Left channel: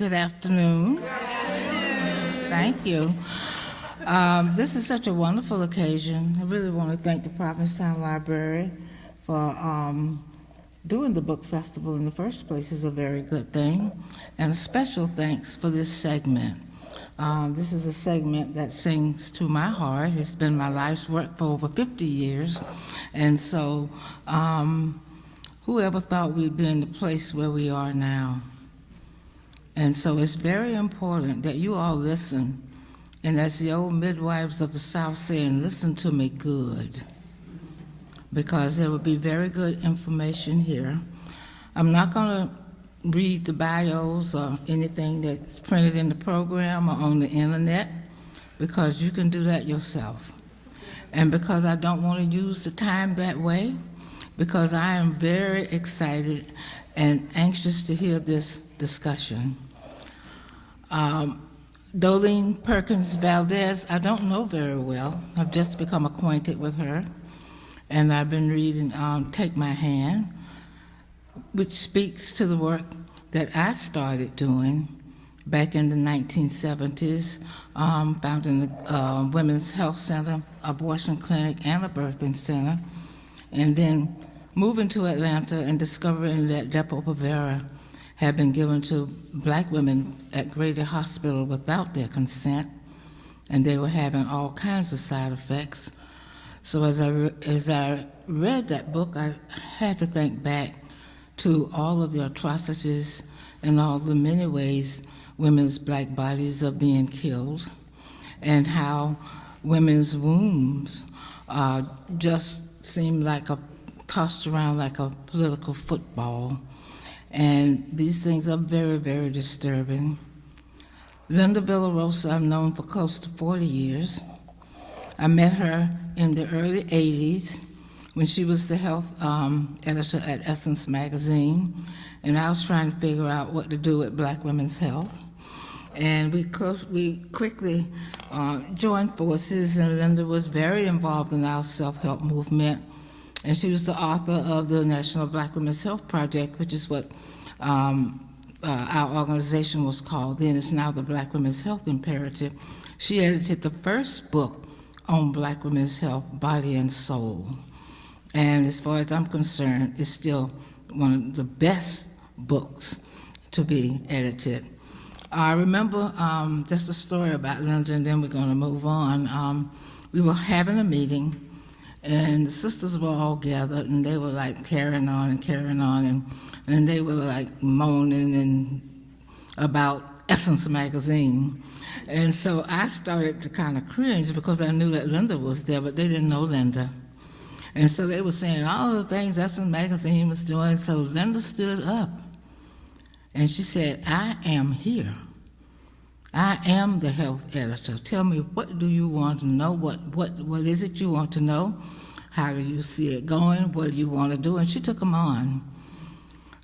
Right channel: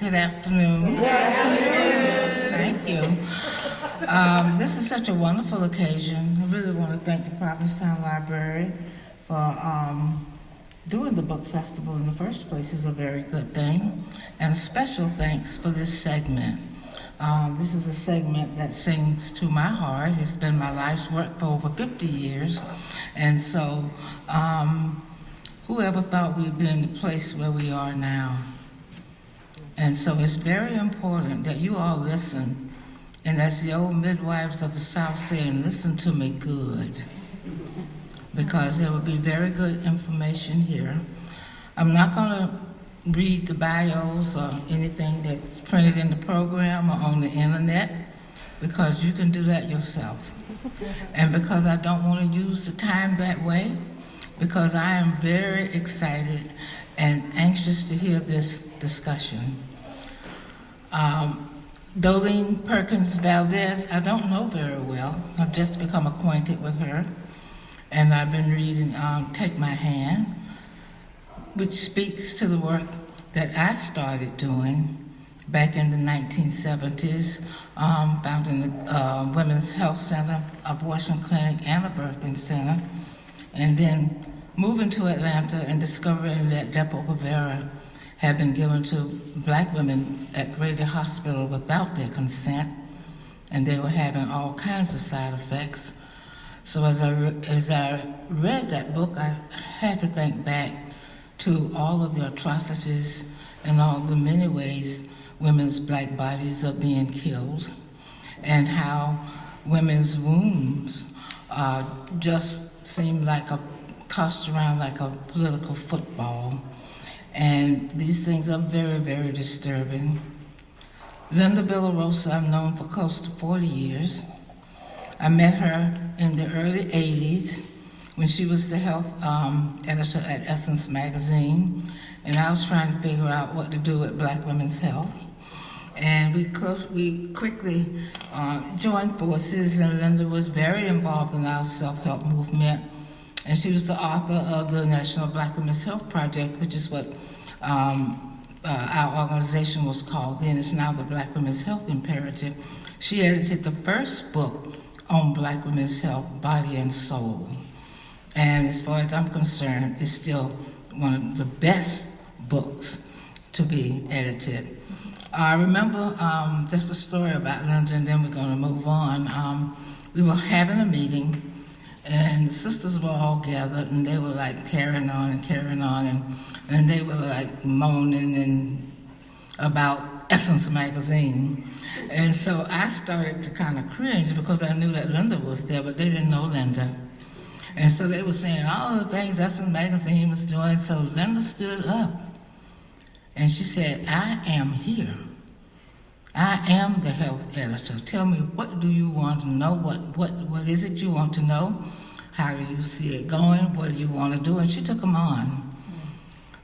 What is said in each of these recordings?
Good afternoon. Good afternoon. Thank you. This is such a wonderful occasion. I really want to thank the Provincetown Library for doing the book festival in the first place. Is a very good thing. And a special thanks for this segment. This is a segment that sings to my heart. It's been my life's work for over 50 years. And so whoever thought we'd be in the place where we are now? And so it's very important that you all listen. And as the old midwives of the South saying, listen to me good. Because there will be very good information here. I'm not going to read the bios or anything that's printed in the program or on the internet, because you can do that yourself. And because I don't want to use the time that way, because I am very excited and anxious to hear this discussion. Dolan Perkins-Valdez, I don't know very well. I've just become acquainted with her. And I've been reading Take My Hand, which speaks to the work that I started doing back in the 1970s, founding the Women's Health Center, abortion clinic, and a birthing center. And then moving to Atlanta and discovering that Depo-Provera had been given to black women at Grady Hospital without their consent, and they were having all kinds of side effects. So as I read that book, I had to think back to all of the atrocities and all the many ways women's black bodies are being killed, and how women's wombs just seem like tossed around like a political football. And these things are very, very disturbing. Linda Villarosa, I've known for close to 40 years. I met her in the early 80s when she was the health editor at Essence magazine, and I was trying to figure out what to do with black women's health. And we quickly joined forces, and Linda was very involved in our self-help movement. And she was the author of the National Black Women's Health Project, which is what our organization was called then. It's now the Black Women's Health Imperative. She edited the first book on black women's health, Body and Soul. And as far as I'm concerned, it's still one of the best books to be edited. I remember just a story about Linda, and then we're going to move on. We were having a meeting, and the sisters were all gathered, and they were like carrying on, and they were like moaning and about Essence magazine. And so I started to kind of cringe because I knew that Linda was there, but they didn't know Linda. And so they were saying all the things Essence magazine was doing, so Linda stood up. And she said, I am here. I am the health editor. Tell me, what do you want to know? What is it you want to know? How do you see it going? What do you want to do? And she took them on.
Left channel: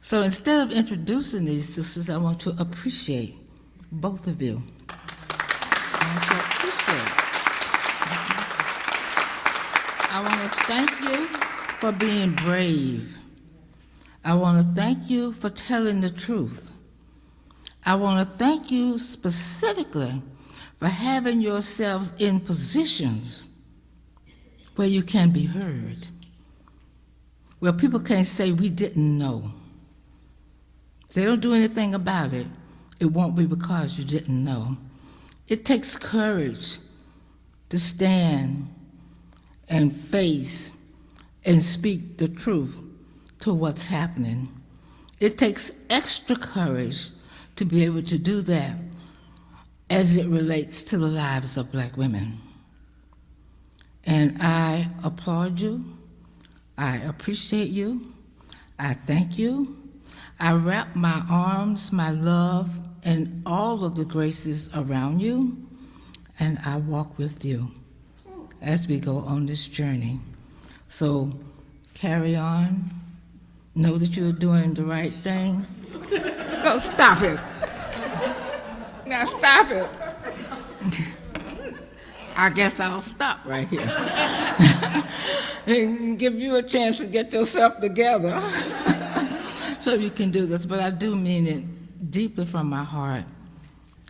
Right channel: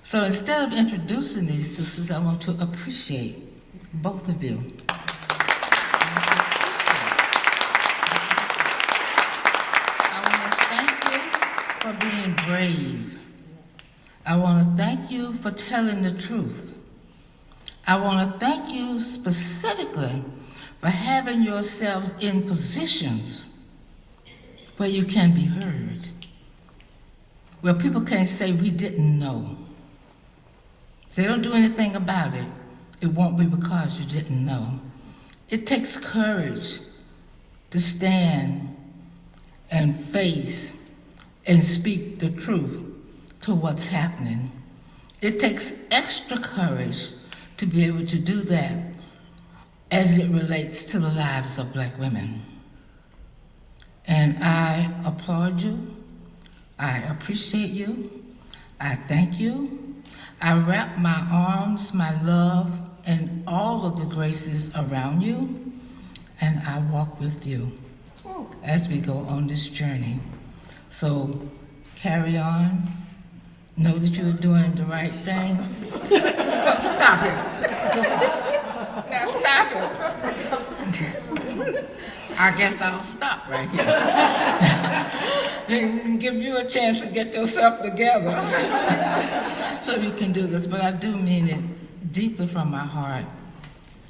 So instead of introducing these sisters, I want to appreciate both of you. I want to thank you for being brave. I want to thank you for telling the truth. I want to thank you specifically for having yourselves in positions where you can be heard, where people can say, we didn't know. If they don't do anything about it, it won't be because you didn't know. It takes courage to stand and face and speak the truth to what's happening. It takes extra courage to be able to do that as it relates to the lives of black women. And I applaud you. I appreciate you. I thank you. I wrap my arms, my love, and all of the graces around you, and I walk with you as we go on this journey. So carry on. Know that you're doing the right thing. No, stop it. Now stop it. I guess I'll stop right here. And give you a chance to get yourself together so you can do this. But I do mean it deeply from my heart.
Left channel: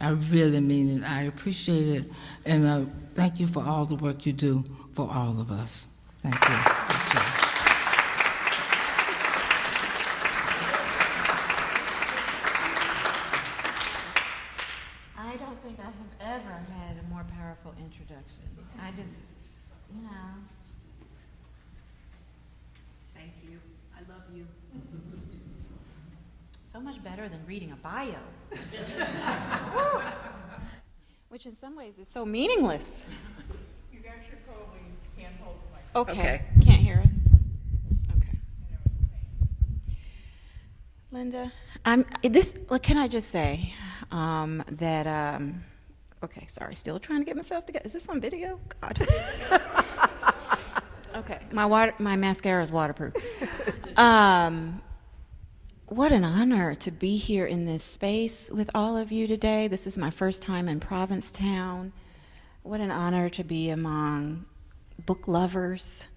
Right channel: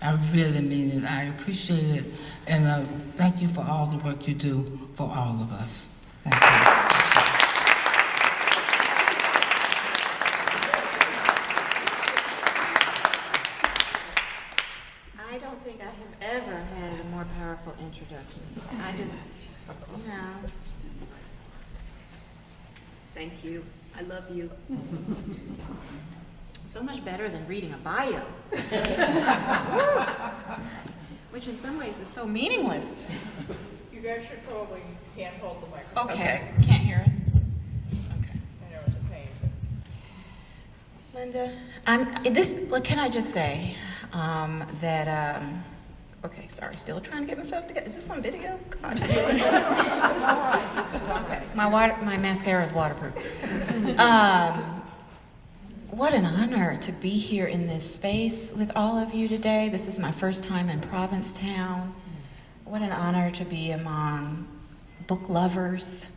I really mean it. I appreciate it. And thank you for all the work you do for all of us. Thank you. I don't think I have ever had a more powerful introduction. I just, you know. Thank you. I love you. So much better than reading a bio. Which in some ways is so meaningless. You guys should probably hand-hold the microphone. Okay. Can't hear us? Okay. I know it's a pain. Linda, can I just say that, okay, sorry, still trying to get myself together. Is this on video? God. Okay, my mascara is waterproof. What an honor to be here in this space with all of you today. This is my first time in Provincetown. What an honor to be among book lovers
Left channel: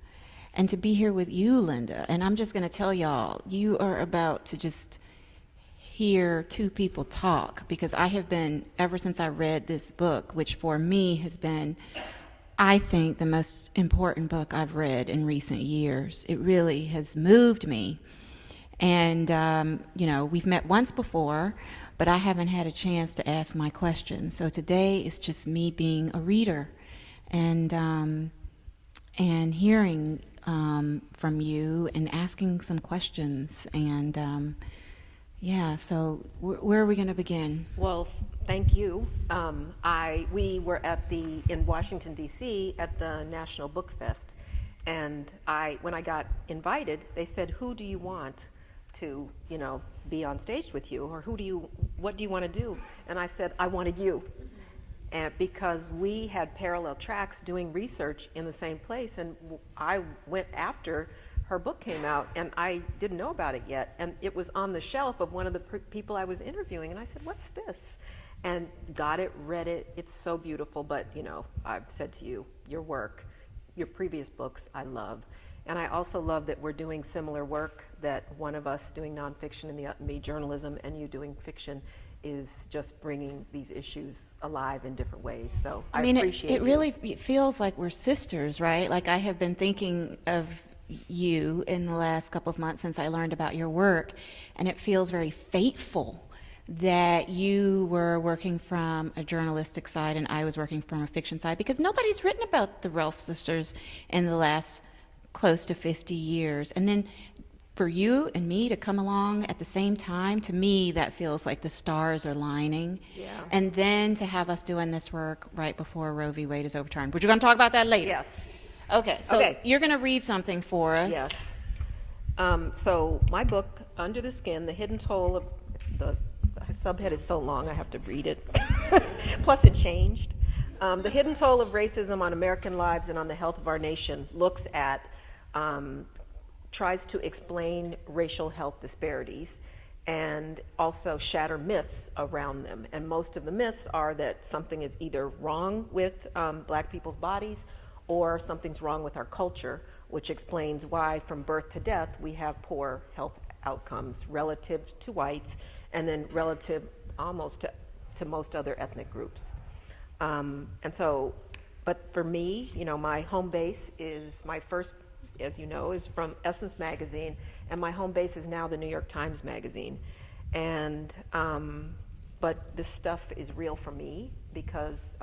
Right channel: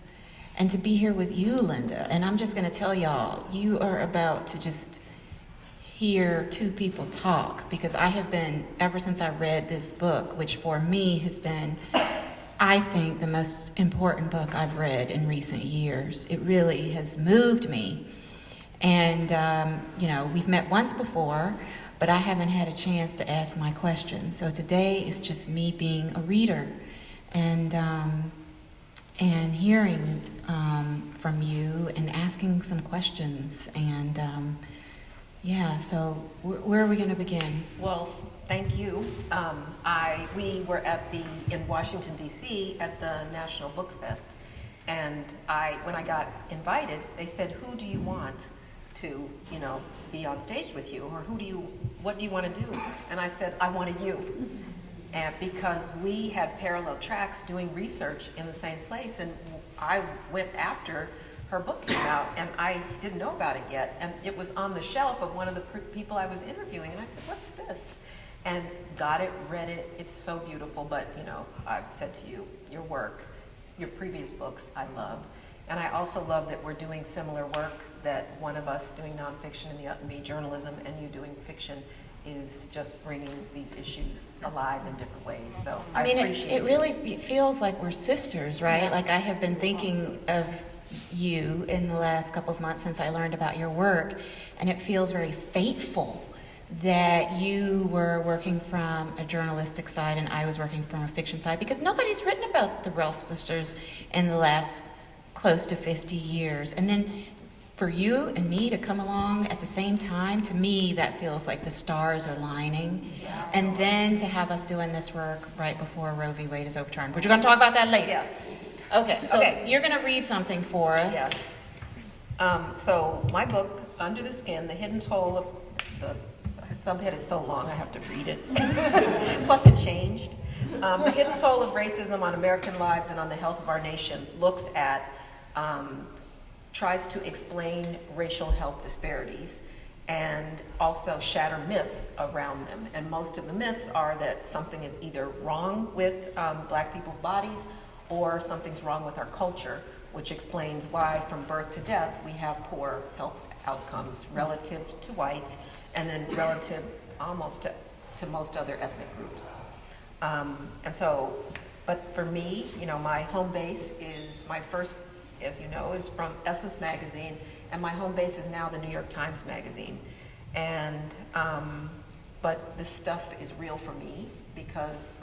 and to be here with you, Linda. And I'm just going to tell y'all, you are about to just hear two people talk, because I have been, ever since I read this book, which for me has been, I think, the most important book I've read in recent years. It really has moved me. And, we've met once before, but I haven't had a chance to ask my questions. So today is just me being a reader and hearing from you and asking some questions. And, so where are we going to begin? Well, thank you. We were in Washington, D.C. at the National Book Fest. And when I got invited, they said, who do you want to, be on stage with you, or what do you want to do? And I said, I wanted you. And because we had parallel tracks doing research in the same place, and I went after her book came out, and I didn't know about it yet, and it was on the shelf of one of the people I was interviewing, and I said, what's this? And got it, read it, it's so beautiful, but I've said to you, your work, your previous books, I love. And I also love that we're doing similar work, that one of us doing nonfiction and me journalism and you doing fiction is just bringing these issues alive in different ways. So I appreciate it really feels like we're sisters, right? Like I have been thinking of you in the last couple of months since I learned about your work, and it feels very fateful that you were working from a journalistic side and I was working from a fiction side, because nobody's written about the Rolfe sisters in the last close to 50 years. And then for you and me to come along at the same time, to me, that feels like the stars are lining. Yeah. And then to have us doing this work right before Roe v. Wade is overturned. But you're going to talk about that later. Yes. Okay, so you're going to read something for us. Yes. So my book, Under the Skin, The Hidden Toll of the subhead is so long I have to read it. Plus it changed. The Hidden Toll of Racism on American Lives and on the Health of Our Nation looks at, tries to explain racial health disparities and also shatter myths around them. And most of the myths are that something is either wrong with black people's bodies or something's wrong with our culture, which explains why from birth to death we have poor health outcomes relative to whites and then relative almost to most other ethnic groups. But for me, my home base is my first, as you know, is from Essence Magazine, and my home base is now the New York Times Magazine. And, but this stuff is real for me because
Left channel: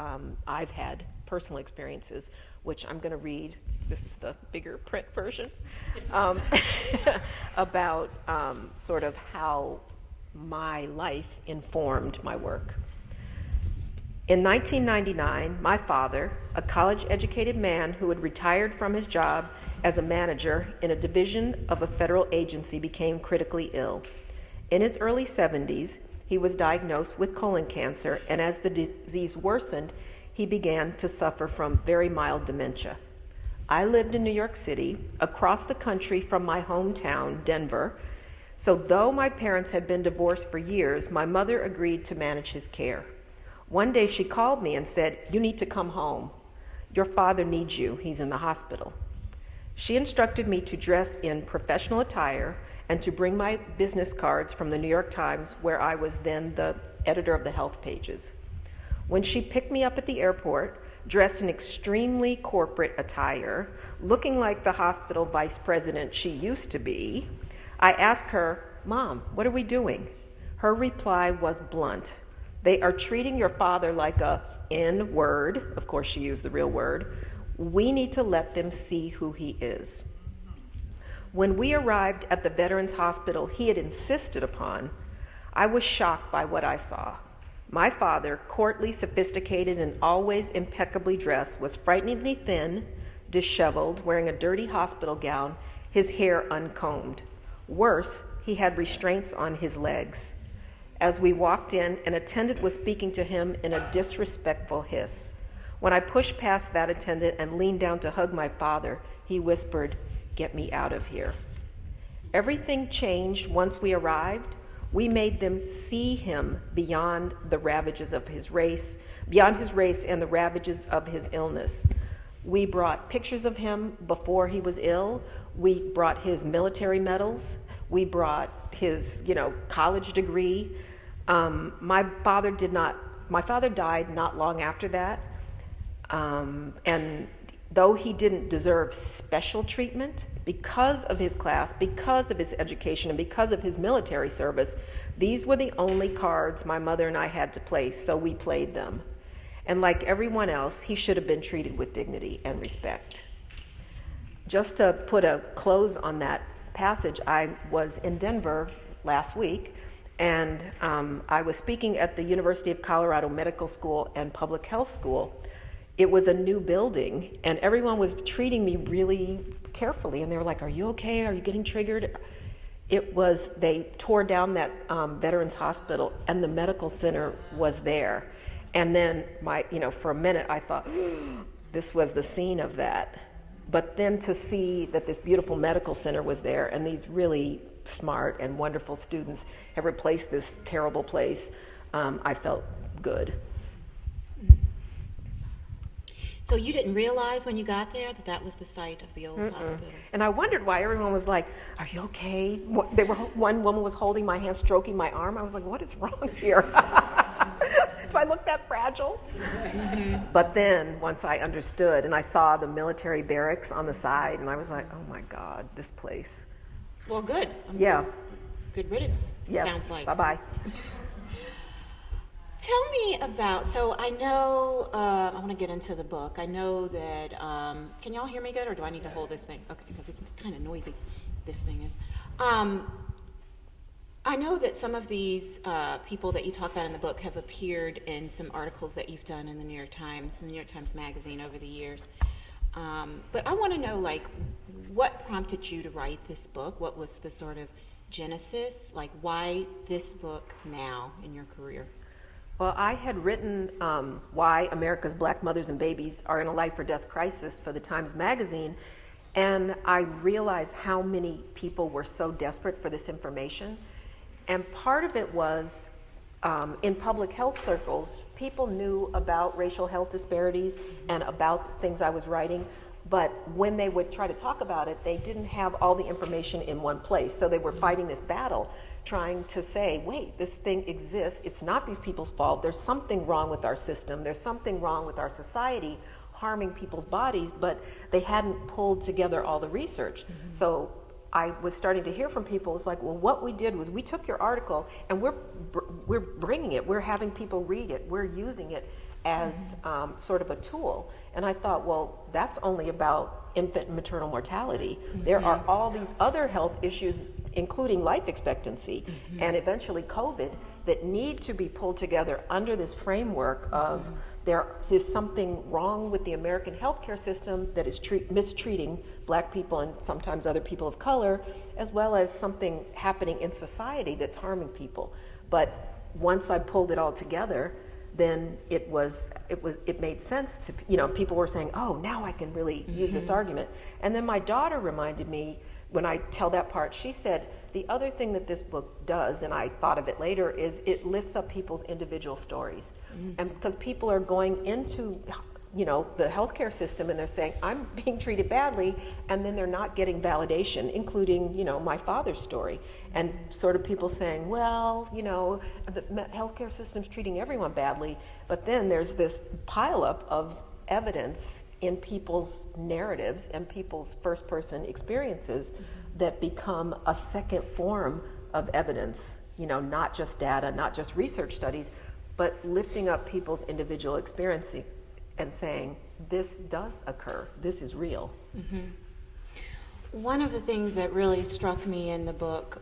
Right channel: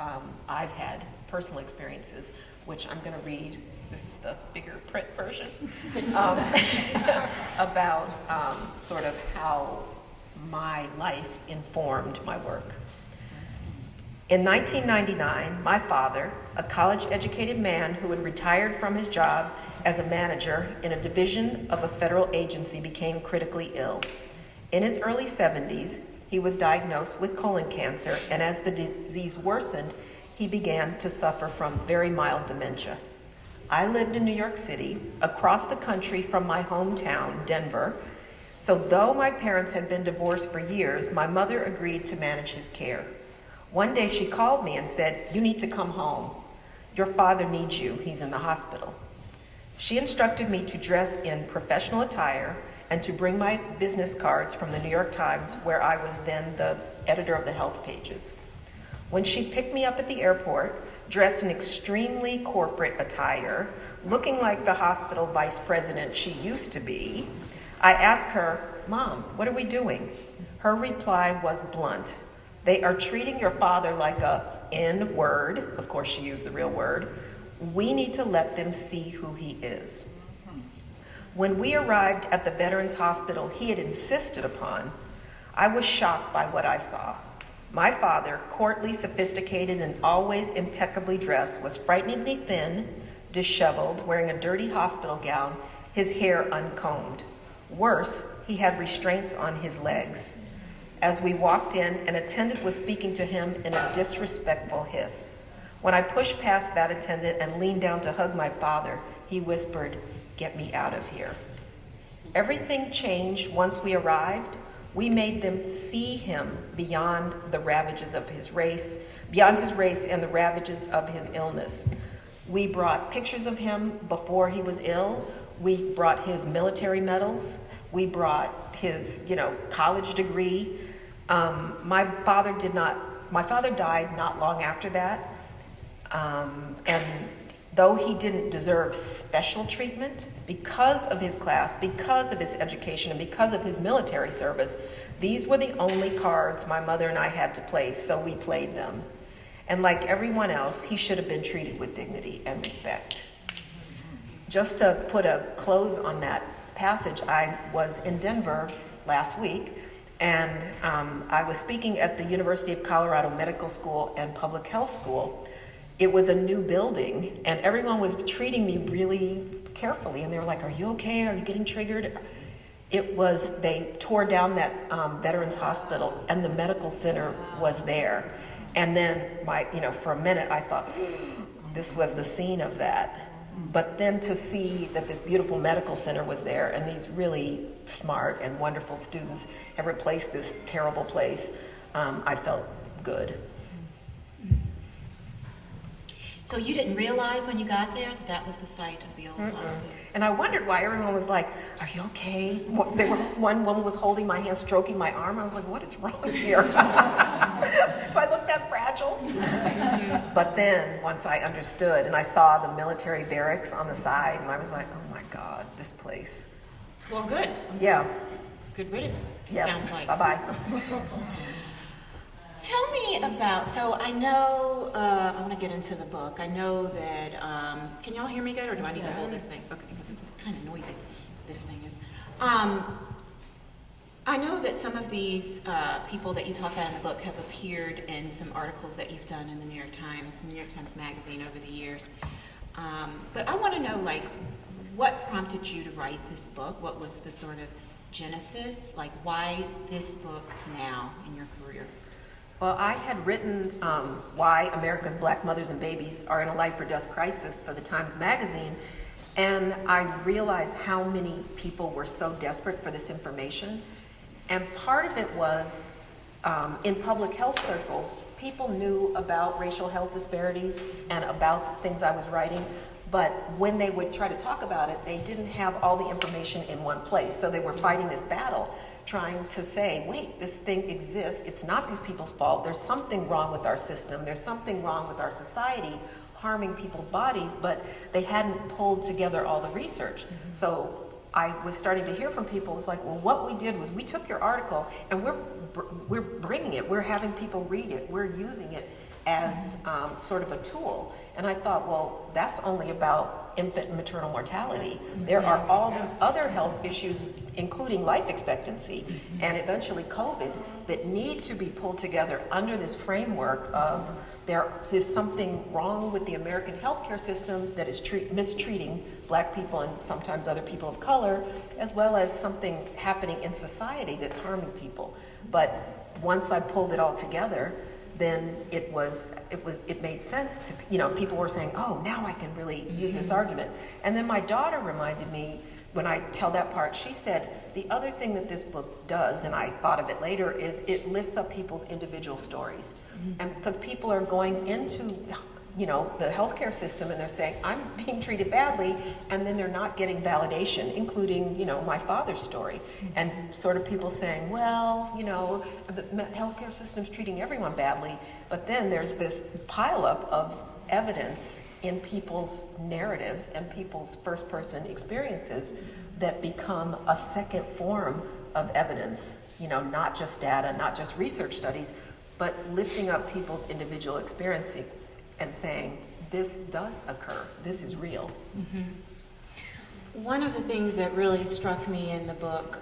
I've had personal experiences, which I'm gonna read. This is the bigger print version, about sort of how my life informed my work. In 1999, my father, a college-educated man who had retired from his job as a manager in a division of a federal agency, became critically ill. In his early 70s, he was diagnosed with colon cancer, and as the disease worsened, he began to suffer from very mild dementia. I lived in New York City, across the country from my hometown, Denver, so though my parents had been divorced for years, my mother agreed to manage his care. One day she called me and said, "You need to come home. Your father needs you. He's in the hospital." She instructed me to dress in professional attire and to bring my business cards from the New York Times, where I was then the editor of the health pages. When she picked me up at the airport, dressed in extremely corporate attire, looking like the hospital vice president she used to be, I asked her, "Mom, what are we doing?" Her reply was blunt. "They are treating your father like a N-word." Of course, she used the real word. "We need to let them see who he is." When we arrived at the Veterans Hospital he had insisted upon, I was shocked by what I saw. My father, courtly, sophisticated, and always impeccably dressed, was frighteningly thin, disheveled, wearing a dirty hospital gown, his hair uncombed. Worse, he had restraints on his legs. As we walked in, an attendant was speaking to him in a disrespectful hiss. When I pushed past that attendant and leaned down to hug my father, he whispered, "Get me out of here." Everything changed once we arrived. We made them see him beyond the ravages of his race, beyond his race and the ravages of his illness. We brought pictures of him before he was ill. We brought his military medals. We brought his, college degree. My father died not long after that. And though he didn't deserve special treatment because of his class, because of his education, and because of his military service, these were the only cards my mother and I had to play, so we played them. And like everyone else, he should have been treated with dignity and respect. Just to put a close on that passage, I was in Denver last week, and I was speaking at the University of Colorado Medical School and Public Health School. It was a new building, and everyone was treating me really carefully, and they were like, "Are you okay? Are you getting triggered?" They tore down that Veterans Hospital, and the medical center was there. And then for a minute I thought, this was the scene of that. But then to see that this beautiful medical center was there, and these really smart and wonderful students have replaced this terrible place, I felt good. So you didn't realize when you got there that that was the site of the old hospital? And I wondered why everyone was like, "Are you okay?" One woman was holding my hand, stroking my arm. I was like, "What is wrong here? Do I look that fragile?" But then once I understood and I saw the military barracks on the side, and I was like, "Oh my God, this place." Well, good. Yeah. Good riddance, Yes. sounds like. Bye-bye. Tell me about, so I know, I'm going to get into the book. I know that, can y'all hear me good, or do I need to hold this thing? Okay, because it's kind of noisy, this thing is. I know that some of these people that you talk about in the book have appeared in some articles that you've done in the New York Times Magazine over the years. But I want to know, what prompted you to write this book? What was the sort of genesis? Why this book now in your career? Well, I had written why America's Black mothers and babies are in a life or death crisis for the Times Magazine, and I realized how many people were so desperate for this information. And part of it was in public health circles, people knew about racial health disparities and about the things I was writing, but when they would try to talk about it, they didn't have all the information in one place. So they were fighting this battle, trying to say, wait, this thing exists. It's not these people's fault. There's something wrong with our system. There's something wrong with our society, harming people's bodies, but they hadn't pulled together all the research. Mm-hmm. So I was starting to hear from people. It's like, well, what we did was we took your article and we're bringing it. We're having people read it. We're using it as sort of a tool. And I thought, well, that's only about infant and maternal mortality. There are all these other health issues, including life expectancy and eventually COVID, that need to be pulled together under this framework of there is something wrong with the American healthcare system that is mistreating Black people and sometimes other people of color, as well as something happening in society that's harming people. But once I pulled it all together, then it made sense to, people were saying, oh, now I can really use this argument. And then my daughter reminded me, when I tell that part, she said, the other thing that this book does, and I thought of it later, is it lifts up people's individual stories. And because people are going into the healthcare system, and they're saying, I'm being treated badly, and then they're not getting validation, including, my father's story. And sort of people saying, well, the healthcare system's treating everyone badly, but then there's this pileup of evidence in people's narratives and people's first-person experiences that become a second form of evidence, not just data, not just research studies, but lifting up people's individual experience and saying, this does occur, this is real. One of the things that really struck me in the book,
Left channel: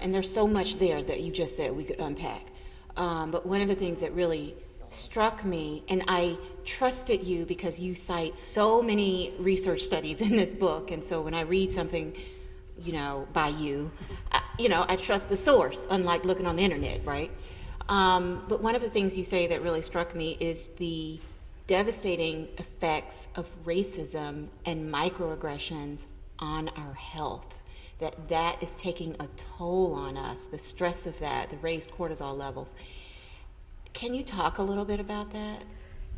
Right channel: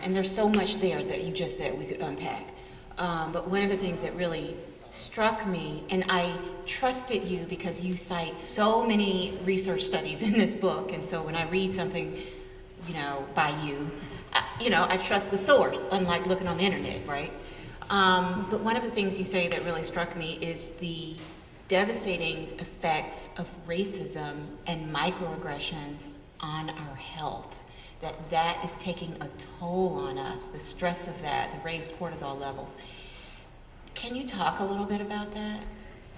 and there's so much there that you just said we could unpack, but one of the things that really struck me, and I trusted you because you cite so many research studies in this book, and so when I read something, by you, I trust the source, unlike looking on the internet, right? But one of the things you say that really struck me is the devastating effects of racism and microaggressions on our health. That is taking a toll on us, the stress of that, the raised cortisol levels. Can you talk a little bit about that?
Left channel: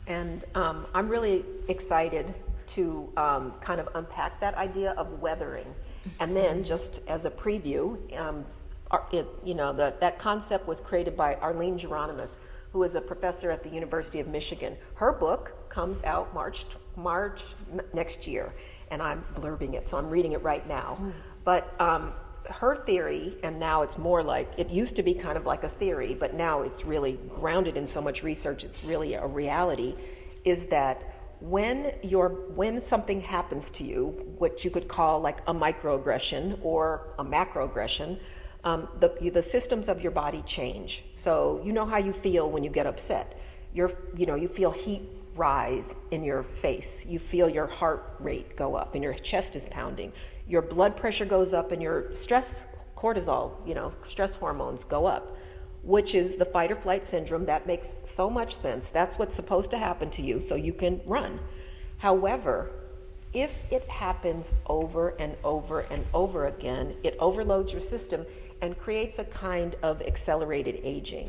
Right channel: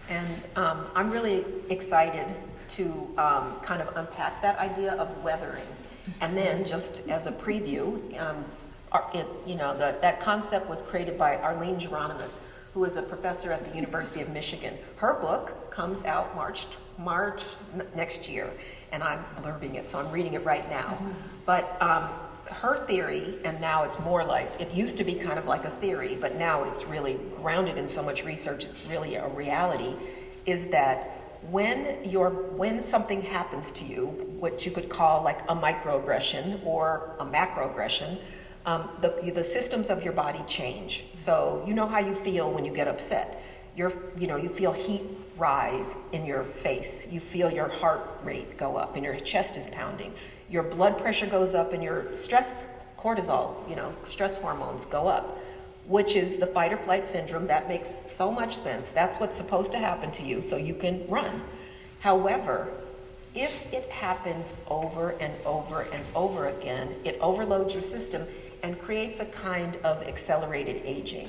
And I'm really excited to kind of unpack that idea of weathering. And then just as a preview, that concept was created by Arlene Geronimus, who is a professor at the University of Michigan. Her book comes out March next year, and I'm blurbing it, so I'm reading it right now. But her theory, and now it's more like, it used to be kind of like a theory, but now it's really grounded in so much research, it's really a reality, is that when something happens to you, what you could call like a microaggression or a macroaggression, the systems of your body change. So you know how you feel when you get upset. You feel heat rise in your face. You feel your heart rate go up and your chest is pounding. Your blood pressure goes up and your stress cortisol, stress hormones go up, which is the fight or flight syndrome. That makes so much sense. That's what's supposed to happen to you so you can run. However, if it happens over and over and over again, it overloads your system and creates a kind of accelerated aging.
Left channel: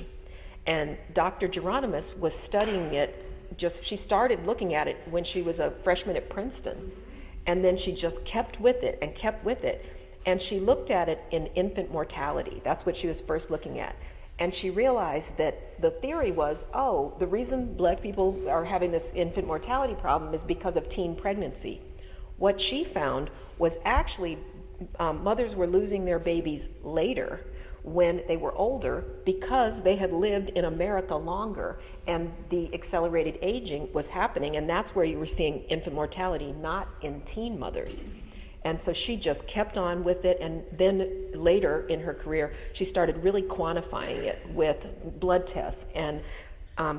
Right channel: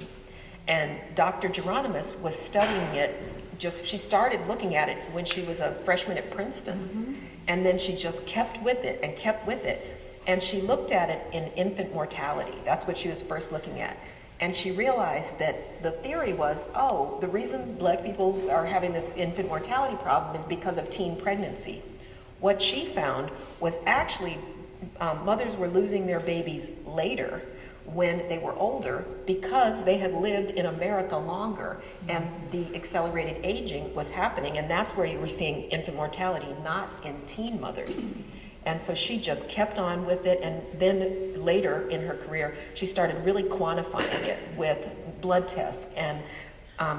And Dr. Geronimus was studying it, she started looking at it when she was a freshman at Princeton. And then she just kept with it and kept with it. And she looked at it in infant mortality. That's what she was first looking at. And she realized that the theory was, the reason Black people are having this infant mortality problem is because of teen pregnancy. What she found was actually mothers were losing their babies later when they were older because they had lived in America longer and the accelerated aging was happening, and that's where you were seeing infant mortality, not in teen mothers. And so she just kept on with it, and then later in her career, she started really quantifying it with blood tests and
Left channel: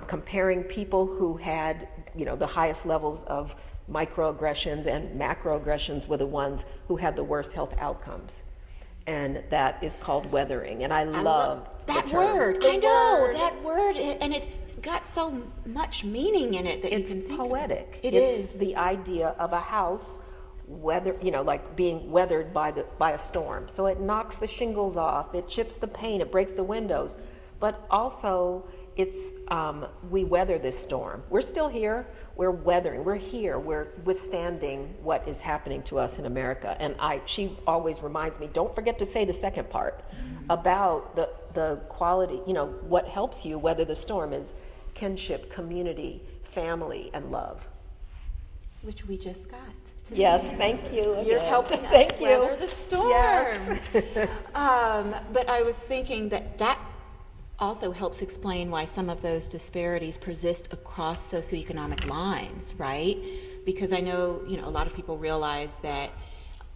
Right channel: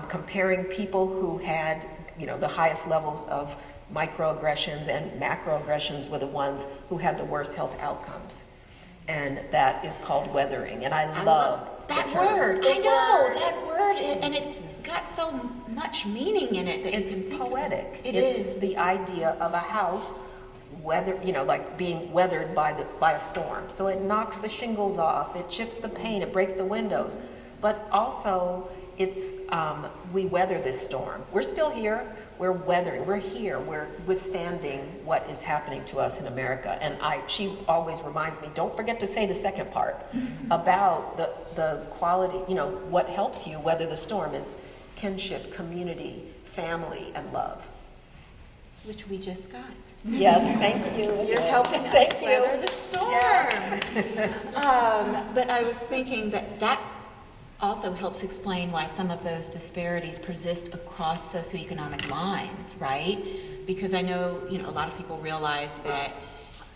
comparing people who had, the highest levels of microaggressions and macroaggressions with the ones who had the worst health outcomes. And that is called weathering, and I love that the term. word. I know that word, and it's got so much meaning in it. That It's poetic. It's the idea of a house like being weathered by a storm. So it knocks the shingles off, it chips the paint, it breaks the windows, but also it's we weather this storm. We're still here. We're weathering. We're here. We're withstanding what is happening to us in America. And she always reminds me, don't forget to say the second part about the quality. What helps you weather the storm is kinship, community, family, and love. which we just got. Yes, thank you. You're helping us Thank you. weather the storm. Yes. But I was thinking that also helps explain why some of those disparities persist across socioeconomic lines, right? Because I know, a lot of people realize that,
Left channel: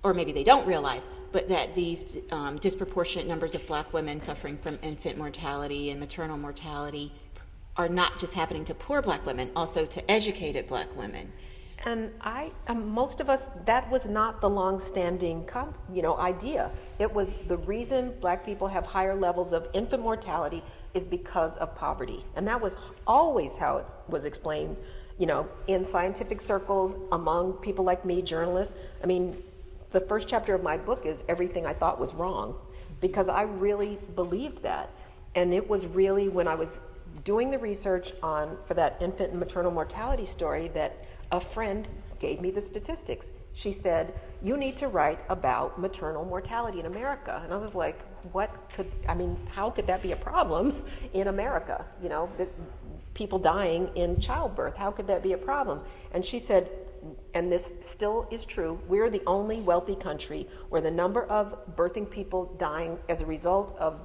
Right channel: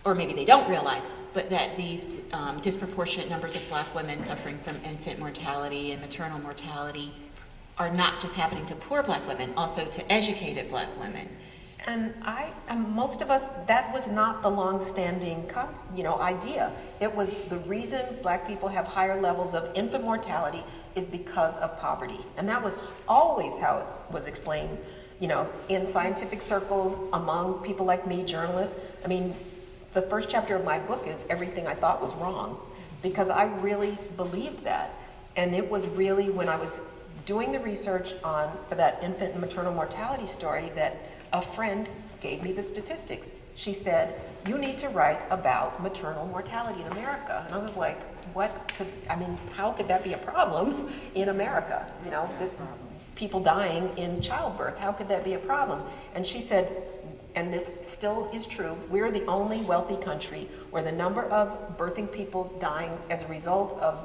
or maybe they don't realize, but that these disproportionate numbers of Black women suffering from infant mortality and maternal mortality are not just happening to poor Black women, also to educated Black women. And most of us, that was not the long-standing, idea. It was the reason Black people have higher levels of infant mortality is because of poverty. And that was always how it was explained, in scientific circles, among people like me, journalists. I mean, the first chapter of my book is everything I thought was wrong, because I really believed that. And it was really when I was doing the research for that infant and maternal mortality story that a friend gave me the statistics. She said, you need to write about maternal mortality in America. And I was like, how could that be a problem in America? You know, people dying in childbirth, how could that be a problem? And she said, and this still is true, we're the only wealthy country where the number of birthing people dying as a result of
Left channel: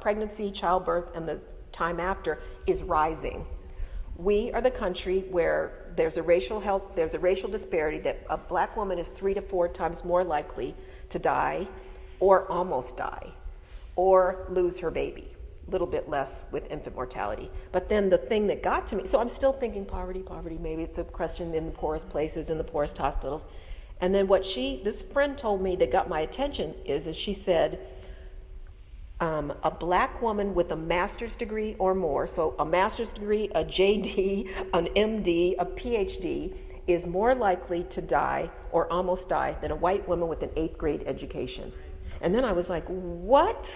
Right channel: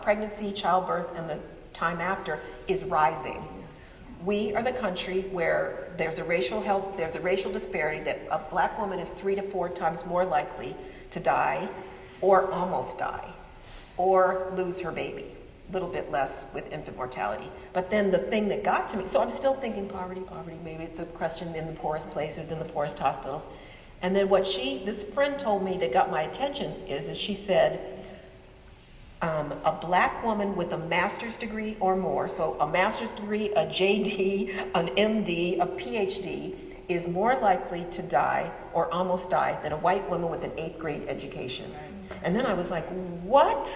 pregnancy, childbirth, and the time after is rising. We are the country where there's a racial disparity that a black woman is 3 to 4 times more likely to die or almost die or lose her baby. A little bit less with infant mortality. But then the thing that got to me, so I'm still thinking poverty, maybe it's a question in the poorest places, in the poorest hospitals. And then what this friend told me that got my attention is she said, a black woman with a master's degree or more, so a master's degree, a JD, an MD, a PhD, is more likely to die or almost die than a white woman with an 8th grade education. And then I was like, what?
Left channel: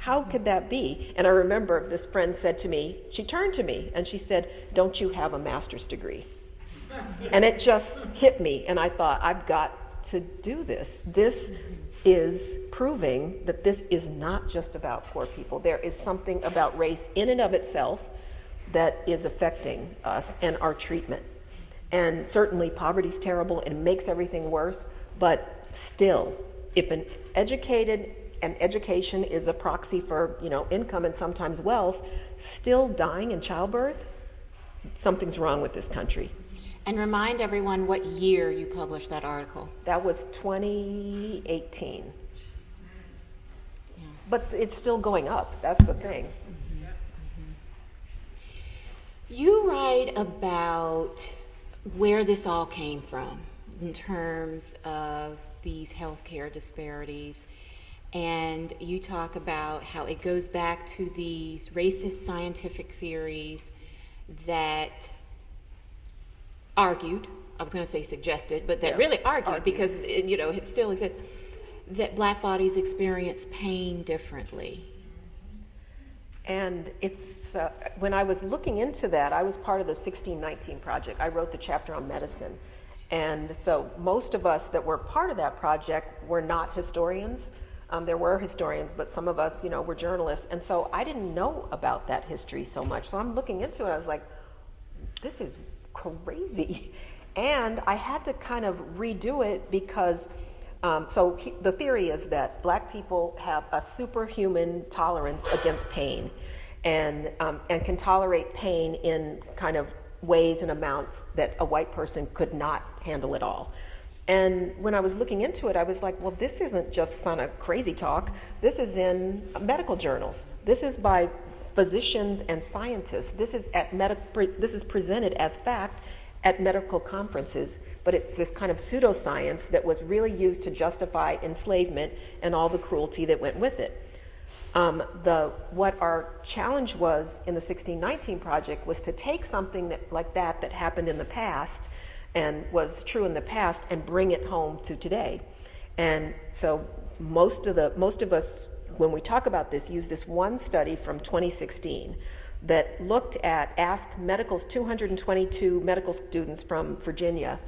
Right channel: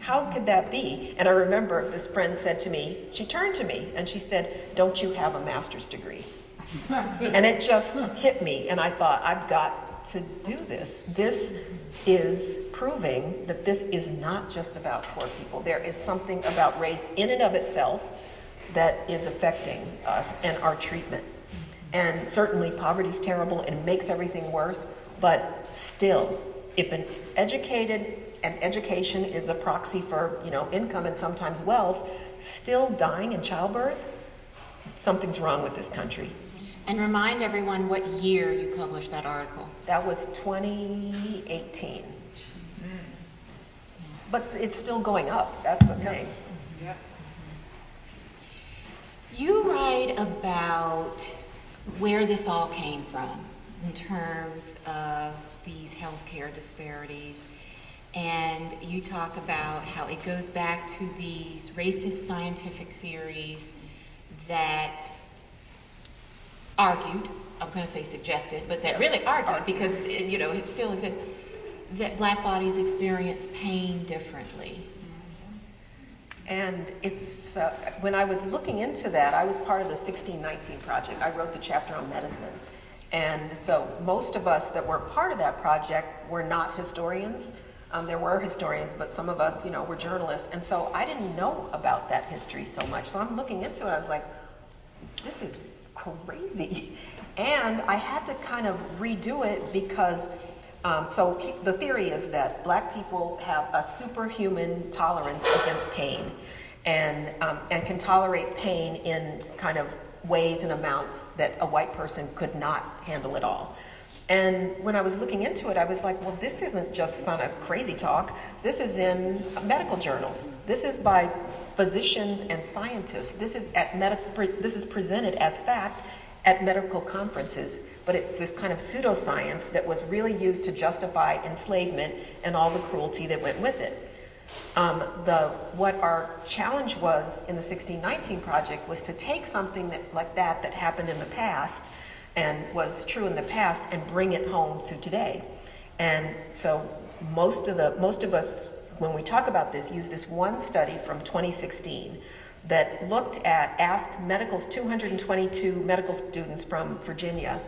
How could that be? And I remember this friend said to me, she turned to me and she said, don't you have a master's degree? And it just hit me, and I thought, I've got to do this. This is proving that this is not just about poor people. There is something about race in and of itself that is affecting us and our treatment. And certainly poverty's terrible and it makes everything worse, but still, if an education is a proxy for, income and sometimes wealth, still dying in childbirth, something's wrong with this country. And remind everyone what year you published that article. That was 2018. But it's still going up, that's the thing. You write about where this all came from in terms of these healthcare disparities. And you talk about how it goes back to these racist scientific theories that argued, I was going to say suggested, but that really argued because it still exists, that black bodies experience pain differently. And it's, when I was looking into that, I was part of the 1619 project. I wrote the chapter on medicine. And so most of us that were part of that project were not historians. There were historians, but some of us, were journalists. And so I didn't know about that history so much. So I'm looking into it, I was like, this is crazy. And I had to kind of redo it because, the theory is that black people have a superhuman tolerance against pain and can tolerate pain in kind of ways and amounts that a white person could not handle at all. And when I was looking into it, I was like, well, this isn't just some crazy talk. This is in medical journals. This is by physicians and scientists. This is presented as fact at medical conferences, but it's this kind of pseudoscience that was really used to justify enslavement and all the cruelty that went with it. What our challenge was in the 1619 project was to take something like that happened in the past and was true in the past and bring it home to today. And so most of us, when we talk about this, use this one study from 2016 that asked 222 medical students from Virginia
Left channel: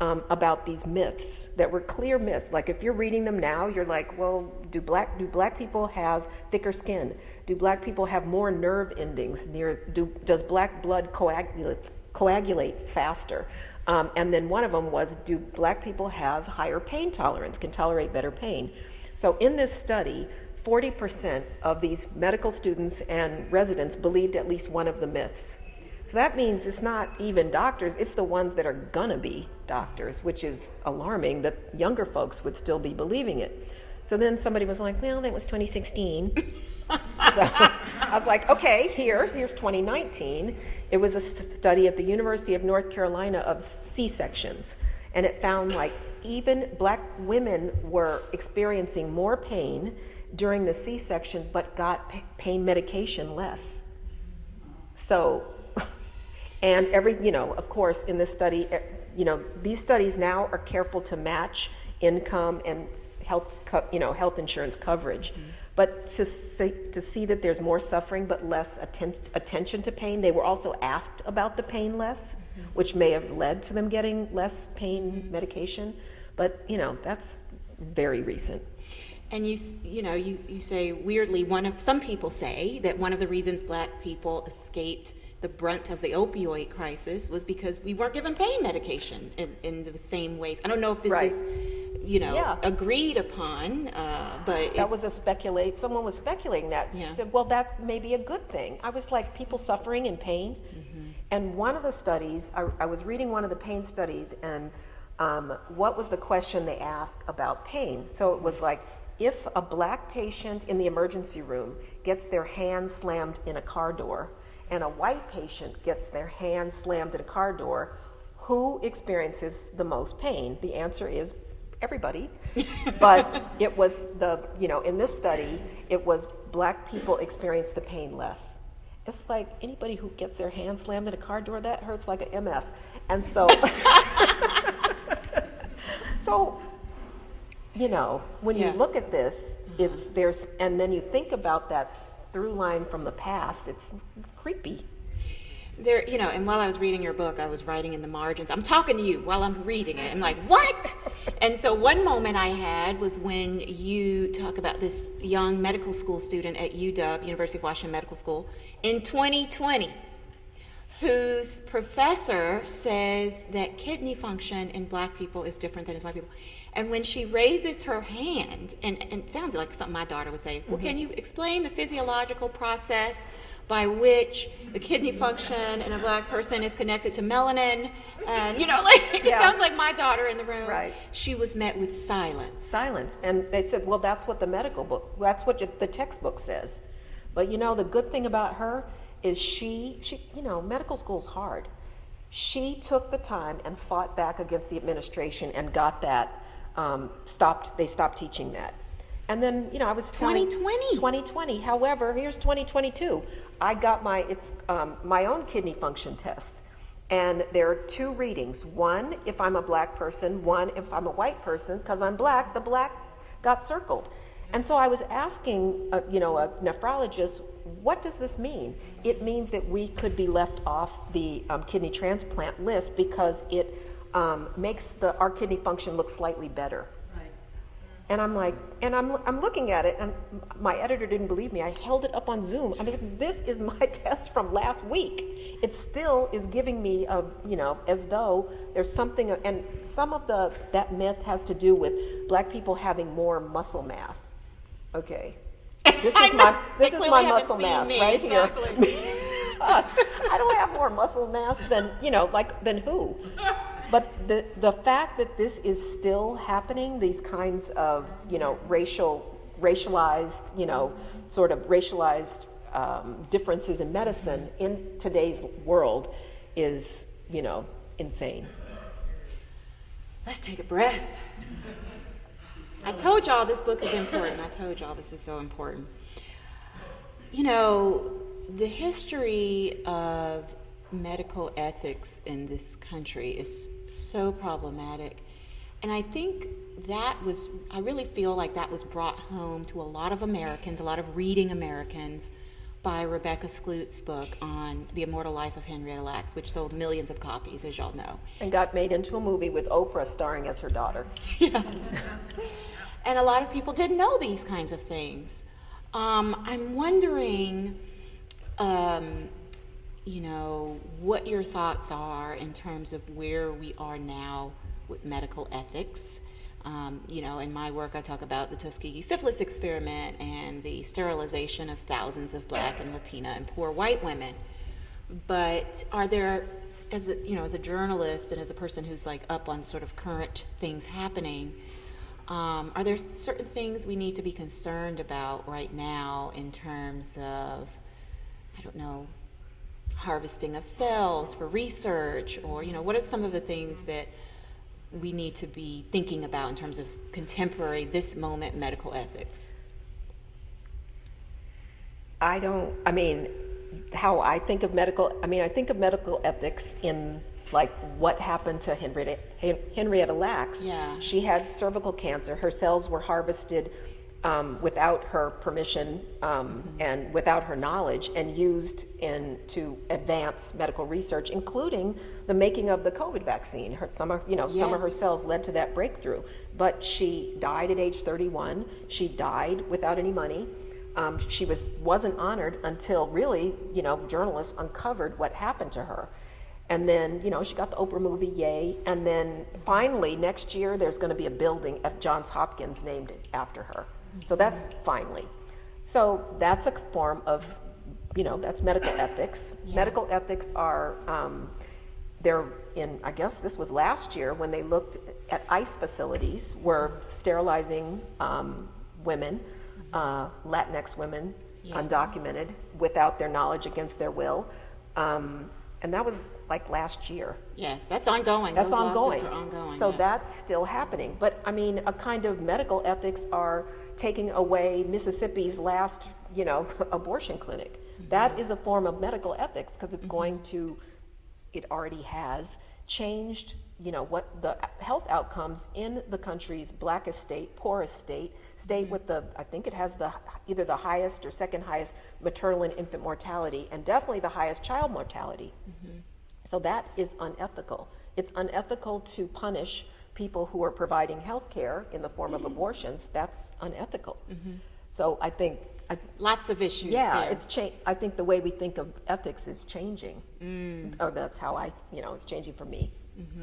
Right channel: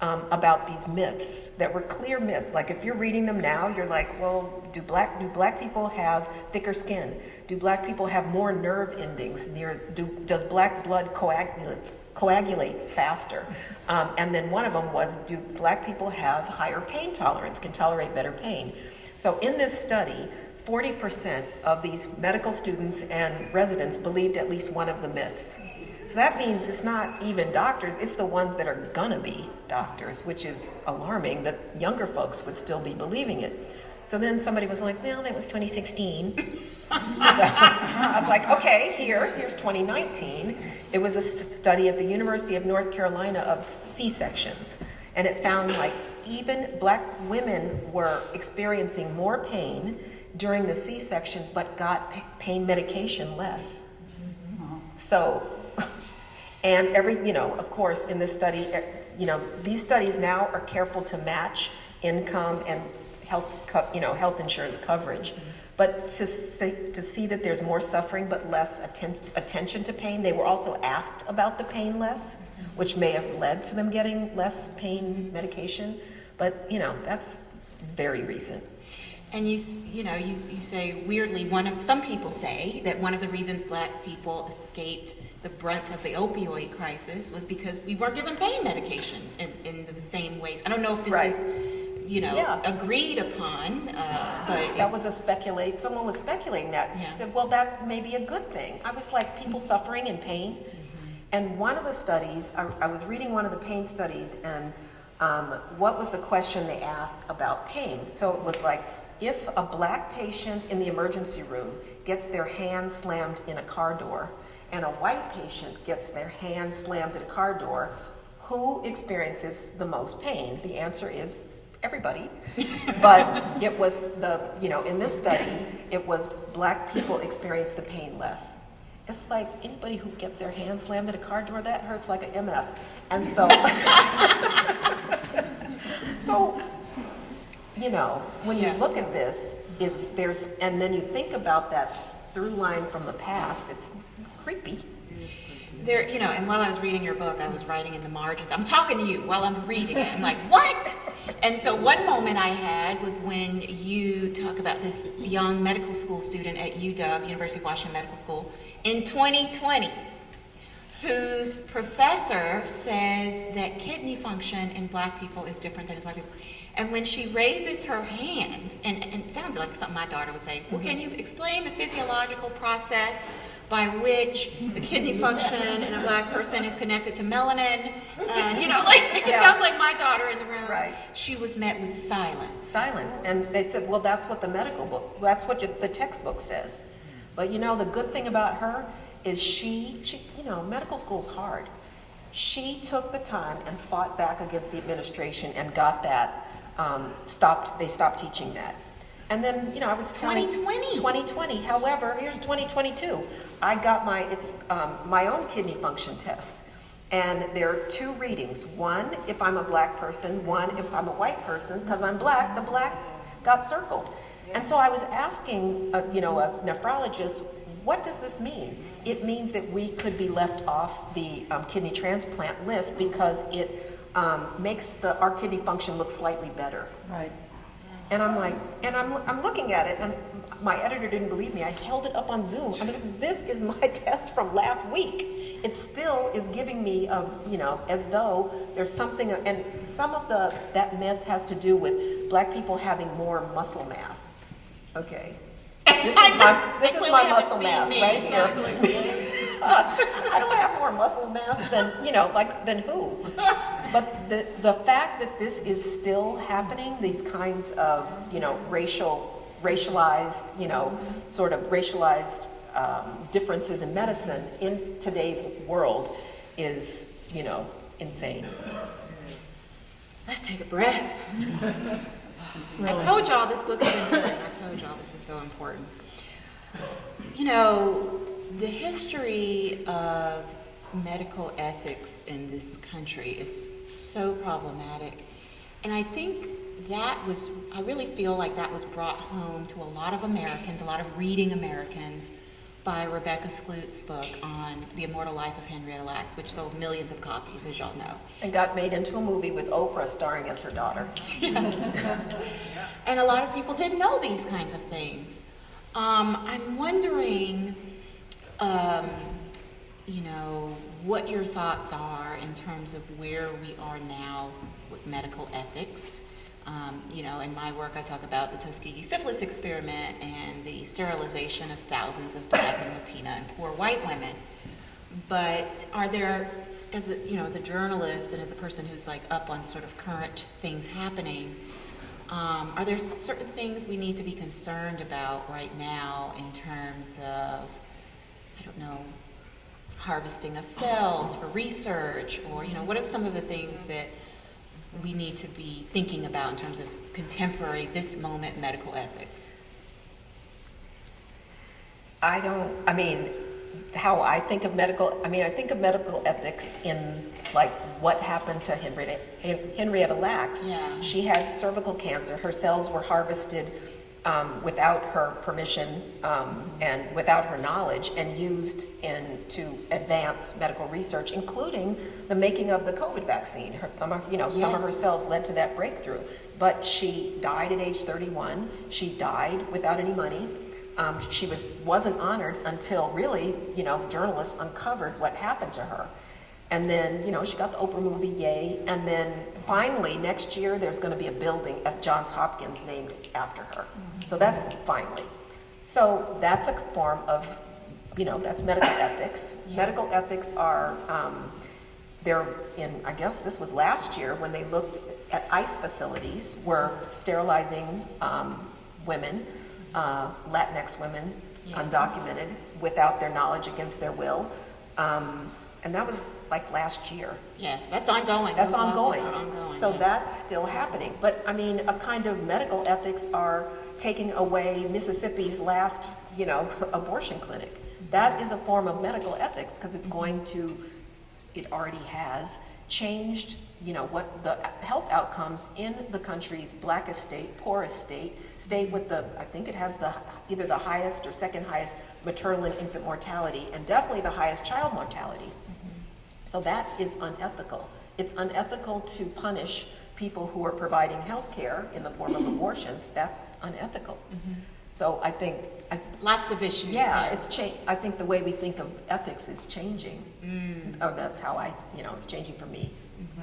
about these myths that were clear myths. Like if you're reading them now, you're like, well, do black people have thicker skin? Do black people have more nerve endings? Does black blood coagulate faster? And then one of them was, do black people have higher pain tolerance, can tolerate better pain? So in this study, 40% of these medical students and residents believed at least one of the myths. So that means it's not even doctors, it's the ones that are gonna be doctors, which is alarming that younger folks would still be believing it. So then somebody was like, well, that was 2016. So I was like, okay, here's 2019. It was a study at the University of North Carolina of C-sections. And it found like even black women were experiencing more pain during the C-section, but got pain medication less. So, and of course, in this study, these studies now are careful to match income and health insurance coverage. But to see that there's more suffering but less attention to pain, they were also asked about the pain less, which may have led to them getting less pain medication. But, that's very recent. And you say weirdly, some people say that one of the reasons Black people escaped the brunt of the opioid crisis was because we weren't given pain medication in the same ways. I don't know if this Right. is, Yeah. agreed upon, but That was someone was speculating that. Yeah. Said, well, that's maybe a good thing. I was like, people suffering in pain. And one of the studies, I was reading one of the pain studies, and what was the question they asked about pain? So it was like, if a Black patient in the emergency room gets their hand slammed in a car door, and a white patient gets their hand slammed in a car door, who experiences the most pain? The answer is everybody. But it was in this study, it was Black people experience the pain less. It's like anybody who gets their hand slammed in a car door, that hurts like an MF. And so, when you look at this, and then you think about that through line from the past, it's creepy. there, and while I was reading your book, I was writing in the margins. I'm talking to you while I'm reading it. I'm like, what? And so one moment I had was when you talk about this young medical school student at UW, University of Washington Medical School, in 2020, whose professor says that kidney function in Black people is different than in white people. And when she raises her hand, and it sounds like something my daughter would say, well, can you explain the physiological process by which the kidney function in a Black person is connected to melanin? And, it sounds like my daughter in the room. Right. She was met with silence. Silence. And they said, well, that's what the medical book, that's what the textbook says. But the good thing about her is she medical school's hard. She took the time and fought back against the administration and got that, they stopped teaching that. And then, I was telling 2020. However, here's 2022. I got my own kidney function test. And there are two readings. One, if I'm a Black person. One, if I'm a white person. Because I'm Black, the Black got circled. And so I was asking, a nephrologist, what does this mean? It means that we could be left off the kidney transplant list because it makes our kidney function look slightly better. Right. And I'm like, I'm looking at it, and my editor didn't believe me. I held it up on Zoom. I was like, this is my test from last week. It still is giving me as though there's something, and some of that myth has to do with Black people having more muscle mass. Okay. This is my muscle mass right here. I don't have more muscle mass than who? But the fact that this is still happening, these kinds of, racialized differences in medicine in today's world is, insane. Let's take a breath. I told y'all this book is important. I told y'all this is so important. The history of medical ethics in this country is so problematic. And I think I really feel like that was brought home to a lot of Americans, a lot of reading Americans, by Rebecca Skloot's book on The Immortal Life of Henrietta Lacks, which sold millions of copies, as y'all know. And got made into a movie with Oprah starring as her daughter. And a lot of people didn't know these kinds of things. I'm wondering, what your thoughts are in terms of where we are now with medical ethics. In my work, I talk about the Tuskegee syphilis experiment and the sterilization of thousands of Black and Latina and poor white women. But are there, as a journalist and as a person who's up on sort of current things happening, are there certain things we need to be concerned about right now in terms of, harvesting of cells for research, or, what are some of the things that we need to be thinking about in terms of contemporary, this moment medical ethics? How I think of I think of medical ethics in what happened to Henrietta Lacks. Yeah. She had cervical cancer. Her cells were harvested without her permission and without her knowledge, and used to advance medical research, including the making of the COVID vaccine. Some of her cells led to that breakthrough. But she died at age 31. She died without any money. She wasn't honored until really, journalists uncovered what happened to her. And then, she got the Oprah movie, yay. And then finally, next year, there's going to be a building at Johns Hopkins named after her. So that's finally. So that's a form of, that's medical ethics. Yeah. Medical ethics are, they're in, I guess this was last year when they looked at ICE facilities were sterilizing women, Latinx women, yes, undocumented, without their knowledge, against their will. And that was like last year. Yes, that's ongoing. That's Those ongoing. lawsuits are ongoing. So yes, that's still happening. But I mean, a kind of medical ethics are taking away Mississippi's last, abortion clinic. Mm-hmm. That is a form of medical ethics because it's going to, it already has changed, what the health outcomes in the country's blackest state, poorest state with I think it has either the highest or second highest maternal and infant mortality, and definitely the highest child mortality. Mm-hmm. So that is unethical. It's unethical to punish people who are providing health care in the form of abortions. That's unethical. Mm-hmm. So I think lots of issues. Yeah, there. it's I think the way we think of ethics is changing. Or that's how it's changing for me. Mm-hmm.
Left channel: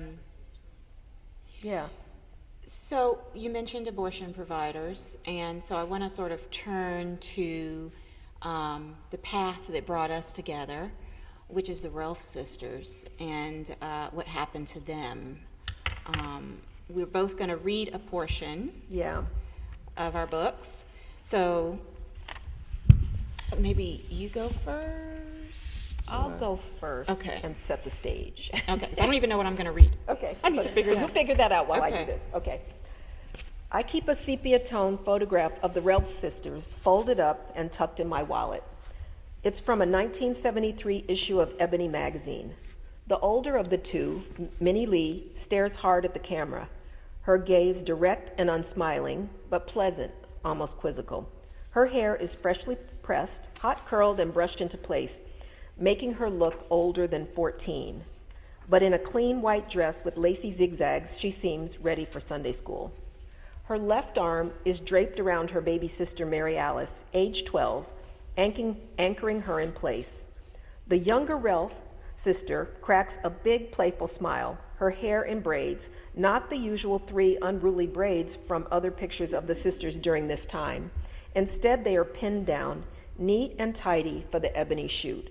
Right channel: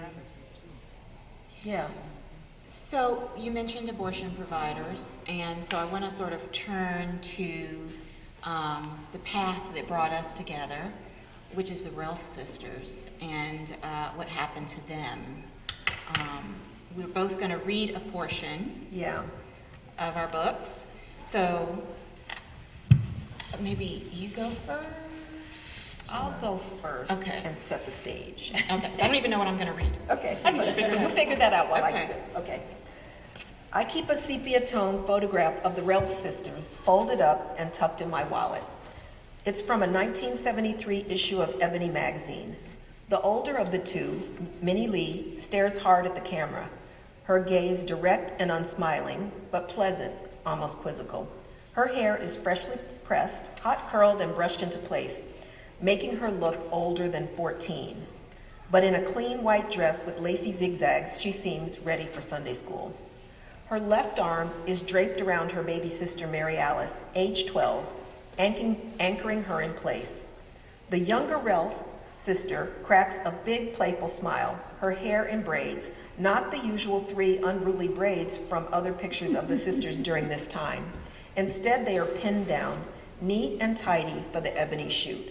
Yeah. So you mentioned abortion providers, and so I want to sort of turn to the path that brought us together, which is the Relf sisters, and what happened to them. We're both going to read a portion of our books. So maybe you go first? I'll go first and set the stage. Okay, so I don't even know what I'm going to read. Okay, I can figure we'll figure that out while I Okay. do this. Okay. I keep a sepia-tone photograph of the Relf sisters folded up and tucked in my wallet. It's from a 1973 issue of Ebony magazine. The older of the two, Minnie Lee, stares hard at the camera, her gaze direct and unsmiling, but pleasant, almost quizzical. Her hair is freshly pressed, hot curled and brushed into place, making her look older than 14. But in a clean white dress with lacy zigzags, she seems ready for Sunday school. Her left arm is draped around her baby sister, Mary Alice, age 12, anchoring her in place. The younger Relf sister cracks a big, playful smile, her hair in braids, not the usual 3 unruly braids from other pictures of the sisters during this time. Instead, they are pinned down, neat and tidy for the ebony shoot.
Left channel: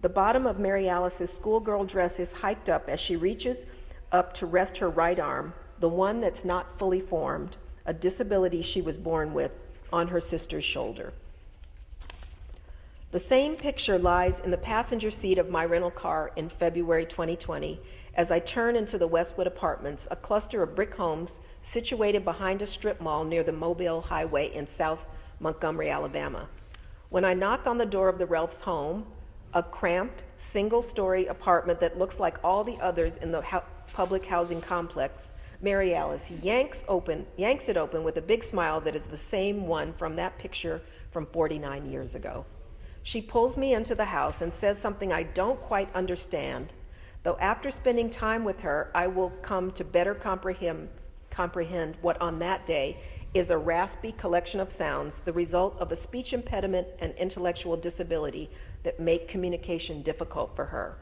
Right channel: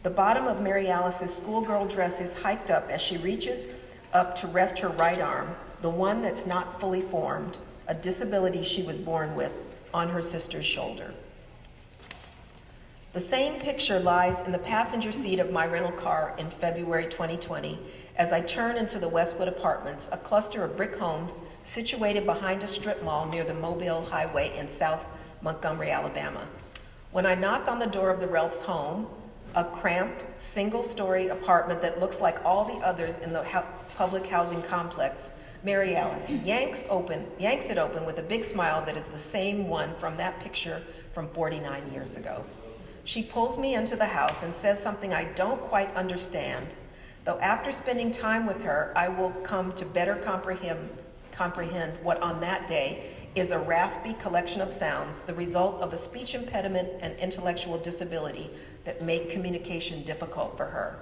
The bottom of Mary Alice's schoolgirl dress is hiked up as she reaches up to rest her right arm, the one that's not fully formed, a disability she was born with, on her sister's shoulder. The same picture lies in the passenger seat of my rental car in February 2020 as I turn into the Westwood Apartments, a cluster of brick homes situated behind a strip mall near the Mobile Highway in South Montgomery, Alabama. When I knock on the door of the Relf's home, a cramped, single-story apartment that looks like all the others in the public housing complex, Mary Alice yanks it open with a big smile that is the same one from that picture from 49 years ago. She pulls me into the house and says something I don't quite understand, though after spending time with her, I will come to better comprehend what on that day is a raspy collection of sounds, the result of a speech impediment and intellectual disability that make communication difficult for her.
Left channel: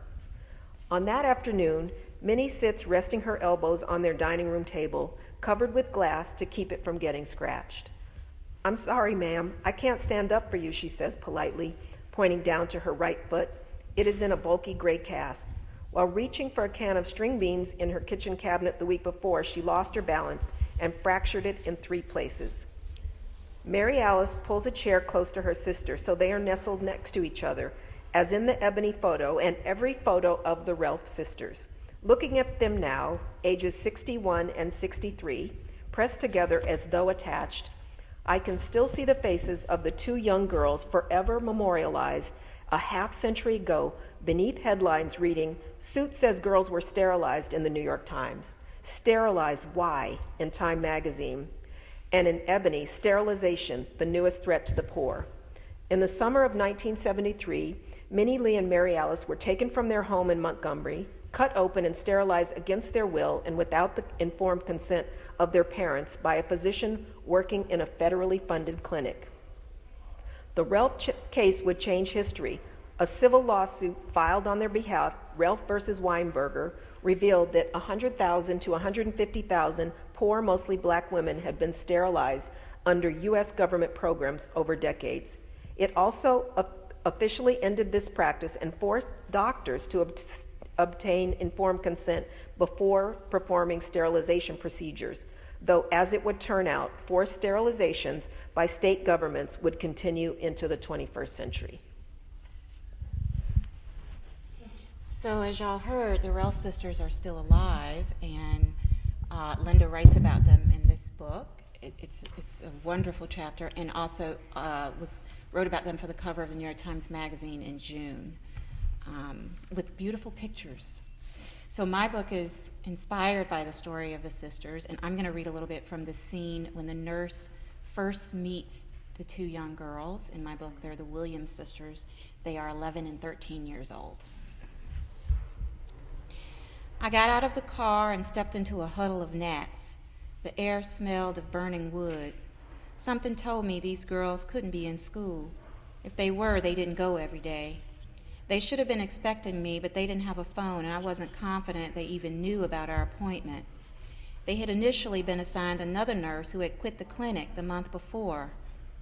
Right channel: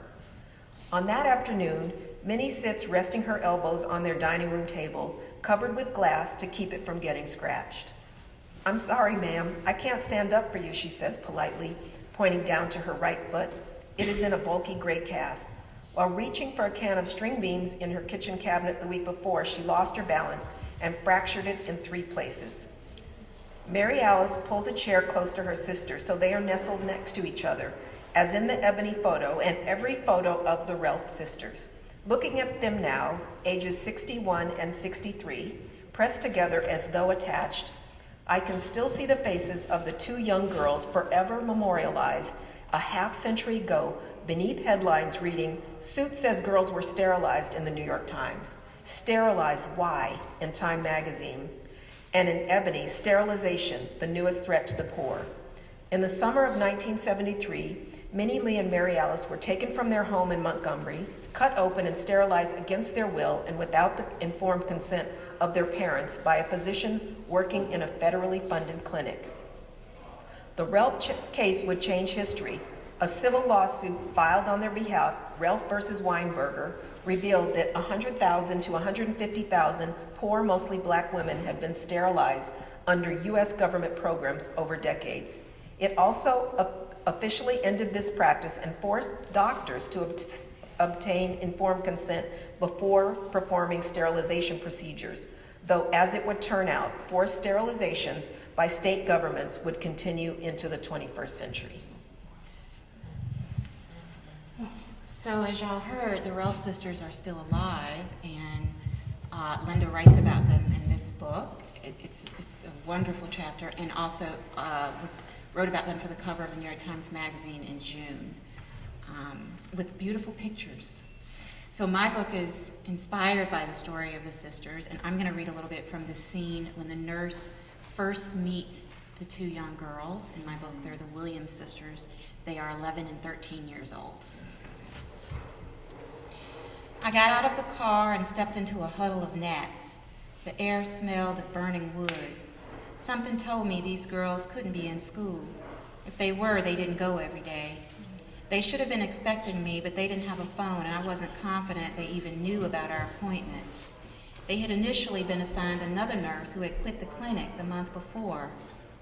On that afternoon, Minnie sits resting her elbows on their dining room table, covered with glass to keep it from getting scratched. "I'm sorry, ma'am, I can't stand up for you," she says politely, pointing down to her right foot. It is in a bulky gray cast. While reaching for a can of string beans in her kitchen cabinet the week before, she lost her balance and fractured it in 3 places. Mary Alice pulls a chair close to her sister so they are nestled next to each other, as in the ebony photo and every photo of the Relf sisters. Looking at them now, ages 61 and 63, pressed together as though attached, I can still see the faces of the 2 young girls forever memorialized a half-century ago beneath headlines reading, "Suit says girls were sterilized" in the New York Times. "Sterilized, why?" in Time magazine. and in Ebony, sterilization, the newest threat to the poor. In the summer of 1973, Minnie Lee and Mary Alice were taken from their home in Montgomery, cut open and sterilized against their will and without the informed consent of their parents by a physician working in a federally funded clinic. The Relf case would change history. A civil lawsuit filed on their behalf, Relf versus Weinberger, revealed that 100,000 to 150,000 poor, mostly black women had been sterilized under U.S. government programs over decades. It also officially ended this practice and forced doctors to obtain informed consent before performing sterilization procedures, though as it would turn out, forced sterilizations by state governments would continue into the 21st century. So as y'all heard, the Relf sisters are still alive, and Linda writes about them in this book. It's a wonderful chapter, and also wrote about them for the cover of the New York Times Magazine in June, with beautiful pictures. So my book is inspired by the story of the sisters, and I'm going to read a little bit from the scene when the nurse first meets the two young girls. In my book, they're the Williams sisters. They are 11 and 13 years old. I got out of the car and stepped into a huddle of gnats. The air smelled of burning wood. Something told me these girls couldn't be in school. If they were, they didn't go every day. They should have been expecting me, but they didn't have a phone, and I wasn't confident they even knew about our appointment. They had initially been assigned another nurse who had quit the clinic the month before.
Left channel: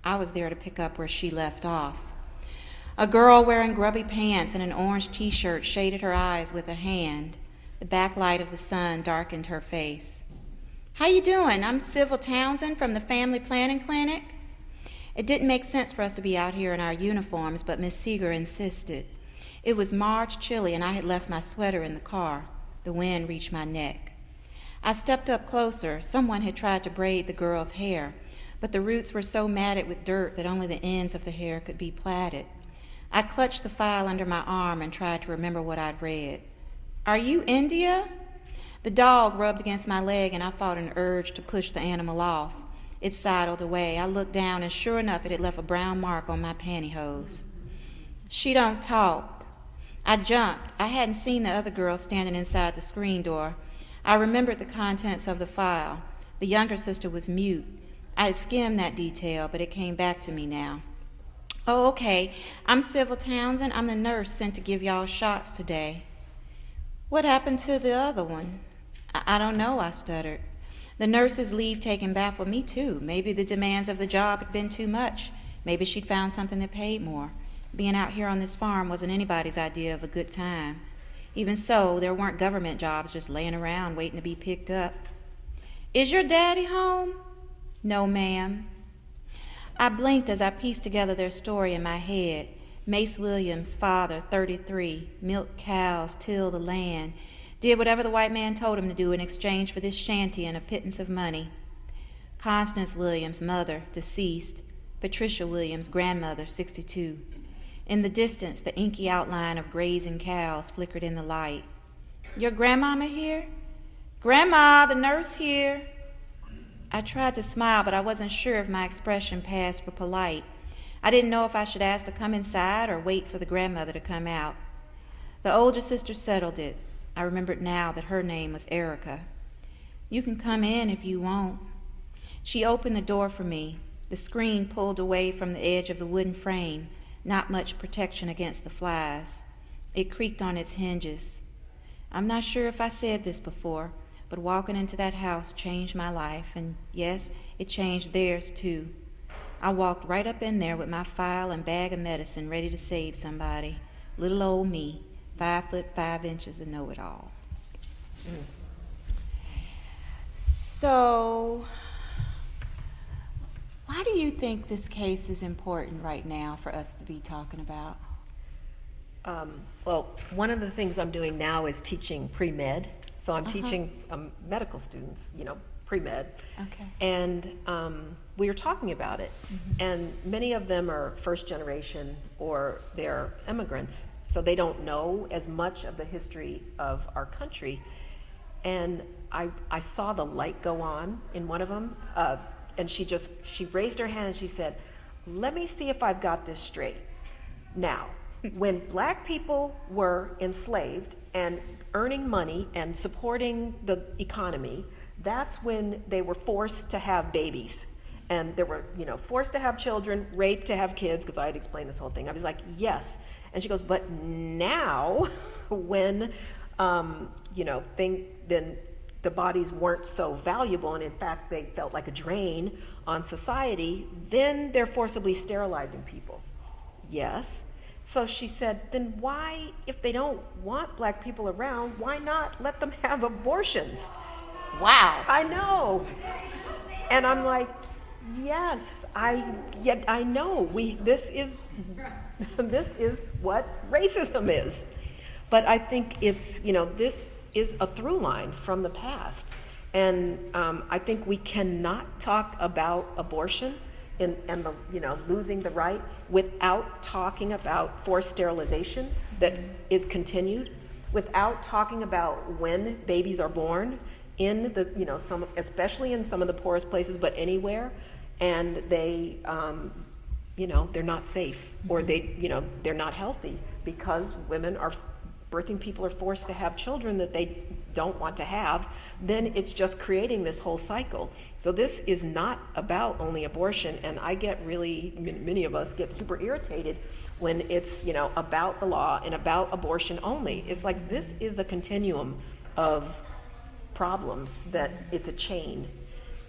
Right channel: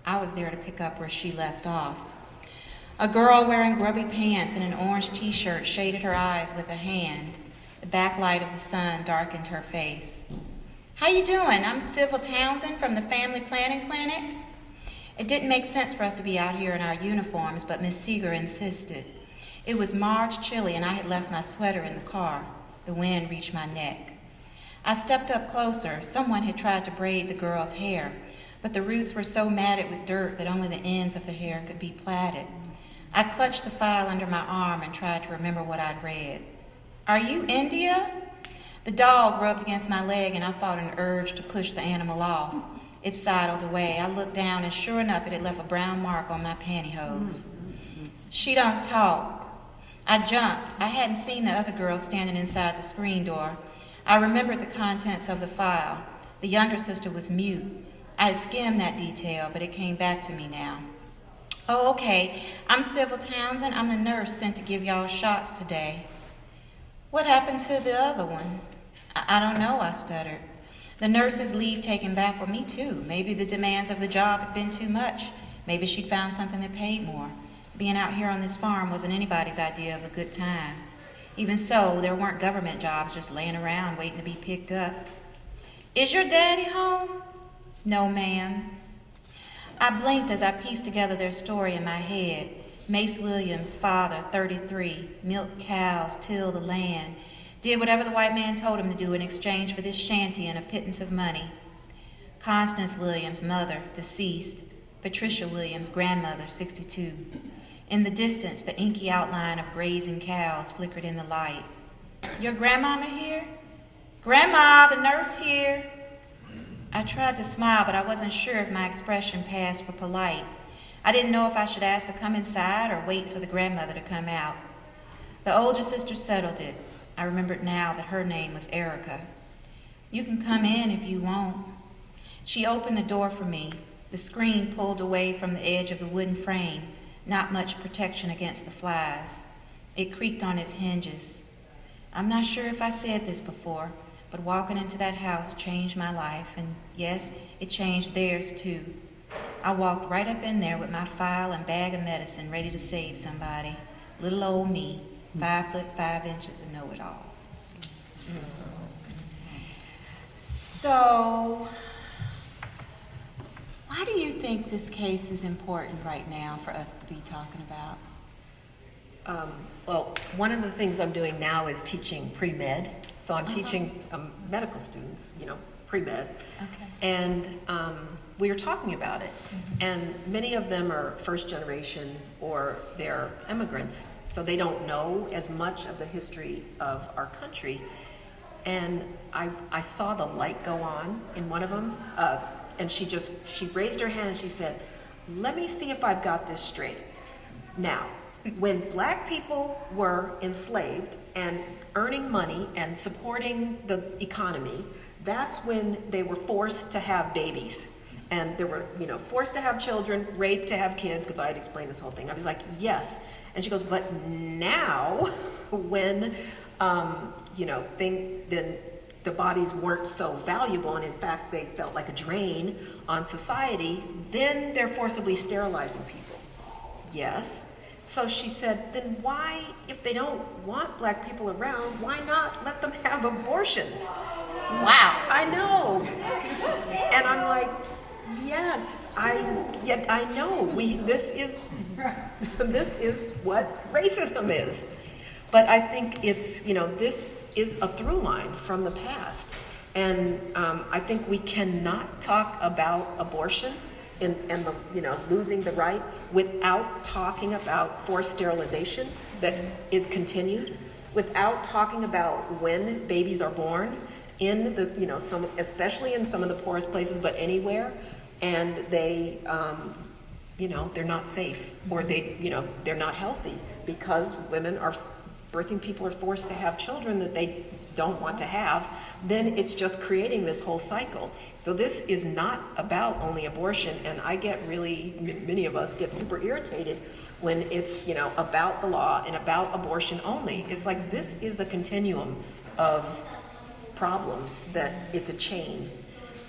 I was there to pick up where she left off. A girl wearing grubby pants and an orange t-shirt shaded her eyes with a hand. The backlight of the sun darkened her face. "How you doing? I'm Sybil Townsend from the Family Planning Clinic." It didn't make sense for us to be out here in our uniforms, but Miss Seeger insisted. It was March, chilly, and I had left my sweater in the car. The wind reached my neck. I stepped up closer. Someone had tried to braid the girl's hair, but the roots were so matted with dirt that only the ends of the hair could be plaited. I clutched the file under my arm and tried to remember what I'd read. "Are you India?" The dog rubbed against my leg, and I fought an urge to push the animal off. It sidled away. I looked down, and sure enough, it had left a brown mark on my pantyhose. "She don't talk." I jumped. I hadn't seen the other girl standing inside the screen door. I remembered the contents of the file. The younger sister was mute. I had skimmed that detail, but it came back to me now. "Oh, okay. I'm Sybil Townsend. I'm the nurse sent to give y'all shots today." "What happened to the other one?" I don't know," I stuttered. The nurse's leave taking baffled me too. Maybe the demands of the job had been too much. Maybe she'd found something that paid more. Being out here on this farm wasn't anybody's idea of a good time. Even so, there weren't government jobs just laying around waiting to be picked up. "Is your daddy home?" "No, ma'am." I blinked as I pieced together their story in my head. Mace Williams, father, 33, milked cows, tilled the land, did whatever the white man told him to do in exchange for this shanty and a pittance of money. Constance Williams, mother, deceased. Patricia Williams, grandmother, 62. In the distance, the inky outline of grazing cows flickered in the light. "Your grandmama here?" "Grandma, the nurse here." I tried to smile, but I wasn't sure if my expression passed for polite. I didn't know if I should ask to come inside or wait for the grandmother to come out. The older sister settled it. I remembered now that her name was Erica. "You can come in if you want." She opened the door for me. The screen pulled away from the edge of the wooden frame, not much protection against the flies. It creaked on its hinges. I'm not sure if I said this before, but walking into that house changed my life, and yes, it changed theirs too. I walked right up in there with my file and bag of medicine ready to save somebody. Little old me, 5 foot 5 inches and know-it-all. So, why do you think this case is important right now for us to be talking about? Well, one of the things I'm doing now is teaching pre-med. So I'm teaching medical students, pre-med. Okay. And we were talking about it. And many of them are first generation or they're immigrants. So they don't know as much of the history of our country. And I saw the light go on in one of them. and she raised her hand and she said, let me see if I've got this straight. Now, when black people were enslaved and earning money and supporting the economy, that's when they were forced to have babies. And they were, forced to have children, raped to have kids, because I had explained this whole thing. I was like, yes. And she goes, but now, when, then the bodies weren't so valuable, and in fact, they felt like a drain on society, then they're forcibly sterilizing people. Yes. So she said, then why, if they don't want black people around, why not let them have abortions? Wow. I know. And I'm like, yes, I know. This is what racism is. But I think it's, this is a through line from the past. And I think we cannot talk about abortion and the, losing the right without talking about forced sterilization that is continued, without talking about when babies are born in the, especially in some of the poorest places, but anywhere, and they, they're not safe, or they're not healthy, because birthing people are forced to have children that they don't want to have. Then it's just creating this whole cycle. So this is not about only abortion, and I get many of us get super irritated when it's, about the law and about abortion only. It's like, this is a continuum of problems, that it's a chain.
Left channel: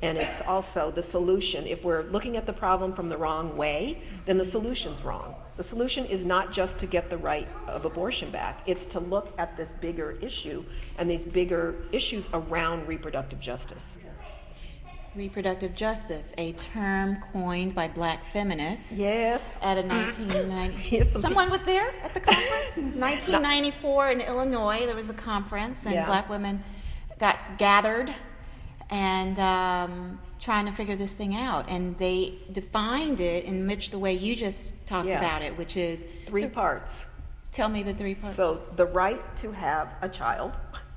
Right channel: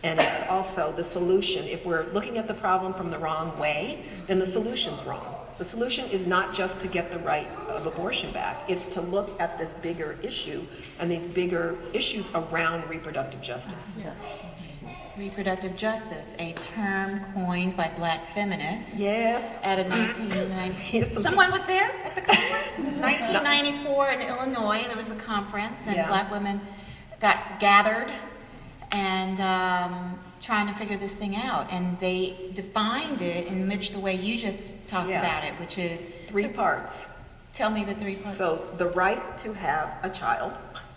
And it's also the solution. If we're looking at the problem from the wrong way, then the solution's wrong. The solution is not just to get the right of abortion back. It's to look at this bigger issue and these bigger issues around reproductive justice. Yes. Reproductive justice, a term coined by black feminists. Yes. At a 1990. Yes. Someone was there at the conference? 1994 in Illinois, there was a conference, and black women got gathered and trying to figure this thing out. And they defined it in much the way you just talked about it, which is 3 parts. Tell me the 3 parts. So the right to have a child,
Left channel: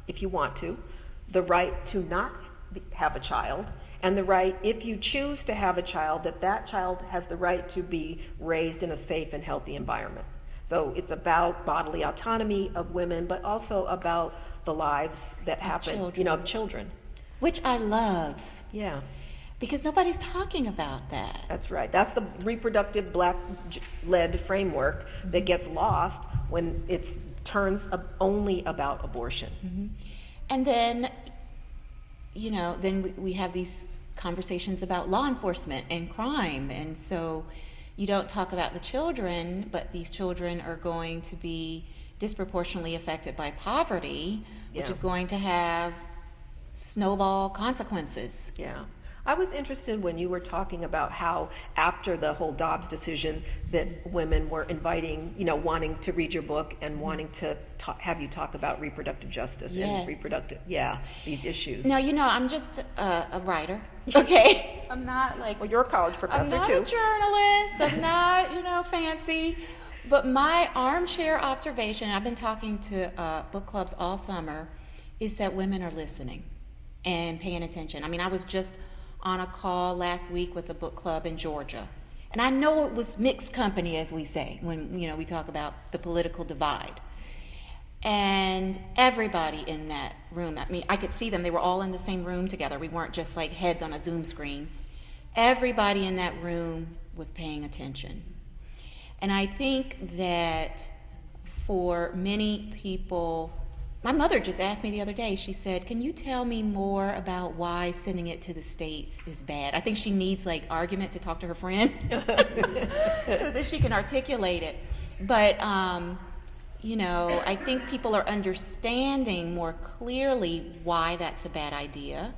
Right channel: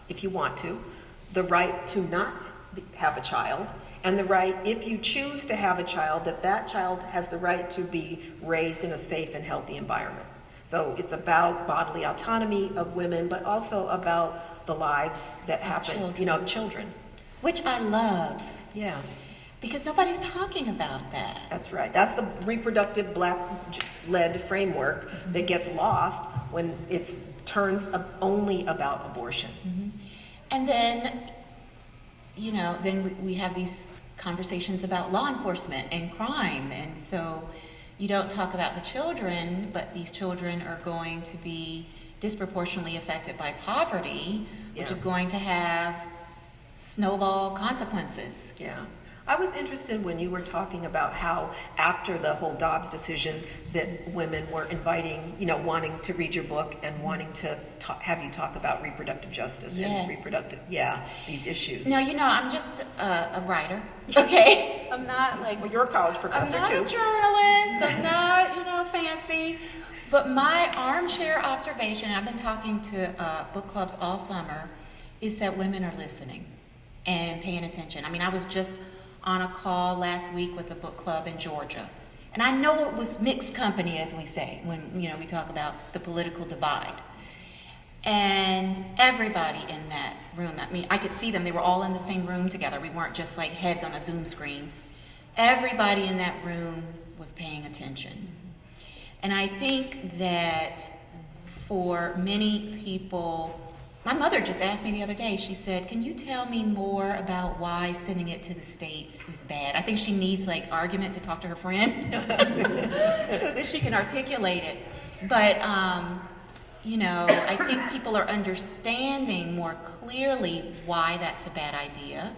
if you want to, the right to not have a child, and the right, if you choose to have a child, that child has the right to be raised in a safe and healthy environment. So it's about bodily autonomy of women, but also about the lives that happen, children. Which I love. Yeah. Because nobody's talking about that. That's right. That's the reproductive black-led framework that gets lost when it turns only about abortion. Mm-hmm. And then, then we have these conversations about law enforcement and crime. And so you don't talk about the children, but these children are going to be disproportionately affected by poverty, which is going to have snowball consequences. Yeah. I was interested when you were talking about how after the whole Dobbs decision that women were inviting, wanting to read your book and wanting to have you talk about reproductive justice and these issues. No, I'm just a writer. Okay. I'm not like... Well, you're a college professor, I'm not too. a journalist. I'm not, fancy. But my armchair observation, I've been talking to book clubs all summer, is that women are listening and paying attention. I mean, I was just on a call last week with a book club in Georgia. And I know it was mixed company, as we say, when we talk about the political divide. And everybody in that room, I could see them, they were all in the same room together. We weren't just like heads on a Zoom screen. Everybody in that room was paying attention. And I think that for many people, my mother just asked me the other day, she said, can you tell me more about why sending it to the States is bad? I think she needs argument to talk to her friends so that she can articulate it. But, I think people are understanding more clearly why that's a bad idea.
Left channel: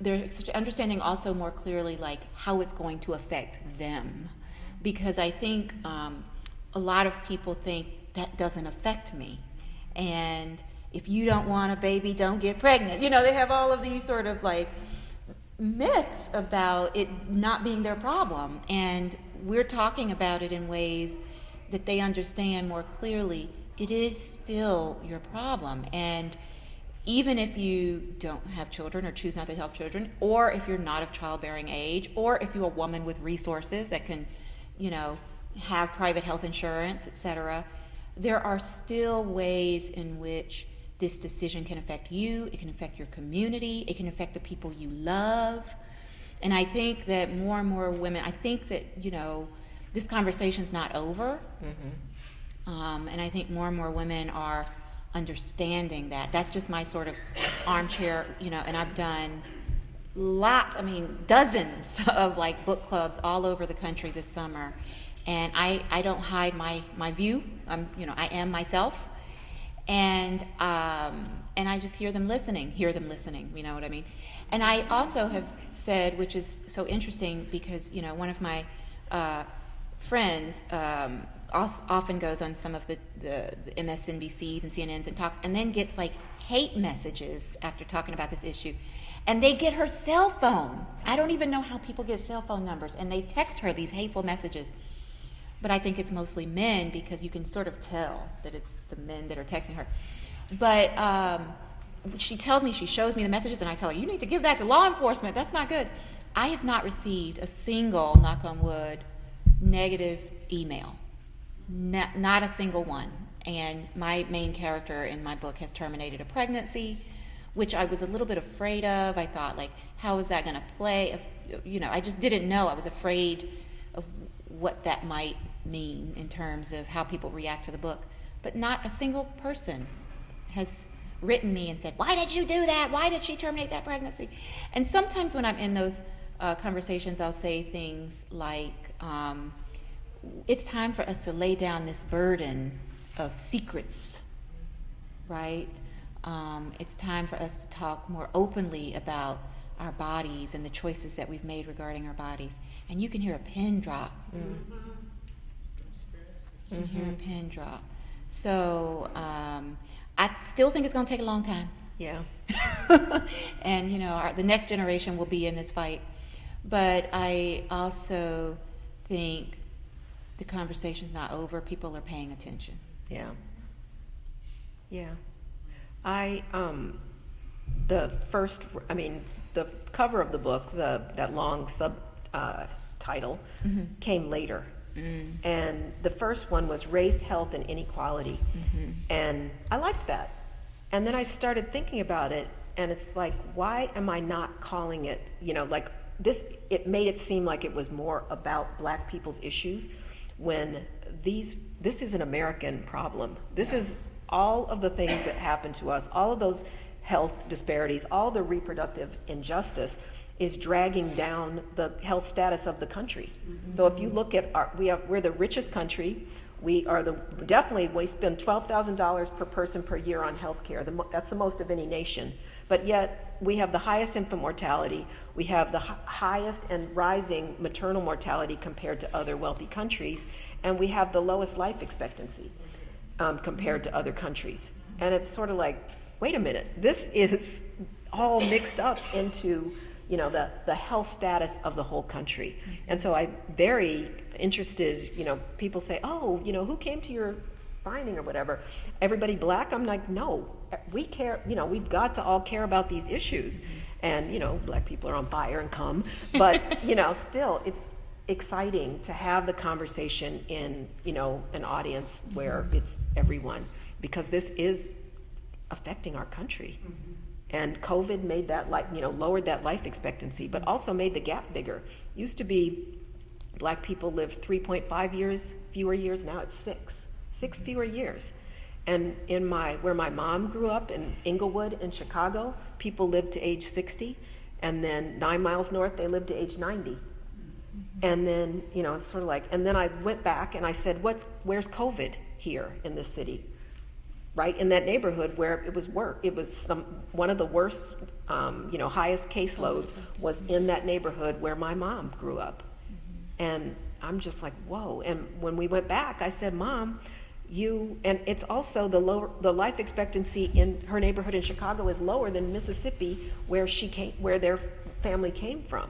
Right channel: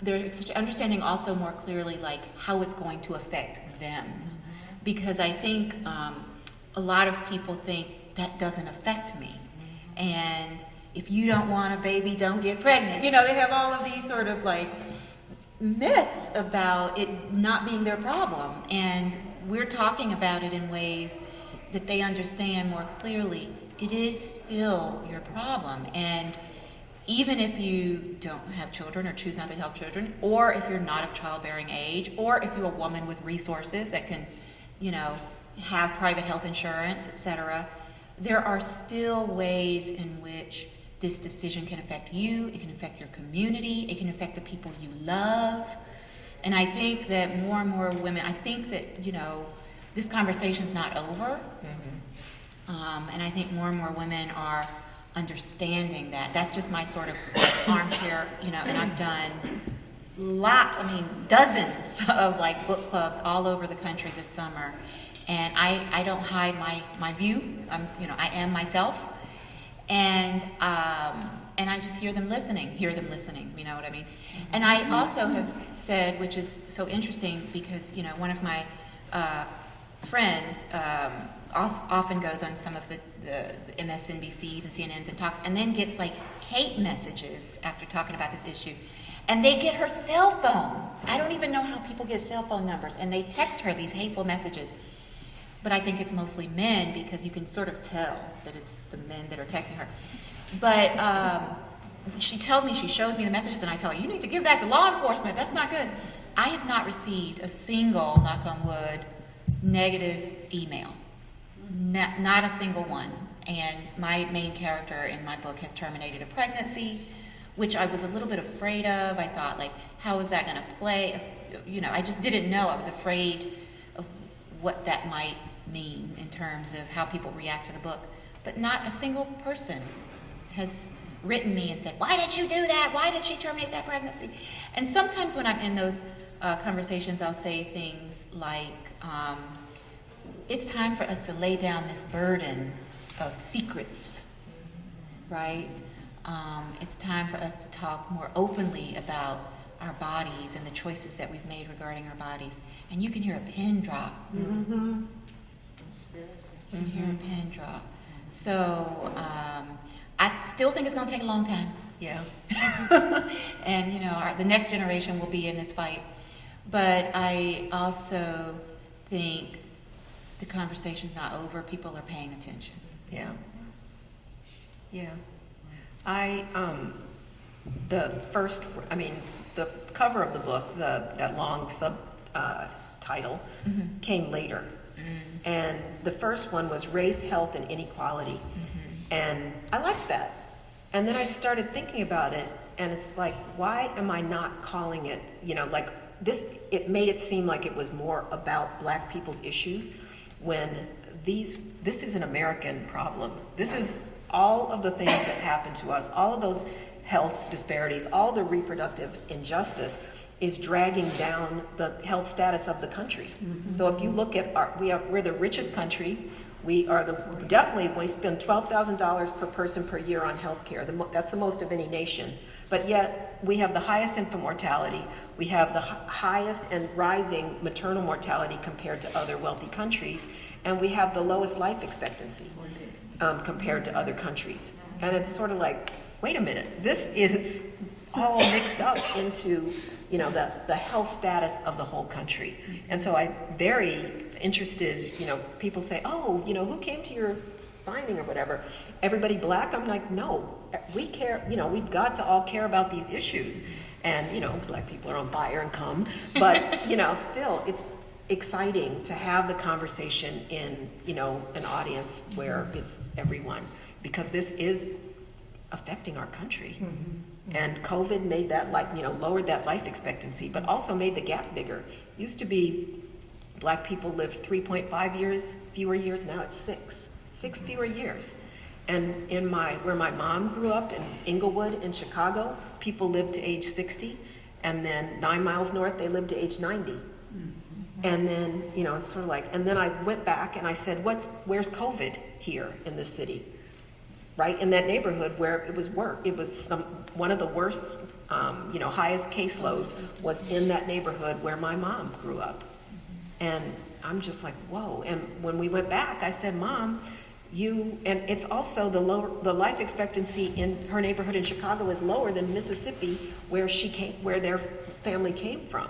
They're understanding also more clearly how it's going to affect them. Because I think a lot of people think that doesn't affect me. And if you don't want a baby, don't get pregnant. They have all of these sort of myths about it not being their problem. And we're talking about it in ways that they understand more clearly. It is still your problem. And, even if you don't have children or choose not to have children, or if you're not of childbearing age, or if you're a woman with resources that can, you know, have private health insurance, etc., there are still ways in which this decision can affect you, it can affect your community, it can affect the people you love. And I think that more and more women, I think that, you know, this conversation's not over. And I think more and more women are understanding that. That's just my sort of armchair, you know, and I've done dozens of like book clubs all over the country this summer. And I don't hide my view. I am myself. And I just hear them listening, you know what I mean? And I also have said, which is so interesting because, you know, one of my friends often goes on some of the MSNBCs and CNNs and talks, and then gets like hate messages after talking about this issue. And they get her cell phone. I don't even know how people get cell phone numbers, and they text her these hateful messages. But I think it's mostly men because you can sort of tell that it's the men that are texting her. But she shows me the messages, and I tell her, you need to give that to law enforcement. That's not good. I have not received a single, knock on wood, negative email. Not a single one. And my main character in my book has terminated a pregnancy, which I was a little bit afraid of. I thought, like, how is that going to play? I just didn't know. I was afraid of what that might mean in terms of how people react to the book. But not a single person has written me and said, why did you do that? Why did she terminate that pregnancy? And sometimes when I'm in those conversations, I'll say things like, it's time for us to lay down this burden of secrets, right? It's time for us to talk more openly about our bodies and the choices that we've made regarding our bodies. And you can hear a pin drop. You can hear a pin drop. So I still think it's going to take a long time. Yeah. And, you know, the next generation will be in this fight. But I also think the conversation's not over. People are paying attention. Yeah. Yeah. The cover of the book, that long title, came later. And the first one was Race, Health, and Inequality. And I liked that. And then I started thinking about it, and it's like, why am I not calling it, like this, it made it seem like it was more about Black people's issues when this is an American problem. This is all of the things that happen to us, all of those health disparities, all the reproductive injustice is dragging down the health status of the country. So if you look at we're the richest country. We spend $12,000 per person per year on health care. That's the most of any nation. But yet we have the highest infant mortality. We have the highest and rising maternal mortality compared to other wealthy countries. And we have the lowest life expectancy compared to other countries. And it's sort of like, wait a minute, this is all mixed up into the health status of the whole country. And so I'm very interested, people say, oh, who came to your signing or whatever? Everybody Black? I'm like, no, we care, we've got to all care about these issues. And, Black people are on fire and come, but, still, it's exciting to have the conversation in, an audience where it's everyone, because this is affecting our country. And COVID made that, lowered that life expectancy, but also made the gap bigger. Used to be Black people lived 3.5 fewer years, now it's 6 fewer years. And where my mom grew up in Inglewood in Chicago, people lived to age 60, and then 9 miles north, they lived to age 90. And then, it's sort of like, and then I went back and I said, where's COVID here in this city? Right in that neighborhood where it was one of the worst, highest caseloads was in that neighborhood where my mom grew up. And I'm just like, whoa. And when we went back, I said, Mom, and it's also the life expectancy in her neighborhood in Chicago is lower than Mississippi, where their family came from.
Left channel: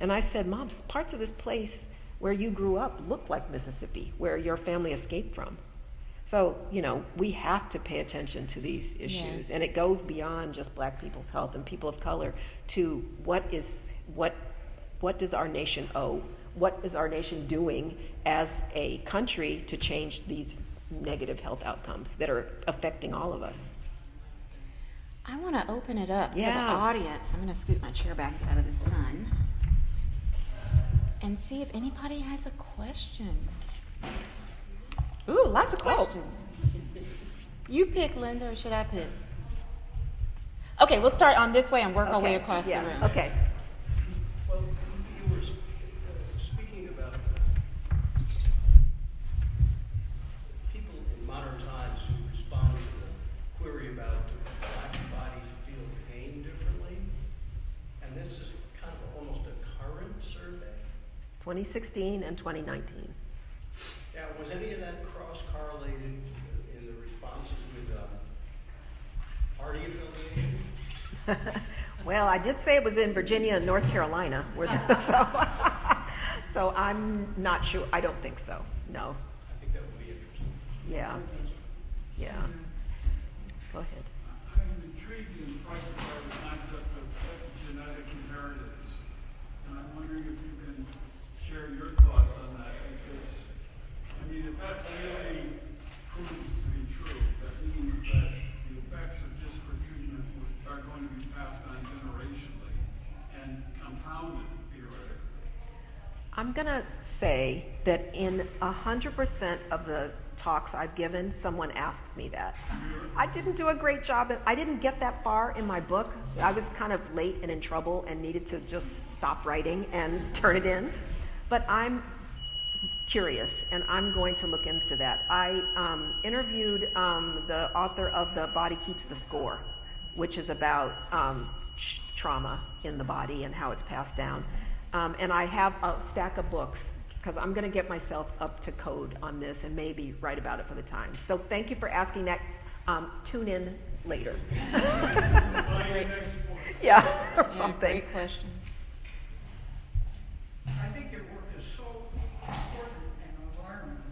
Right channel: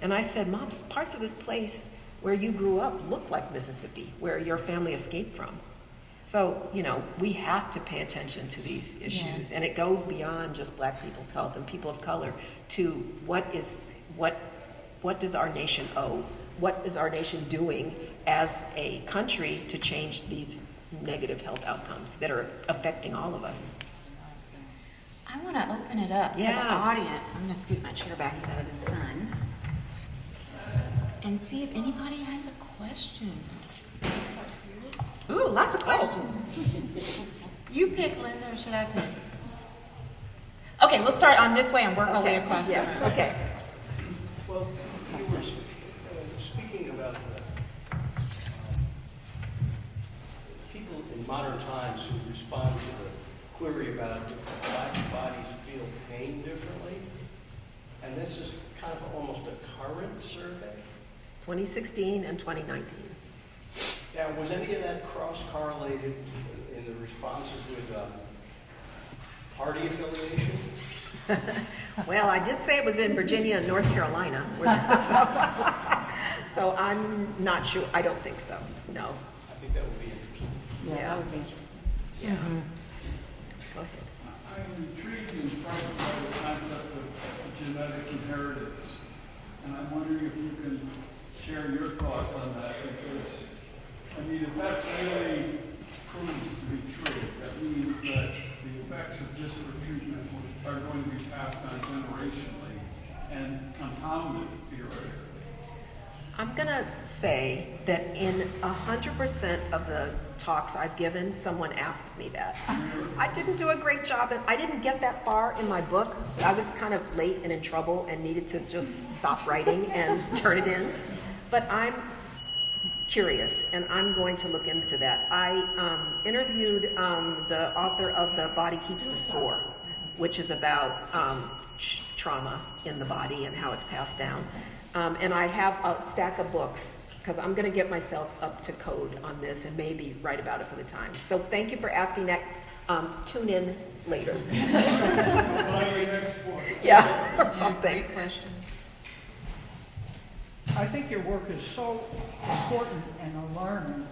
And I said, Mom, parts of this place where you grew up look like Mississippi, where your family escaped from. So, we have to pay attention to these issues. Yes. And it goes beyond just black people's health and people of color to what does our nation owe? What is our nation doing as a country to change these negative health outcomes that are affecting all of us? I want to open it up to the Yeah. audience. I'm going to scoot my chair back out of the sun and see if anybody has a question. Ooh, lots of questions. You pick, Linda, or should I pick? Okay, we'll start on this way and work our way across the room. Okay. Well, you were speaking about people in modern times who respond to the query about do black bodies feel pain differently? And this is kind of almost a current survey. 2016 and 2019. Yeah, was any of that cross-correlated in the responses with party affiliation? Well, I did say it was in Virginia and North Carolina. So I'm not sure. I don't think so. No. I think that would be interesting. Yeah. Yeah. Go ahead. I'm intrigued in part by the concept of genetic inheritance, and I'm wondering if you can share your thoughts on that, because, I mean, if that really proves to be true, that means that the effects of disparate treatment are going to be passed on generationally and compounded theoretically. I'm going to say that in 100% of the talks I've given, someone asks me that. I didn't do a great job. I didn't get that far in my book. I was kind of late and in trouble and needed to just stop writing and turn it in. But I'm curious, and I'm going to look into that. I interviewed the author of The Body Keeps the Score, which is about trauma in the body and how it's passed down. And I have a stack of books, because I'm going to get myself up to code on this and maybe write about it for the Times. So thank you for asking that. Tune in later. Yeah, or something. Great question. I think your work is so important and alarming,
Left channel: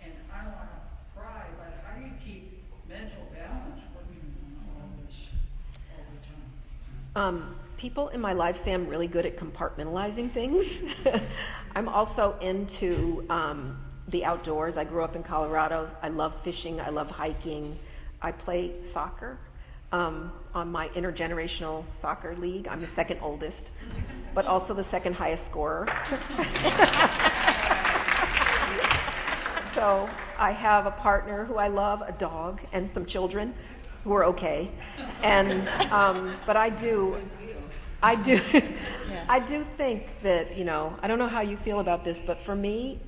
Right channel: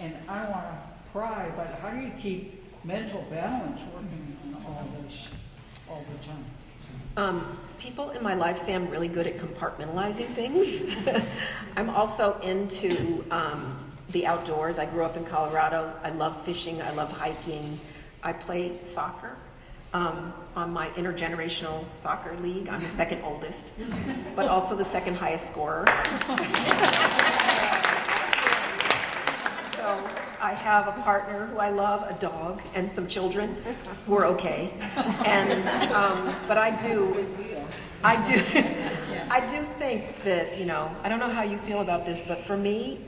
and I don't want to pry, but how do you keep mental balance working on all this all the time? People in my life say I'm really good at compartmentalizing things. I'm also into the outdoors. I grew up in Colorado. I love fishing. I love hiking. I play soccer on my intergenerational soccer league. I'm the second oldest, but also the second highest scorer. So I have a partner who I love, a dog, and some children who are okay. And but I do think that, I don't know how you feel about this, but for me,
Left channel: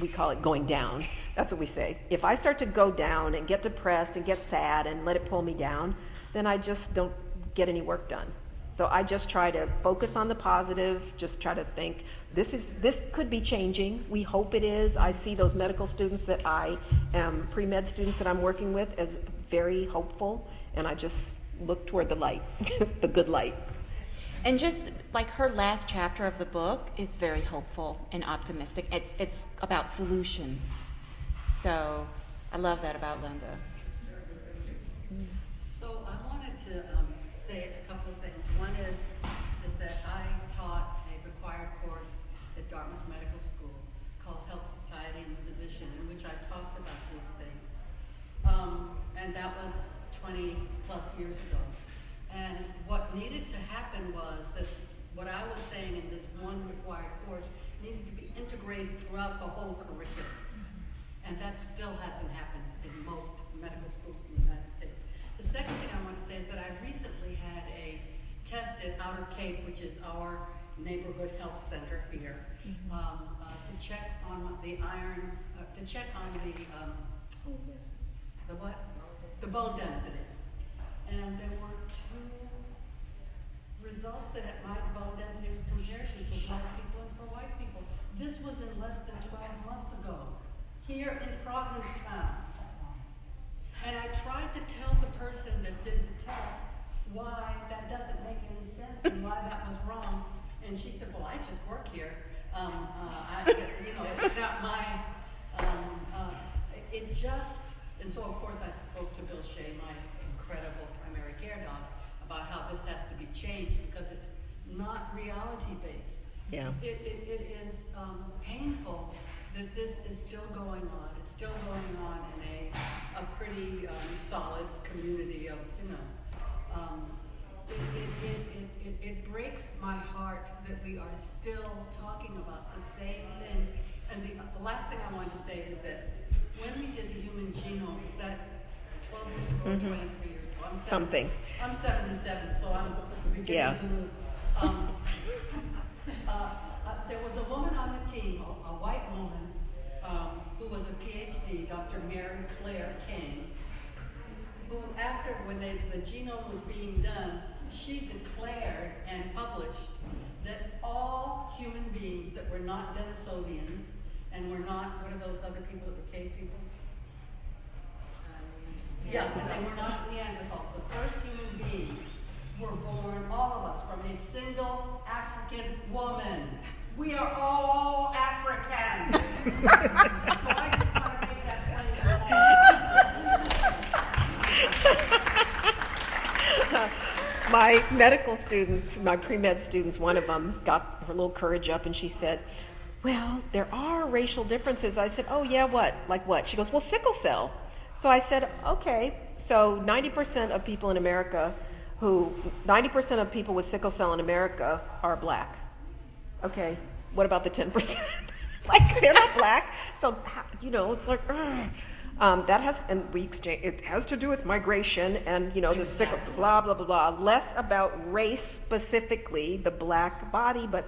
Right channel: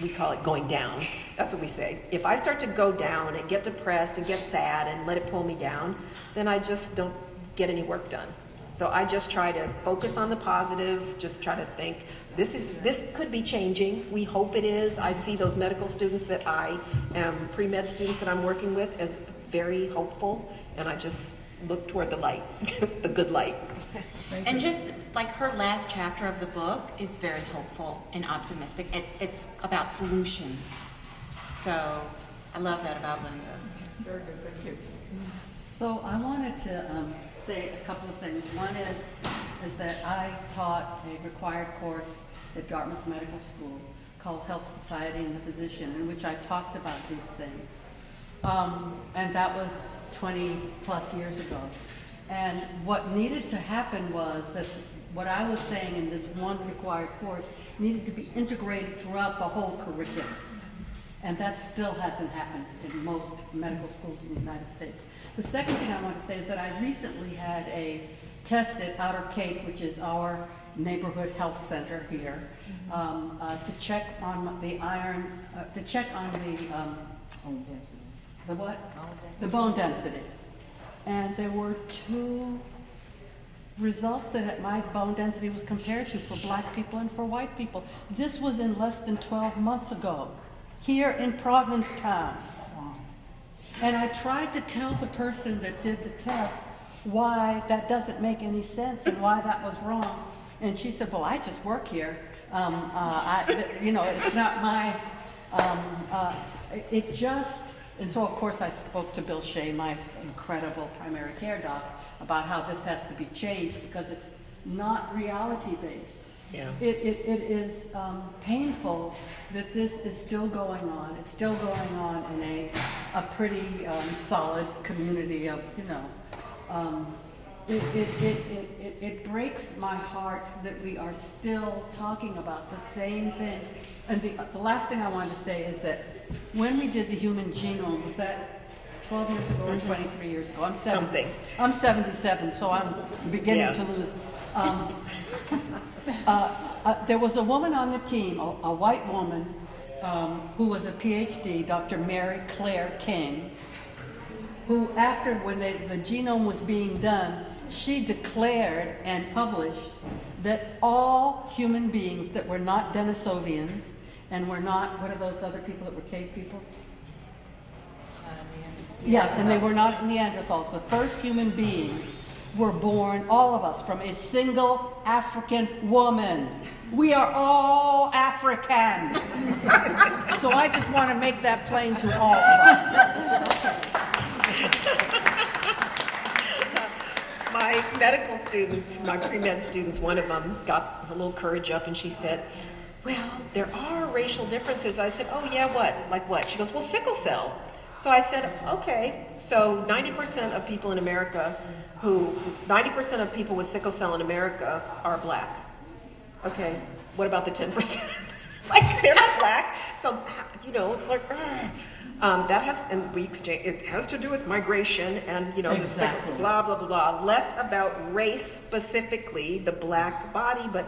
we call it going down. That's what we say. If I start to go down and get depressed and get sad and let it pull me down, then I just don't get any work done. So I just try to focus on the positive, just try to think, this could be changing. We hope it is. I see those medical students that I am, pre-med students that I'm working with, as very hopeful, and I just look toward the light, the good light. And just like her last chapter of the book is very hopeful and optimistic. It's about solutions. So I love that about Linda. Very good, thank you. So I wanted to say a couple of things. One is that I taught a required course at Dartmouth Medical School called Health Society and the Physician, in which I talked about these things. And that was 20 plus years ago. And what needed to happen was that what I was saying in this one required course needed to be integrated throughout the whole curriculum. And that still hasn't happened in most medical schools in the United States. The second thing I want to say is that I recently had a test at Outer Cape, which is our neighborhood health center here, to check on the iron, to check on the what? The bone density. And there were two results that my bone density was compared to for black people and for white people. This was in less than 12 months ago, here in Provincetown. And I tried to tell the person that did the test why that doesn't make any sense and why that was wrong. And she said, well, I just work here. It's not my It just, and so of course I spoke to Bill Shea, my incredible primary care doc, about how this has to be changed because it's not reality based. Yeah. It is painful that this is still going on. It's still going on in a pretty solid community of, it breaks my heart that we are still talking about the same things. And the last thing I wanted to say is that when we did the human genome, was that 12 years ago or 23 years ago? I'm 77, so I'm beginning to lose. There was a woman on the team, a white woman, who was a PhD, Dr. Mary Claire King, who after when the genome was being done, she declared and published that all human beings that were not Denisovians and were not, what are those other people that were cave people? Yeah, and they were not Neanderthals. The first human beings were born, all of us, from a single African woman. We are all African. So I just want to make that plain to all of us. My medical students, my pre-med students, one of them got her little courage up and she said, well, there are racial differences. I said, oh yeah, what? Like what? She goes, well, sickle cell. So I said, okay, so 90% of people in America 90% of people with sickle cell in America are black. Okay, what about the 10%? Like, they're not black, so, it's like, that has, and we exchange, it has to do with migration and, the sickle, blah, blah, blah, blah. Less about race specifically, the black body, but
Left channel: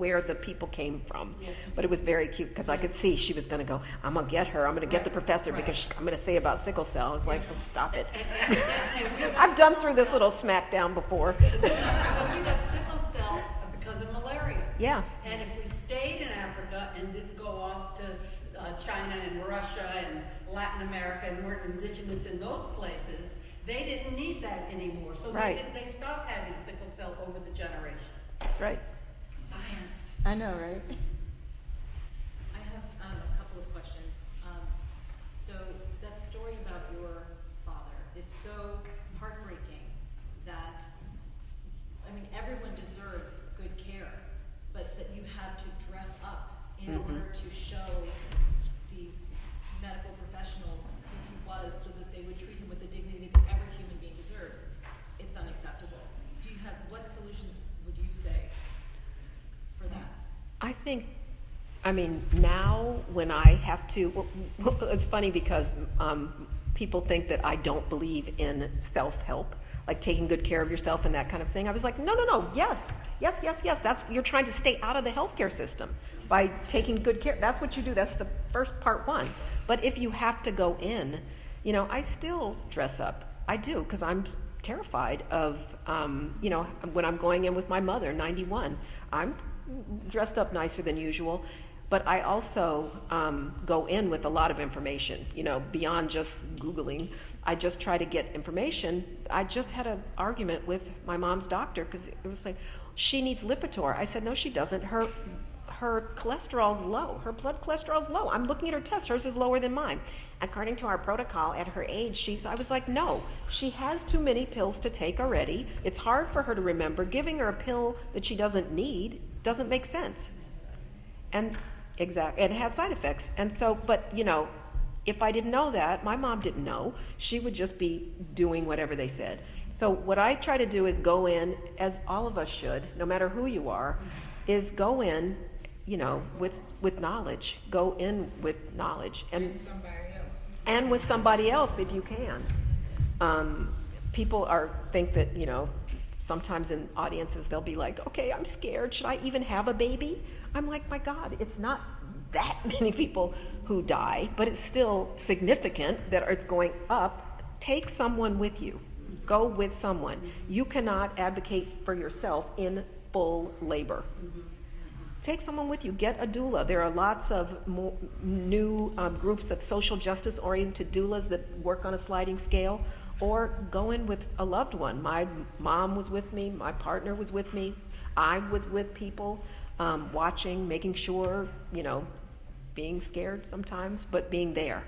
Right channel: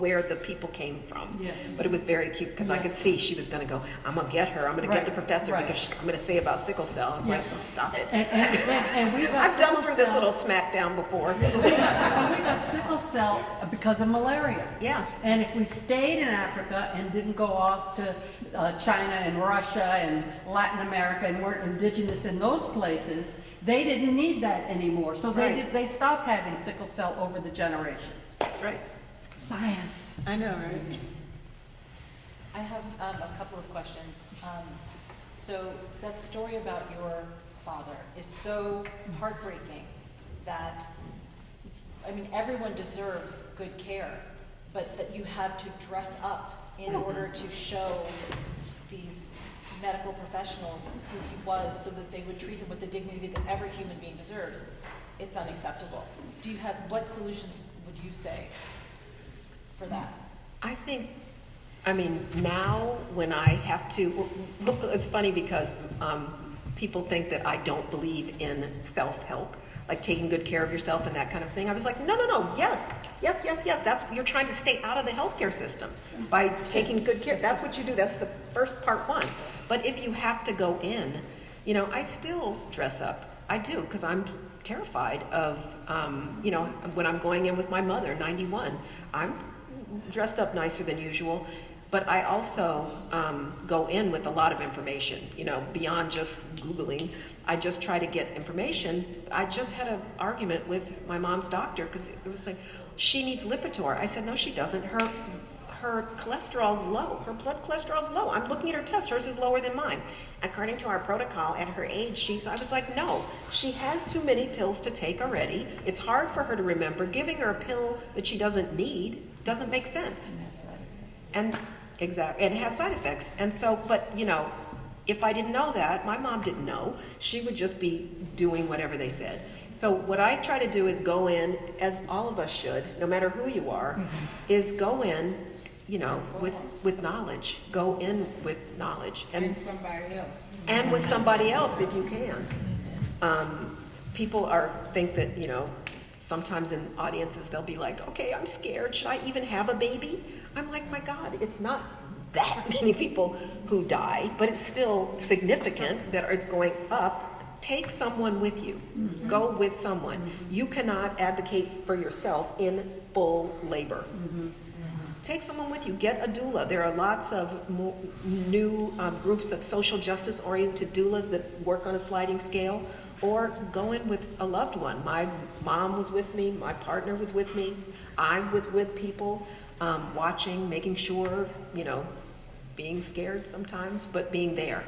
where the people came from. Yes. But it was very cute, because I could see she was gonna go, I'm gonna get her, I'm gonna get the professor, because I'm gonna say about sickle cell. I was like, well, stop it. And we got I've done sickle through this cell- little smackdown before. And we got sickle cell because of malaria. Yeah. And if we stayed in Africa and didn't go off to China and Russia and Latin America and weren't indigenous in those places, they didn't need that anymore. So Right. they stopped having sickle cell over the generations. That's right. Science. I know, right? I have a couple of questions. So that story about your father is so heartbreaking that, everyone deserves good care, but that you had to dress up in order to show these medical professionals who he was so that they would treat him with the dignity that every human being deserves. It's unacceptable. What solutions would you say for that? I think, now when I have to, it's funny because people think that I don't believe in self-help, like taking good care of yourself and that kind of thing. I was like, no, yes. You're trying to stay out of the healthcare system by taking good care. That's what you do. That's the first part one. But if you have to go in, I still dress up. I do, because I'm terrified of, when I'm going in with my mother, 91, I'm dressed up nicer than usual. But I also go in with a lot of information, beyond just Googling. I just try to get information. I just had an argument with my mom's doctor because it was like, she needs Lipitor. I said, no, she doesn't. Her cholesterol's low. Her blood cholesterol's low. I'm looking at her test. Hers is lower than mine. According to our protocol, at her age, I was like, no, she has too many pills to take already. It's hard for her to remember. Giving her a pill that she doesn't need doesn't make sense. And exactly, and it has side effects. And so, but if I didn't know that, my mom didn't know, she would just be doing whatever they said. So what I try to do is go in, as all of us should, no matter who you are, is go in, with knowledge. Go in with knowledge. And somebody else. And with somebody else if you can. People think that, sometimes in audiences they'll be like, okay, I'm scared, should I even have a baby? I'm like, my God, it's not that many people who die, but it's still significant that it's going up. Take someone with you. Mm-hmm. Go with someone. You cannot advocate for yourself in full labor. Mm-hmm. Take someone with you. Get a doula. There are lots of new groups of social justice oriented doulas that work on a sliding scale, or go in with a loved one. My mom was with me. My partner was with me. I was with people, watching, making sure, being scared sometimes, but being there.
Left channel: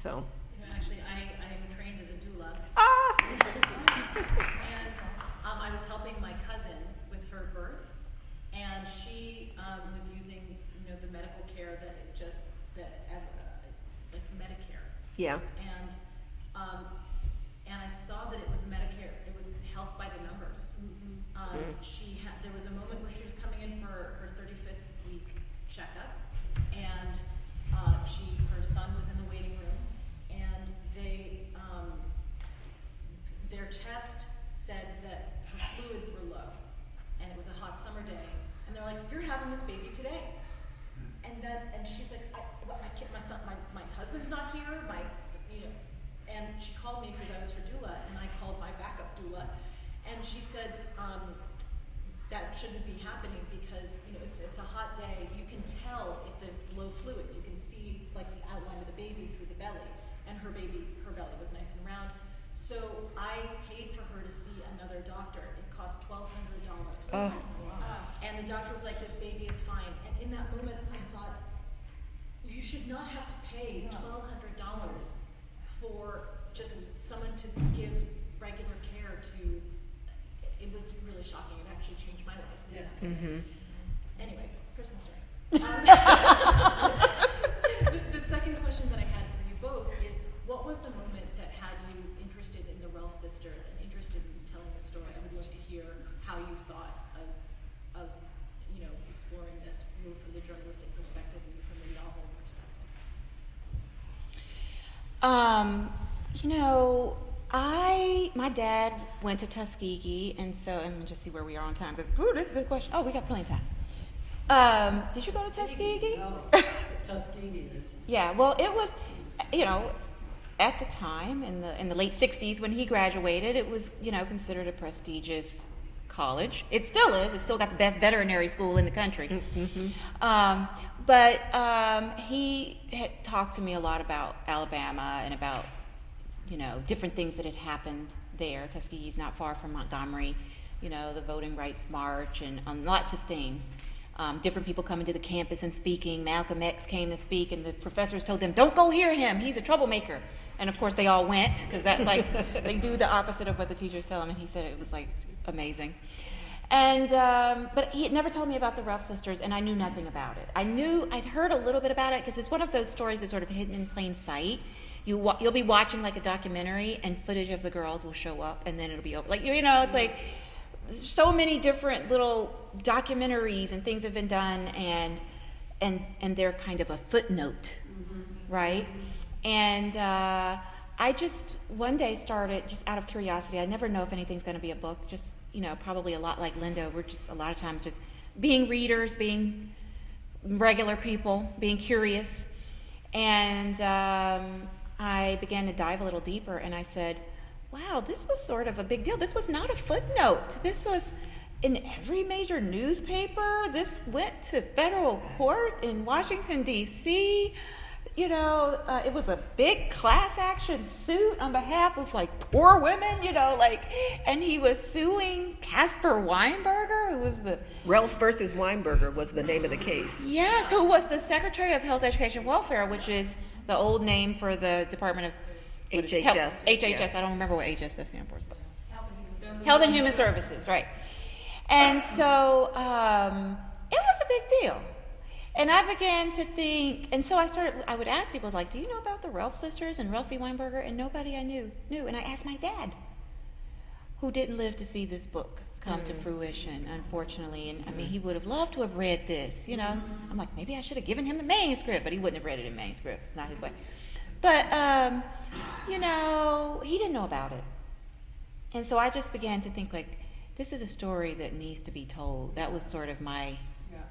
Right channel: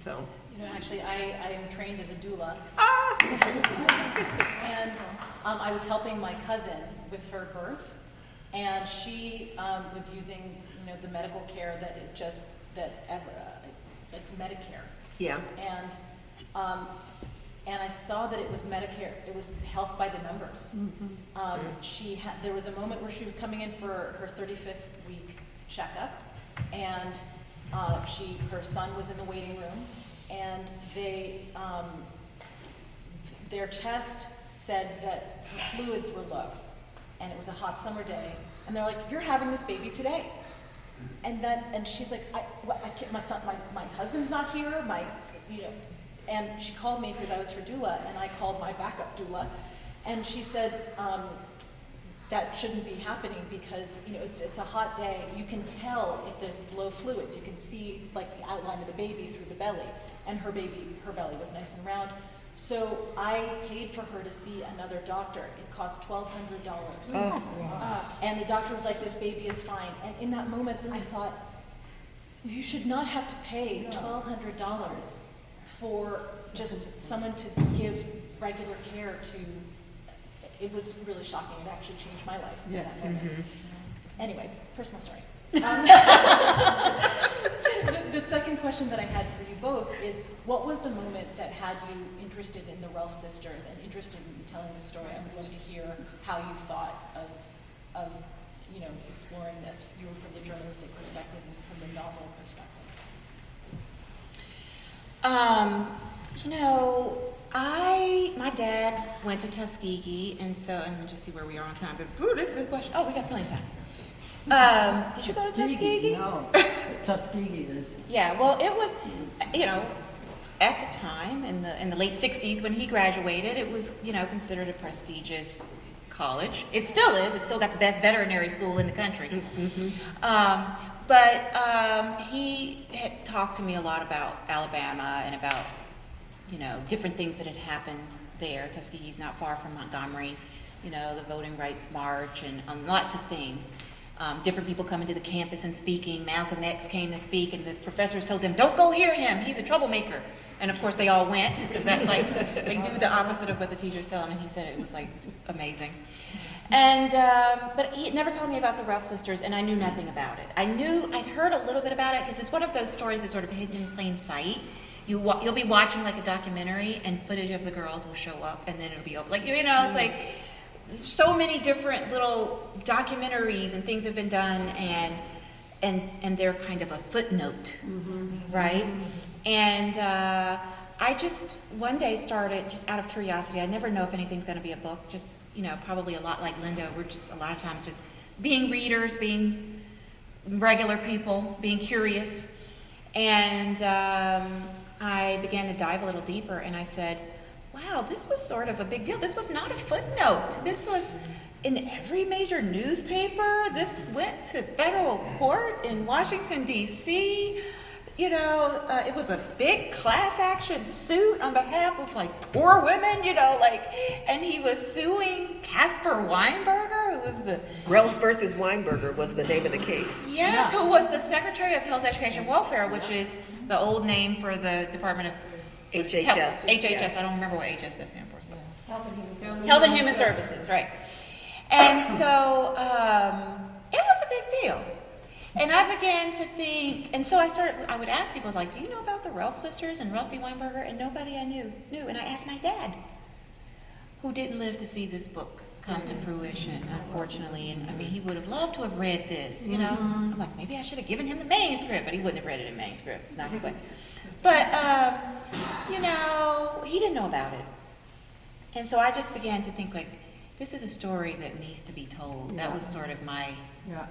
So. You know, actually, I am trained as a doula. Ah! And I was helping my cousin with her birth, and she was using, you know, the medical care that like Medicare. Yeah. And I saw that it was Medicare. It was health by the numbers. There was a moment where she was coming in for her 35th week checkup, and her son was in the waiting room, and their test said that her fluids were low, and it was a hot summer day, and they're like, "You're having this baby today." And she's like, I can't, my husband's not here, and she called me because I was her doula, and I called my backup doula, and she said, that shouldn't be happening because, you know, it's a hot day. You can tell if there's low fluids. You can see like the outline of the baby through the belly, and her belly was nice and round. So I paid for her to see another doctor. It cost $1,200. And the doctor was like, "This baby is fine." And in that moment, I thought, you should not have to pay $1,200 for just someone to give regular care to. It was really shocking. It actually changed my life. Yes. Anyway, personal story. So the second question that I had for you both is, what was the moment that had you interested in the Ralph sisters and interested in telling the story? I would love to hear how you thought of you know, exploring this. You were from the journalistic perspective and from the novel perspective. You know, my dad went to Tuskegee, and so, and let me just see where we are on time, because, ooh, this is a good question. Oh, we got plenty of time. Did you go to Tuskegee? No, Tuskegee is. Yeah, well, it was, you know, at the time, in the late 60s when he graduated, it was, you know, considered a prestigious college. It still is. It's still got the best veterinary school in the country. But he had talked to me a lot about Alabama and about, you know, different things that had happened there. Tuskegee's not far from Montgomery, you know, the Voting Rights March and lots of things. Different people coming to the campus and speaking. Malcolm X came to speak, and the professors told them, "Don't go hear him, he's a troublemaker." And of course they all went, because that's like, they do the opposite of what the teachers tell them, and he said it was like amazing. And, but he had never told me about the Ruff sisters, and I knew nothing about it. I'd heard a little bit about it, because it's one of those stories that's sort of hidden in plain sight. You'll be watching like a documentary, and footage of the girls will show up, and then it'll be over. Like, you know, it's like, so many different little documentaries and things have been done, and they're kind of a footnote, right? And I just one day started, just out of curiosity, I never know if anything's going to be a book, just, you know, probably a lot like Linda, we're just a lot of times just being readers, being regular people, being curious. And I began to dive a little deeper, and I said, wow, this was sort of a big deal. This was not a footnote. This was in every major newspaper. This went to federal court in Washington, D.C. You know, it was a big class action suit on behalf of like poor women, you know, like, and he was suing Caspar Weinberger, who was the... Ralph versus Weinberger was the name of the case. Yes, who was the Secretary of Health, Education, and Welfare, which is the old name for the Department of... HHS. HHS, Yeah. I don't remember what HHS stands for. So. Health and Human Services, right. And so it was a big deal. And I began to think, and so I would ask people, like, do you know about the Ralph sisters and Ralphie Weinberger? And nobody I knew. And I asked my dad, who didn't live to see this book come to fruition, unfortunately. And I mean, he would have loved to have read this, you know? I'm like, maybe I should have given him the manuscript, but he wouldn't have read it in manuscript. It's not his way. But, you know, he didn't know about it. And so I just began to think, like, this is a story that needs to be told. That was sort of my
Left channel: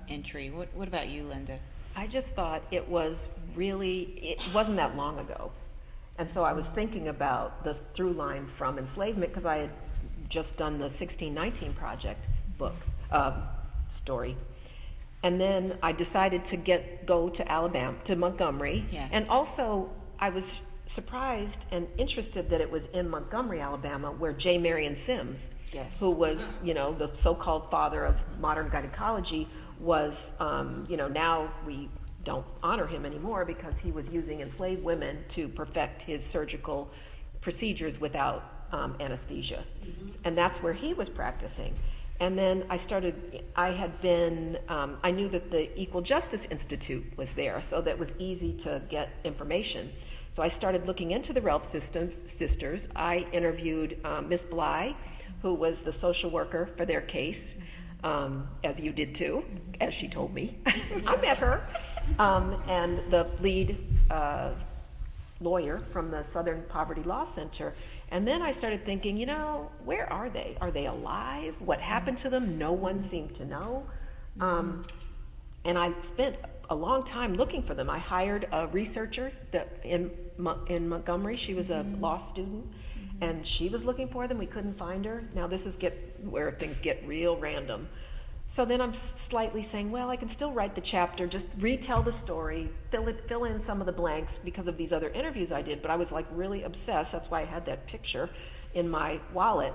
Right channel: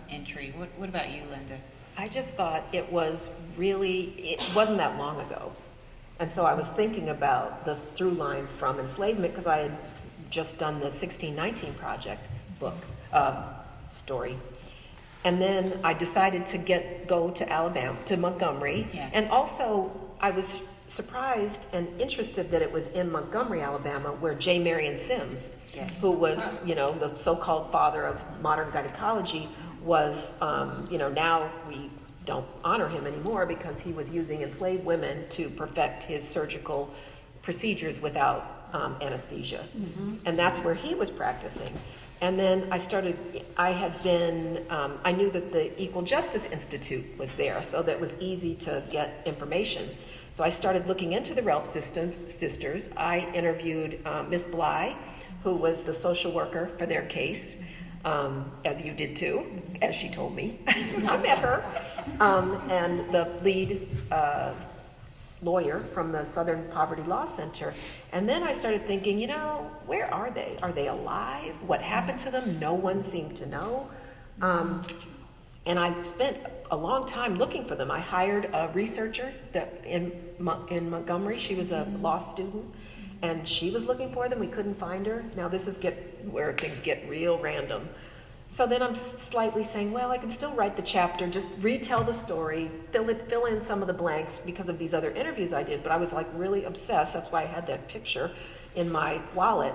entry. What about you, Linda? I just thought it wasn't that long ago. And so I was thinking about the through line from enslavement, because I had just done the 1619 Project book story. And then I decided to go to Alabama, to Montgomery. Yes. And also I was surprised and interested that it was in Montgomery, Alabama, where J. Marion Sims, who was, you know, the so-called father of modern gynecology, was, you know, now we don't honor him anymore because he was using enslaved women to perfect his surgical procedures without anesthesia. And that's where he was practicing. And then I knew that the Equal Justice Institute was there, so that it was easy to get information. So I started looking into the Ralph sisters. I interviewed Miss Bly, who was the social worker for their case, as you did too, as she told me. I met her. And the lead lawyer from the Southern Poverty Law Center. And then I started thinking, you know, where are they? Are they alive? What happened to them? No one seemed to know. And I spent a long time looking for them. I hired a researcher in Montgomery. She was a law student, and she was looking for them. We couldn't find her. Now this is where things get real random. So then I'm slightly saying, well, I can still write the chapter, just retell the story, fill in some of the blanks because of these other interviews I did, but I was like really obsessed. That's why I had that picture in my wallet.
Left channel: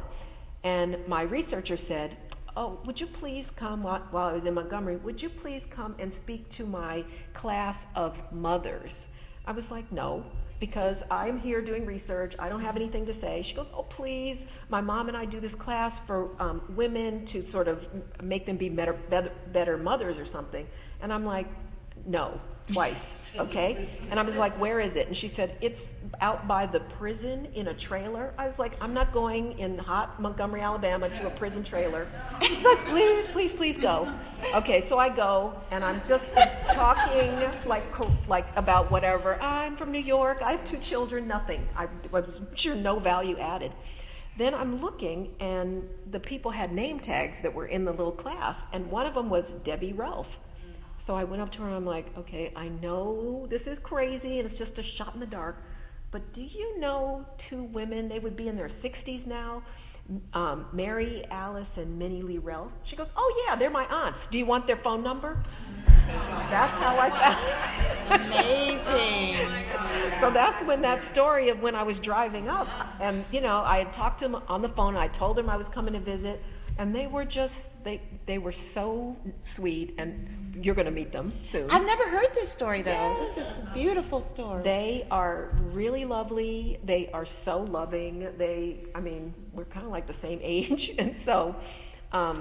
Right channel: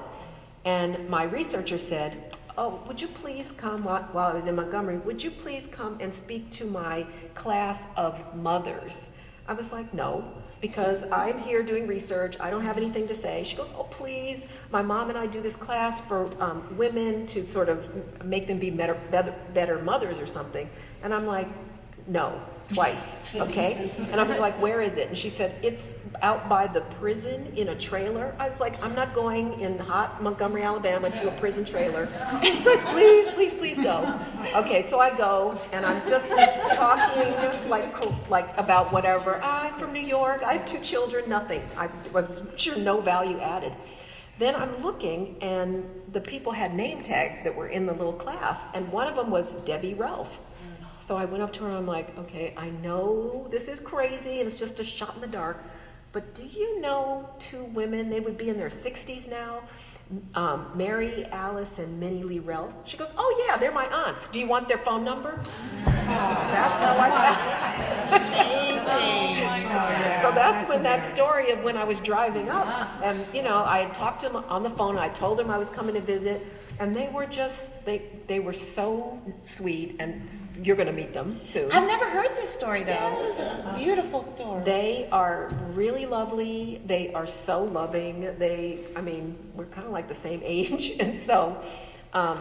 And my researcher said, oh, would you please come, while I was in Montgomery, would you please come and speak to my class of mothers? I was like, no, because I'm here doing research. I don't have anything to say. She goes, oh, please. My mom and I do this class for women to sort of make them be better mothers or something. And I'm like, no, twice, okay? And I was like, where is it? And she said, it's out by the prison in a trailer. I was like, I'm not going in hot Montgomery, Alabama to a prison trailer. She's like, please, please, please go. Okay, so I go, and I'm just talking like about whatever. I'm from New York, I have 2 children, nothing. I'm sure no value added. Then I'm looking, and the people had name tags that were in the little class, and one of them was Debbie Ralph. So I went up to her and I'm like, okay, I know this is crazy and it's just a shot in the dark, but do you know 2 women, they would be in their 60s now, Mary Alice and Minnie Lee Ralph? She goes, oh yeah, they're my aunts. Do you want their phone number? That's not like that. Amazing. So that's when that story of when I was driving up, and you know, I had talked to them on the phone, I told them I was coming to visit, and they were just, they were so sweet, and you're going to meet them soon. I've never heard this story, though. Yes. This is a beautiful story. They are really lovely. They are so loving. We're kind of like the same age. And so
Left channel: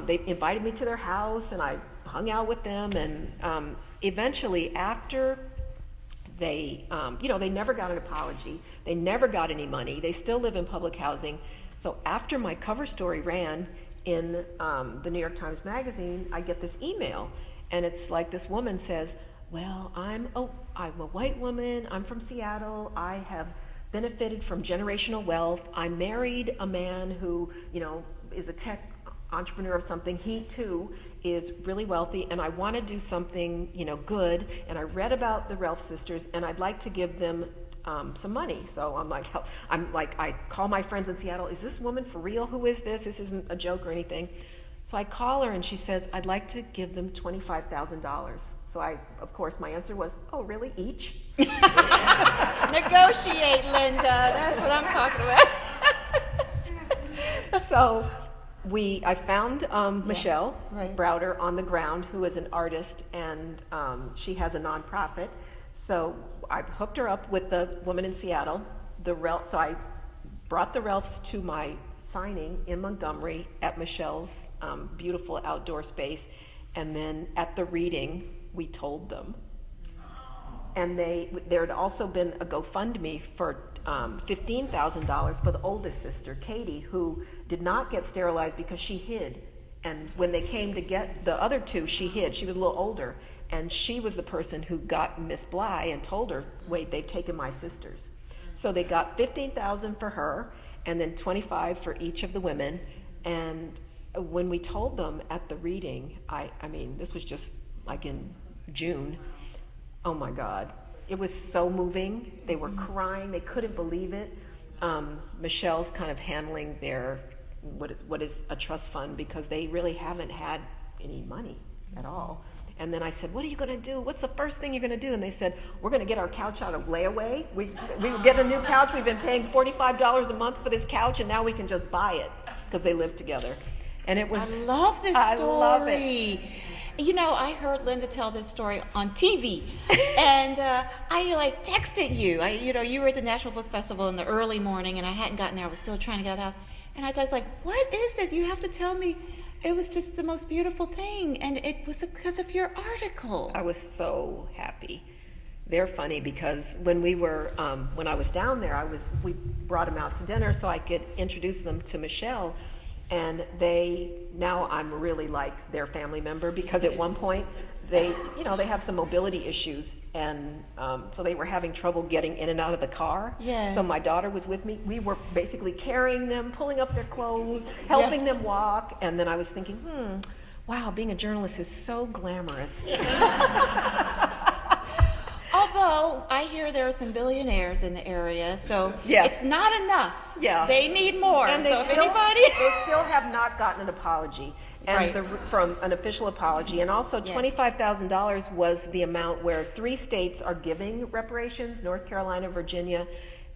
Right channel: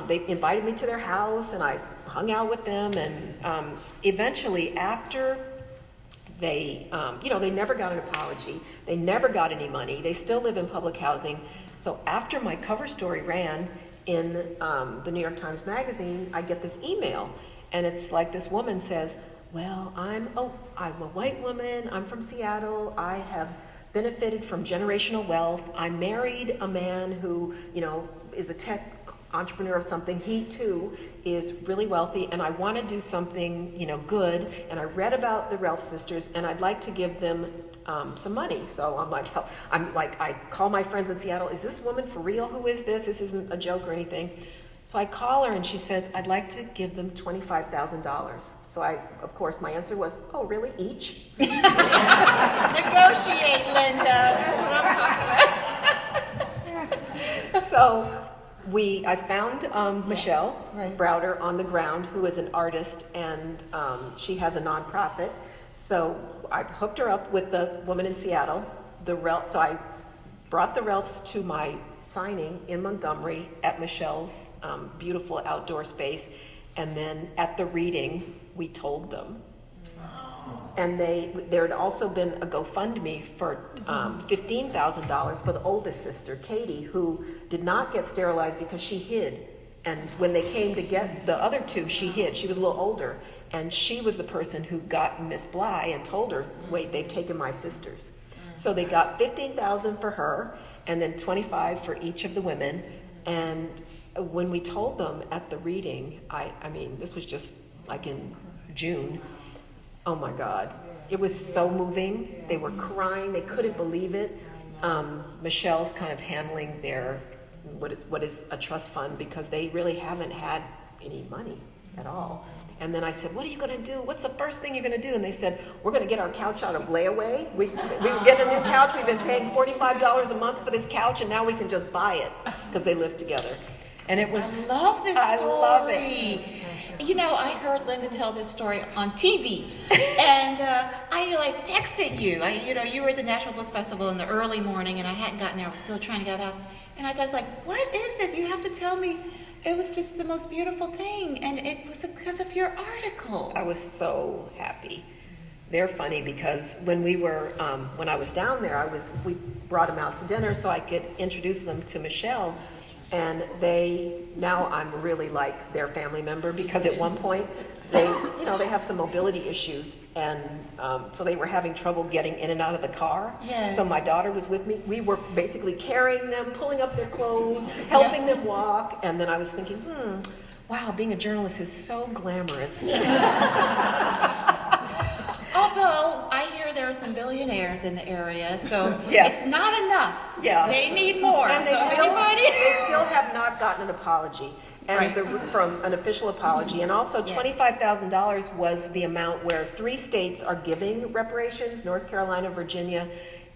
they invited me to their house, and I hung out with them. And eventually, after they never got an apology. They never got any money. They still live in public housing. So after my cover story ran in the New York Times Magazine, I get this email. And it's like this woman says, well, I'm a white woman, I'm from Seattle, I have benefited from generational wealth, I married a man who, is a tech entrepreneur or something, he too is really wealthy, and I want to do something, good, and I read about the Ralph sisters, and I'd like to give them some money. So I call my friends in Seattle, is this woman for real? Who is this? This isn't a joke or anything. So I call her and she says, I'd like to give them $25,000. So of course, my answer was, oh, really, each? Negotiate, Linda. That's what I'm talking about. So I found Michelle Browder on the ground, who is an artist, and she has a nonprofit. So I hooked her up with the woman in Seattle. So I brought the Ralphs to my signing in Montgomery at Michelle's beautiful outdoor space, and then at the reading we told them. And there had also been a GoFundMe for $15,000 for the oldest sister, Katie, who did not get sterilized because she hid. And when they came to get the other 2, she hid. She was a little older, and she was the person who got Miss Bly and told her, wait, they've taken my sisters. So they got $15,000 for her, and then $25,000 for each of the women. And when we told them at the reading, this was just like in June, oh my God, it was so moving. They were crying, they couldn't believe it. Michelle's kind of handling their, what is a trust fund, because they really haven't had any money at all. And then I said, what are you going to do? What's the first thing you're going to do? And they said, we're going to get our couch out of layaway. We were getting a new couch. We've been paying $45 a month for this couch, and now we can just buy it because they live together. And it was... I love this story. I love it. You know, I heard Linda tell this story on TV, and I like texted you. You were at the National Book Festival in the early morning, and I hadn't gotten there. I was still trying to get out, and I was just like, "What is this? You have to tell me." It was just the most beautiful thing, and it was because of your article. I was so happy. They're funny because when I was down there, we brought them out to dinner so I could introduce them to Michelle, and now I'm really like their family member, because at one point they have some mobility issues, and so they were having trouble getting in and out of the car. Yes. So my daughter was with me. We were basically carrying them, pulling up their clothes, helping them walk, and then I was thinking, wow, being a journalist is so glamorous. Although I hear there are some billionaires in the area, so Yeah. it's not enough. Yeah. They need more. And So they still have not gotten an apology, and Right. from an official apology. And also Yeah. $25,000 was the amount where 3 states are giving reparations: North Carolina, Virginia,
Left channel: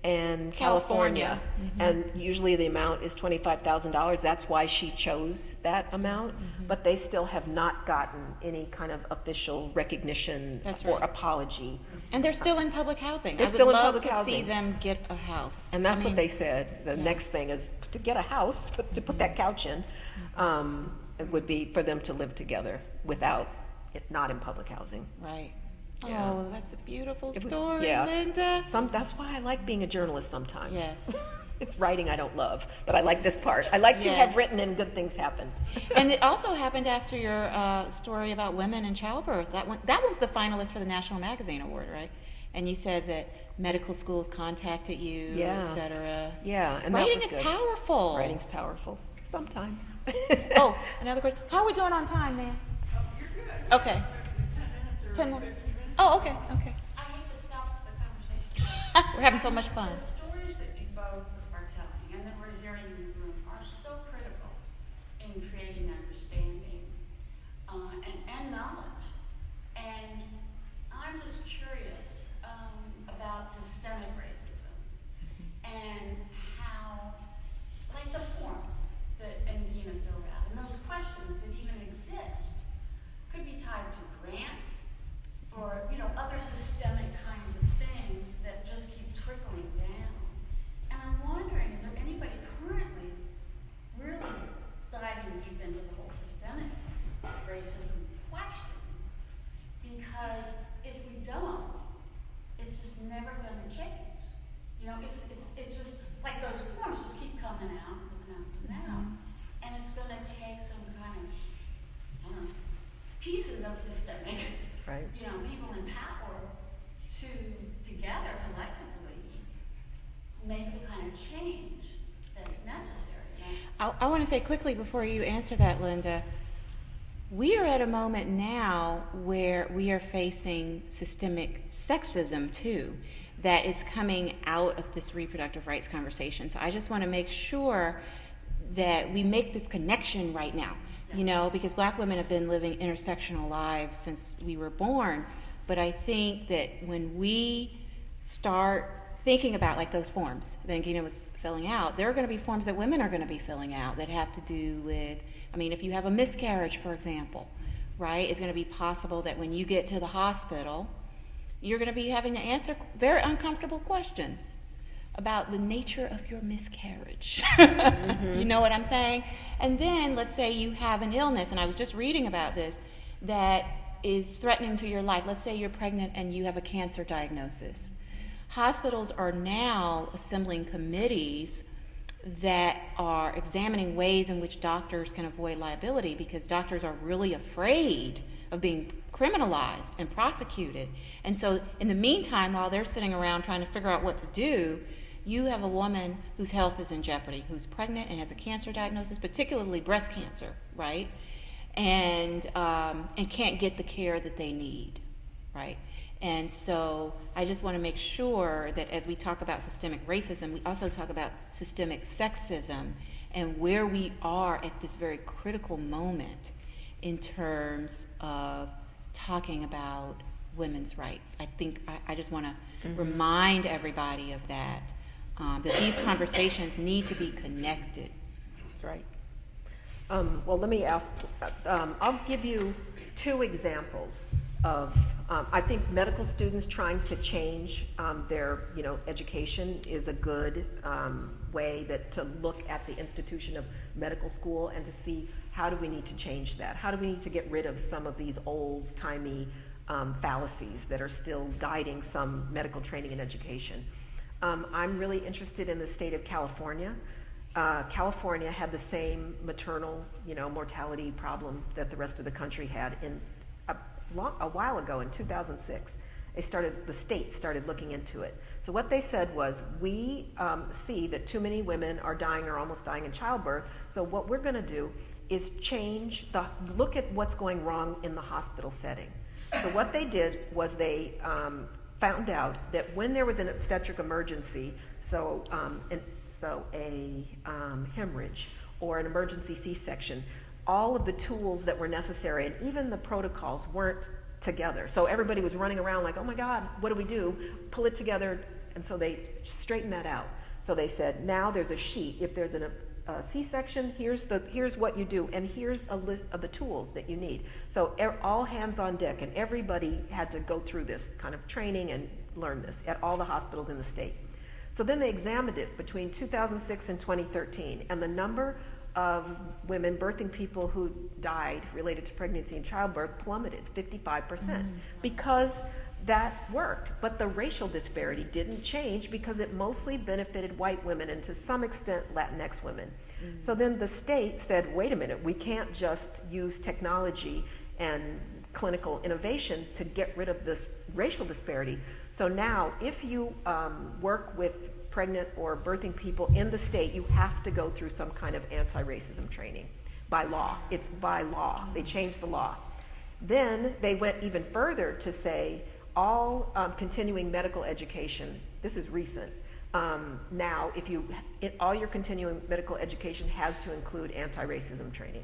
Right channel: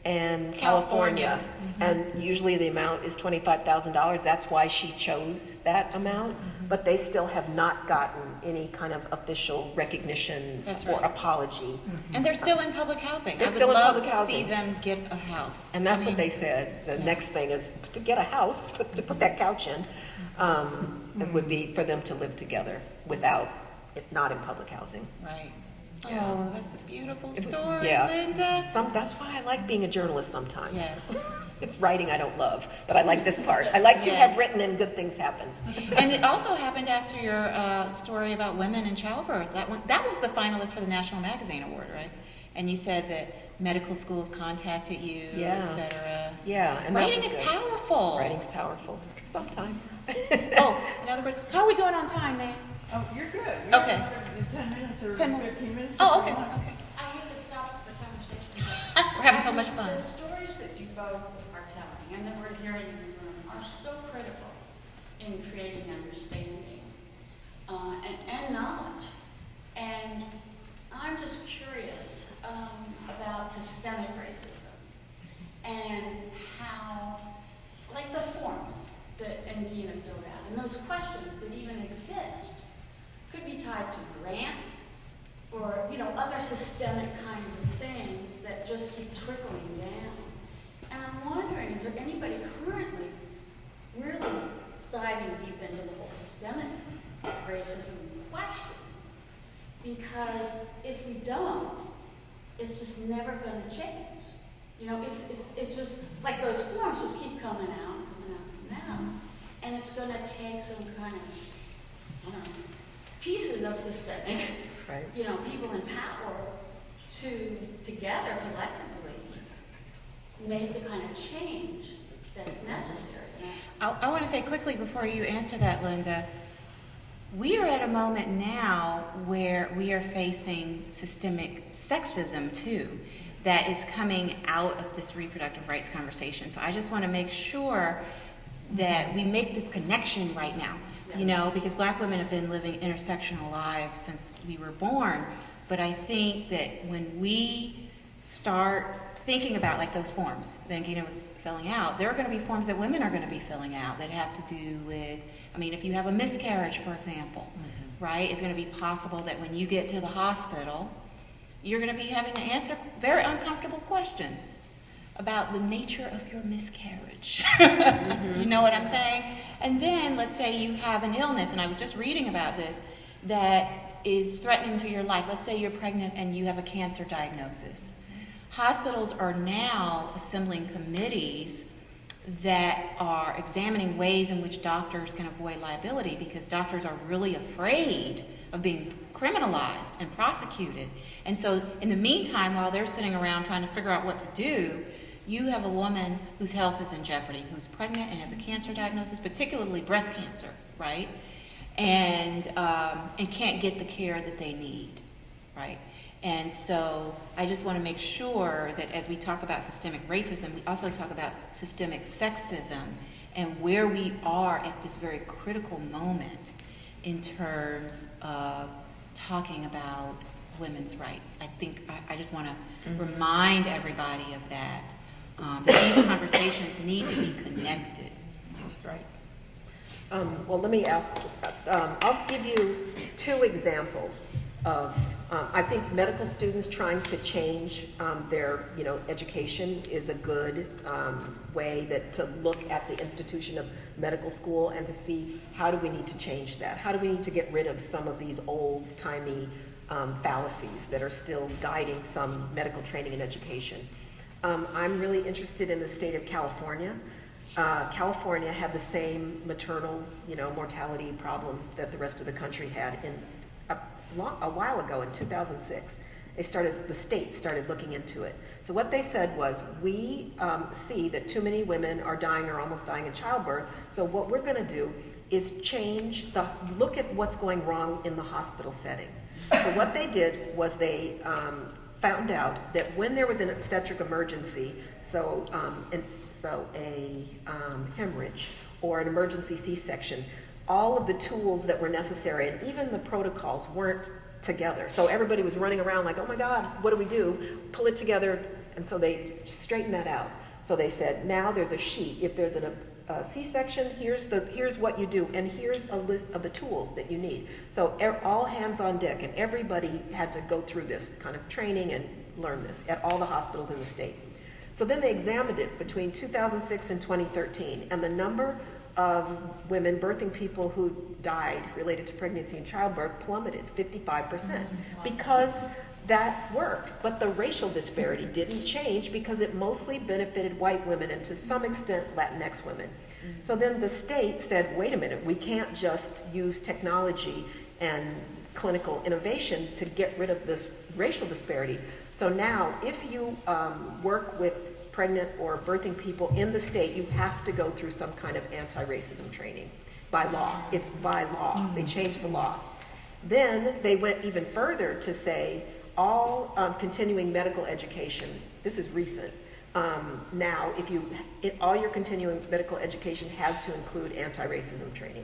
and California. And usually the amount is $25,000. That's why she chose that amount. But they still have not gotten any kind of official recognition That's or right. apology. And they're still in public housing. They're I would still in love public to housing. see them get a house. And that's I what mean, they said. The Yeah. next thing is to get a house, to put that couch in, it would be for them to live together without it, not in public housing. Right. Yeah. Oh, that's a beautiful It would- story, yes. Linda. That's why I like being a journalist sometimes. Yes. It's writing I don't love, but I like this part. I like to have Yes. written and good things happen. And it also happened after your story about women in childbirth. That was the finalist for the National Magazine Award, right? And you said that medical schools contacted you, Yeah. et cetera. Yeah. And that Writing was is good. powerful. Writing's powerful. Sometimes. Oh, in other words, how are we doing on time, Dan? Oh, you're good. Okay. 10 minutes or 10 more. 15 minutes? Oh, if okay, you want. okay. I hate to stop the conversation. We're having so much fun. The stories that you both are telling and that we're hearing in the room are so critical in creating understanding and knowledge. And I'm just curious about systemic racism and how, like the forms that Indina filled out and those questions that even exist could be tied to grants or, other systemic kinds of things that just keep trickling down. And I'm wondering, is there anybody currently really diving deep into the whole systemic racism question? Because if we don't, it's just never going to change. It's just like those forms just keep coming out, and it's going to take some kind of, pieces of systemic, Right. people in power to together collectively make the kind of change that's necessary. I want to say quickly before you answer that, Linda, we are at a moment now where we are facing systemic sexism too, that is coming out of this reproductive rights conversation. So I just want to make sure that we make this connection right now, because Black women have been living intersectional lives since we were born. But I think that when we start thinking about like those forms that Gina was filling out, there are going to be forms that women are going to be filling out that have to do with, if you have a miscarriage, for example, right, it's going to be possible that when you get to the hospital, you're going to be having to answer very uncomfortable questions about the nature of your miscarriage. You know what I'm saying? And then let's say you have an illness, and I was just reading about this, that is threatening to your life. Let's say you're pregnant and you have a cancer diagnosis. Hospitals are now assembling committees that are examining ways in which doctors can avoid liability, because doctors are really afraid of being criminalized and prosecuted. And so in the meantime, while they're sitting around trying to figure out what to do, you have a woman whose health is in jeopardy, who's pregnant and has a cancer diagnosis, particularly breast cancer, right? And can't get the care that they need, right? And so I just want to make sure that as we talk about systemic racism, we also talk about systemic sexism and where we are at this very critical moment in terms of talking about women's rights. I think I just want to remind everybody of that, that these conversations need to be connected. That's right. Well, let me ask, I'll give you two examples of, I think medical students trying to change their, education is a good way to look at the institution of medical school and to see how do we need to change that? How do we need to get rid of some of these old-timey fallacies that are still guiding some medical training and education? I'm really interested in the state of California. California had the same maternal, mortality problem that the rest of the country had a while ago in 2006. The state started looking into it. So what they said was, we see that too many women are dying or almost dying in childbirth. So what we're going to do is look at what's going wrong in the hospital setting. So what they did was they found out that when there was an obstetric emergency, so a hemorrhage or an emergency C-section, all of the tools that were necessary and even the protocols weren't together. So everybody was running around like, oh my God, what do we do? Pull it together. And so they straightened that out. So they said, now there's a sheet. If there's a C-section, here's what you do, and here's a list of the tools that you need. So all hands on deck, and everybody had to go through this kind of training and learn this at all the hospitals in the state. So then they examined it between 2006 and 2013, and the number of women, birthing people who died related to pregnancy and childbirth plummeted 55% because that worked. But the racial disparity didn't change because it mostly benefited white women and to some extent Latinx women. So then the state said, wait a minute, we can't just use technology and clinical innovation to get rid of this racial disparity. So now if you work with pregnant or birthing people in the state, you have to go through some kind of anti-racism training by law. It's by law. They changed the law. Then they went even further to say all continuing medical education, this is recent, now all your continuing medical education has to include anti-racism training.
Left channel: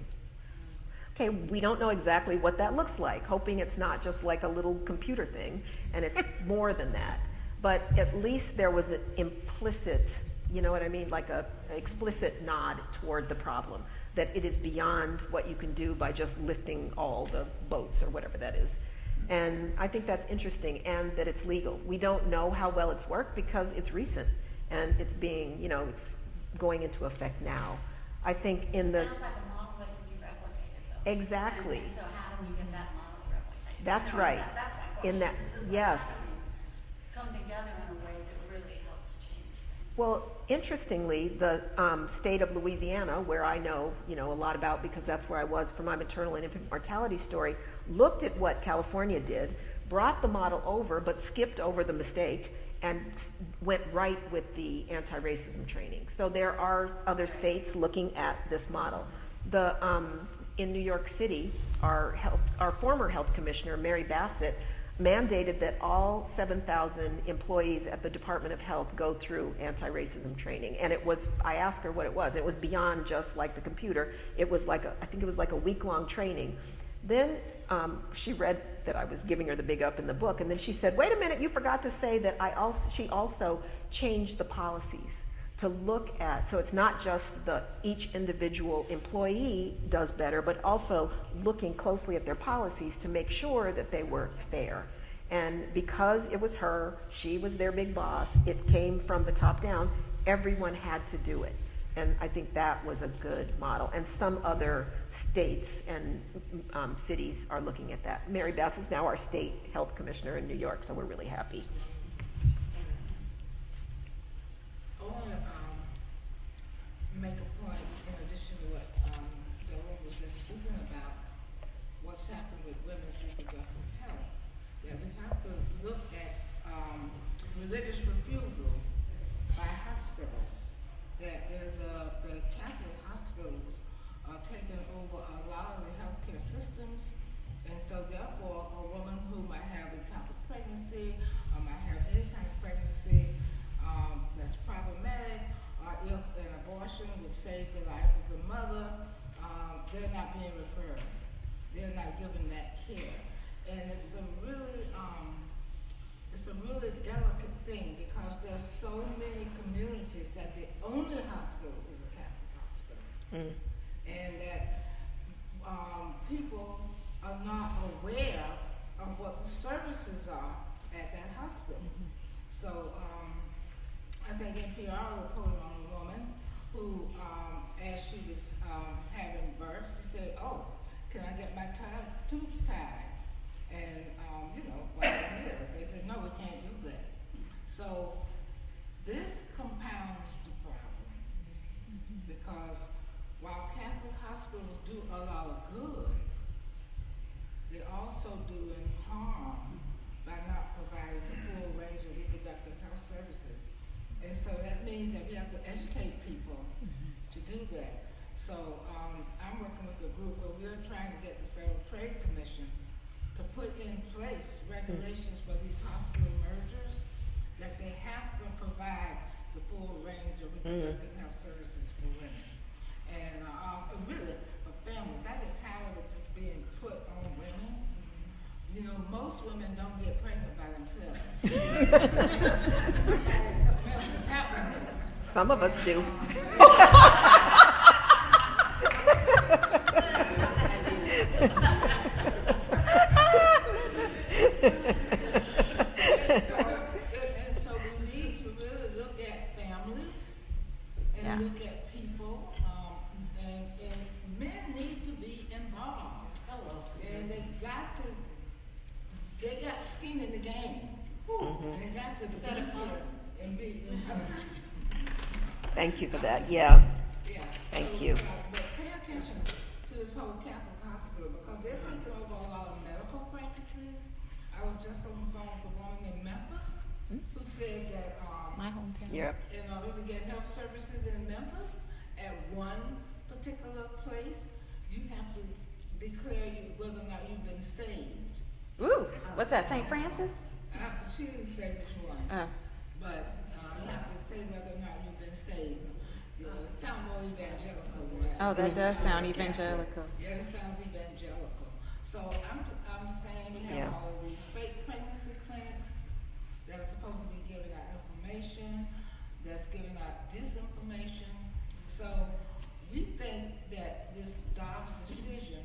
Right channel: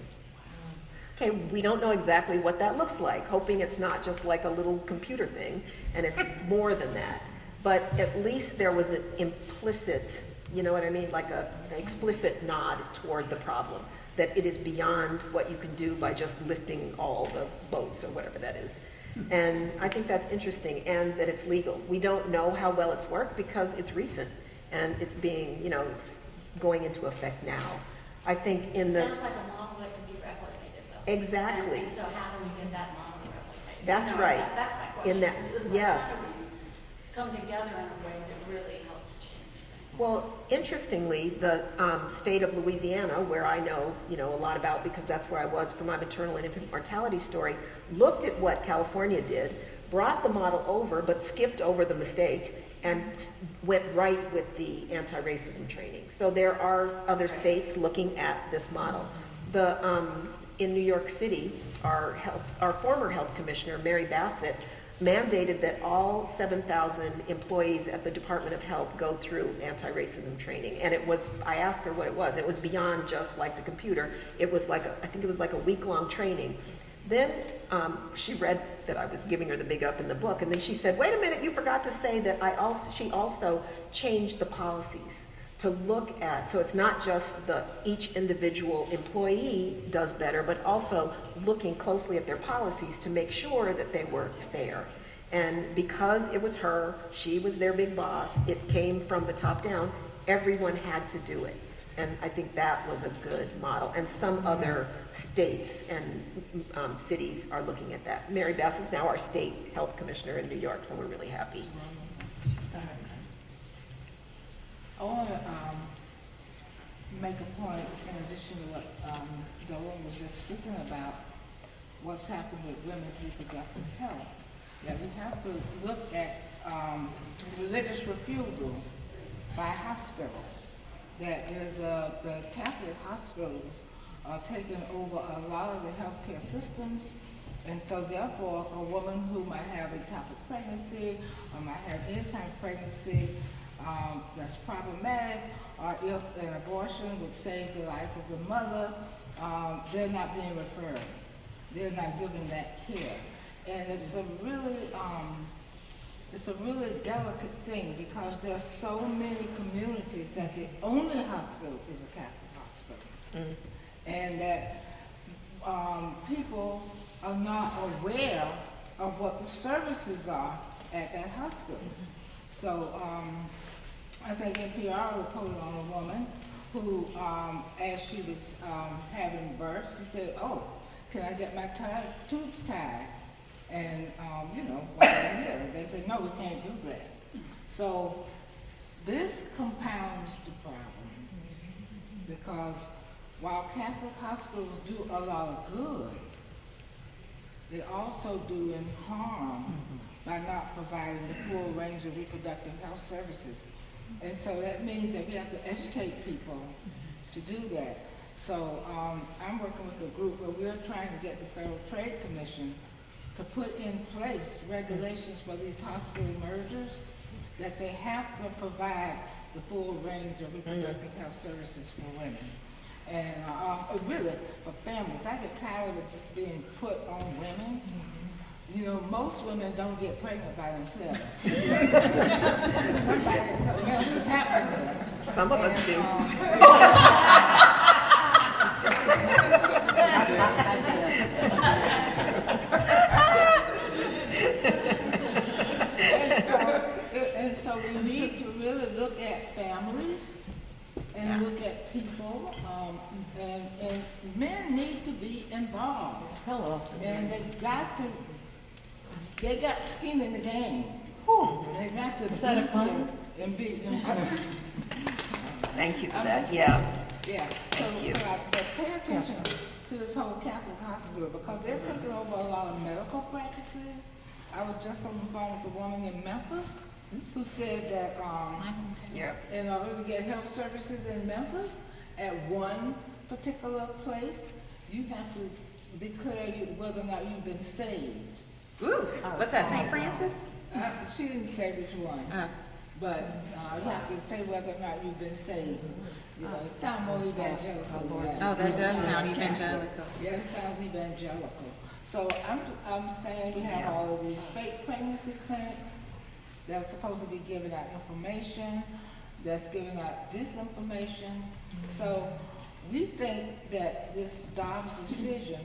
Okay, we don't know exactly what that looks like, hoping it's not just like a little computer thing and it's more than that. But at least there was an implicit, you know what I mean, like an explicit nod toward the problem, that it is beyond what you can do by just lifting all the boats or whatever that is. And I think that's interesting, and that it's legal. We don't know how well it's worked because it's recent and it's being, it's going into effect now. I think in the... Sounds like a model that can be replicated though. Exactly. And so how do we get that model replicated? That's right. That's my question. In that, It's like, yes. how do we come together in a way that really helps change things? Well, interestingly, the state of Louisiana, where I know, a lot about because that's where I was for my maternal and infant mortality story, looked at what California did, brought the model over, but skipped over the mistake and went right with the anti-racism training. So there are other states looking at this model. In New York City, our former health commissioner, Mary Bassett, mandated that all 7,000 employees at the Department of Health go through anti-racism training. And I asked her what it was. It was beyond just like the computer. It was I think it was like a week-long training. Then she read that I was giving her the big up in the book, and then she said, wait a minute, you forgot to say that she also changed the policies to look at, so it's not just each individual employee does better, but also looking closely at their policies to make sure that they were fair. And because it was her, she was their big boss, it came from the top down, everyone had to do it. And I think that was a good model. And some other states and cities are looking at that. Mary Bass is now our state health commissioner in New York, so we're really happy. I want to make a point in addition to what Dolan was just speaking about, what's happened with women's reproductive health. That we have to look at religious refusal by hospitals. That is the Catholic hospitals are taking over a lot of the healthcare systems, and so therefore a woman who might have a type of pregnancy or might have any kind of pregnancy that's problematic, or if an abortion would save the life of the mother, they're not being referred. They're not given that care. And it's a really delicate thing because there's so many communities that the only hospital is a Catholic hospital. And that people are not aware of what the services are at that hospital. So, I think NPR reported on a woman who, as she was having birth, she said, "Oh, can I get my tubes tied?" And, while I'm here, they said, "No, we can't do that." So this compounds the problem, because while Catholic hospitals do a lot of good, they also do in harm by not providing the full range of reproductive health services. And so that means that we have to educate people to do that. So I'm working with a group where we're trying to get the Federal Trade Commission to put in place regulations for these hospital mergers, that they have to provide the full range of reproductive health services for women. And really, for families, I get tired of it just being put on women. You know, most women don't get pregnant by themselves. Something else is happening there. Some of us do. And so we need to really look at families and look at people, and men need to be involved. Hello. And they got skin in the game. They got to Is that a be pun? here and be. Thank you for I'm that, just yeah. Yeah. Thank you. But pay attention to this whole Catholic hospital, because they're taking over a lot of medical practices. I was just on the phone with a woman in Memphis who said that in order to get health services in Memphis at one particular place, you have to declare whether or not you've been saved. Ooh, what's that, St. Francis? She didn't say which one, but you have to say whether or not you've been saved. You know, it sounds more evangelical. Oh, that does sound evangelical. Yeah, it sounds evangelical. So I'm saying we have all of these fake pregnancy clinics that are supposed to be giving out information, that's giving out disinformation. So we think that this Dobbs decision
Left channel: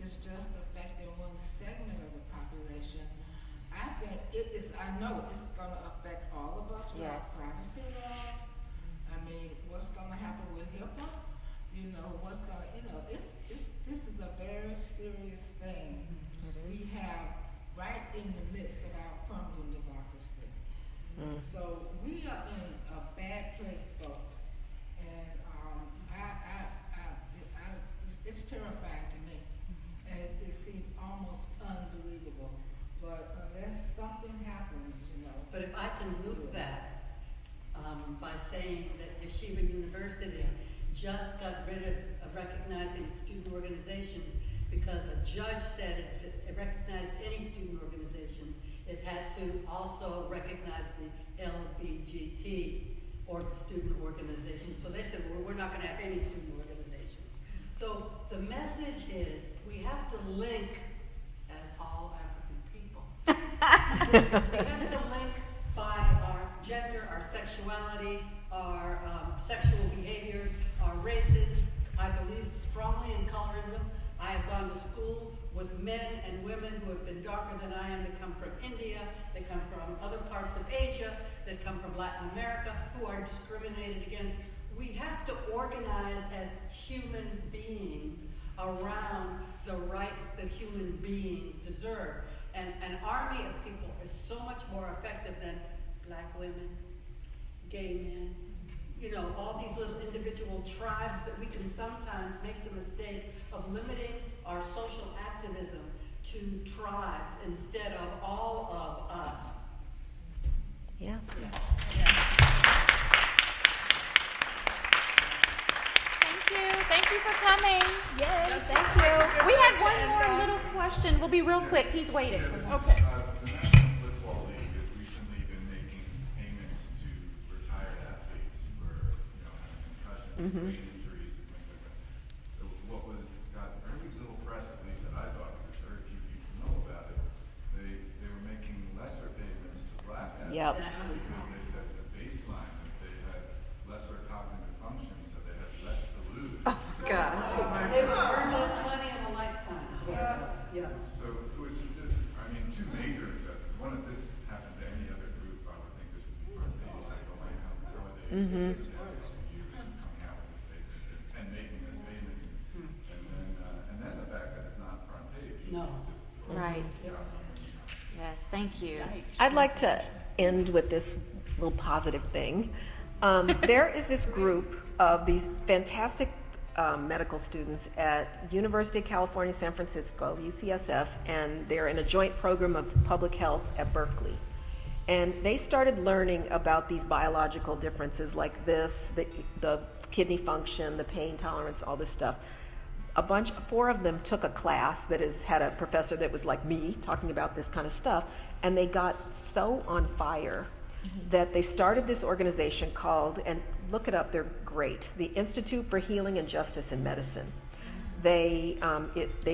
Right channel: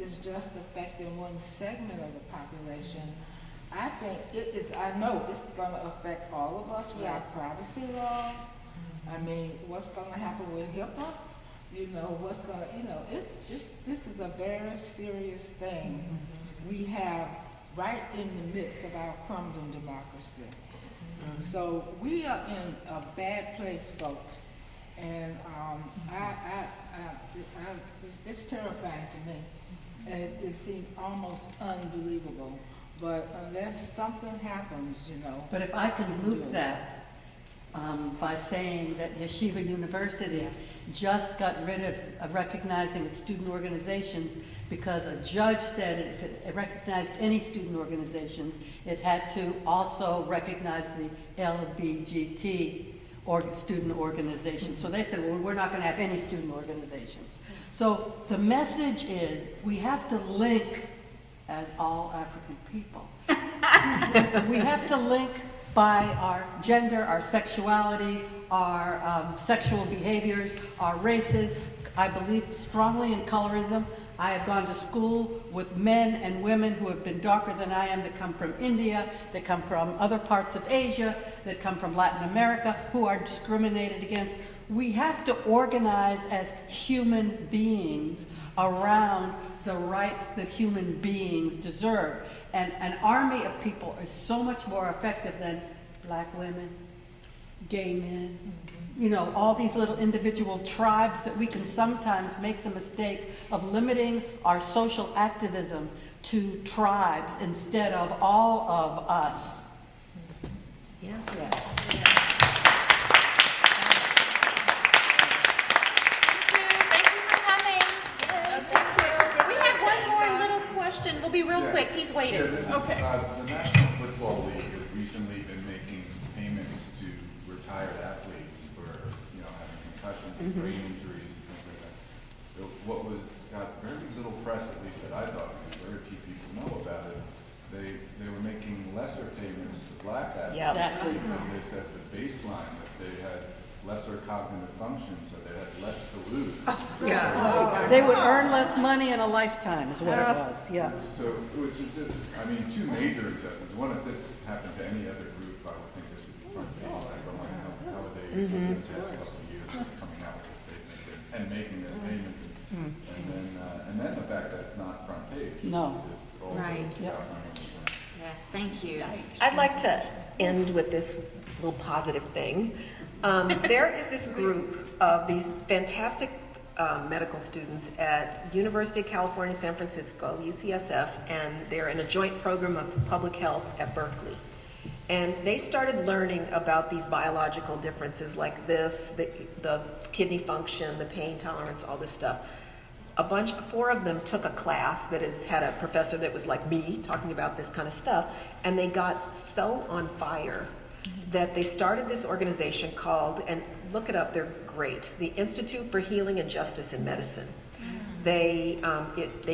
is just affecting one segment of the population. I think I know it's gonna affect all of us with our privacy laws. I mean, what's gonna happen with HIPAA? You know, this is a very serious thing we have right in the midst of our crumbling democracy. So we are in a bad place, folks. And it's terrifying to me. And it seems almost unbelievable. But unless something happens, But if I can loop that by saying that Yeshiva University just got rid of recognizing its student organizations because a judge said if it recognized any student organizations, it had to also recognize the LBGT or student organizations. So they said, well, we're not going to have any student organizations. So the message is we have to link as all African people. We have to link by our gender, our sexuality, our sexual behaviors, our races. I believe strongly in colorism. I have gone to school with men and women who have been darker than I am, that come from India, that come from other parts of Asia, that come from Latin America, who are discriminated against. We have to organize as human beings around the rights that human beings deserve. And an army of people is so much more effective than black women, gay men, all these little individual tribes that we can sometimes make the mistake of limiting our social activism to tribes instead of all of us. Yeah. Thank you for coming. Yes, thank you. We had one more little question. We'll be real quick. He's waiting. Okay. The National Football League has recently been making payments to retired athletes for, having concussions and brain injuries and things like that. What got very little press, at least that I thought, and very few people know about it, they were making lesser payments to black athletes Exactly. because they said the baseline that they had lesser cognitive function, so they had less to lose. They would earn less money. money in a lifetime is what it was. Yeah. So, which is just, I mean, two major injustices. One, if this happened to any other group, I would think this would be front page. I don't like how they, this past couple of years, coming out with this statement and making this payment. And then the fact that it's not front page. No. Is just also Right. disgusting. Yes, thank you. I'd like to end with this little positive thing. There is this group of these fantastic medical students at University of California, San Francisco, UCSF, and they're in a joint program of public health at Berkeley. And they started learning about these biological differences like this, the kidney function, the pain tolerance, all this stuff. Four of them took a class that had a professor that was like me, talking about this kind of stuff, and they got so on fire that they started this organization called, and look it up, they're great, the Institute for Healing and Justice in Medicine. They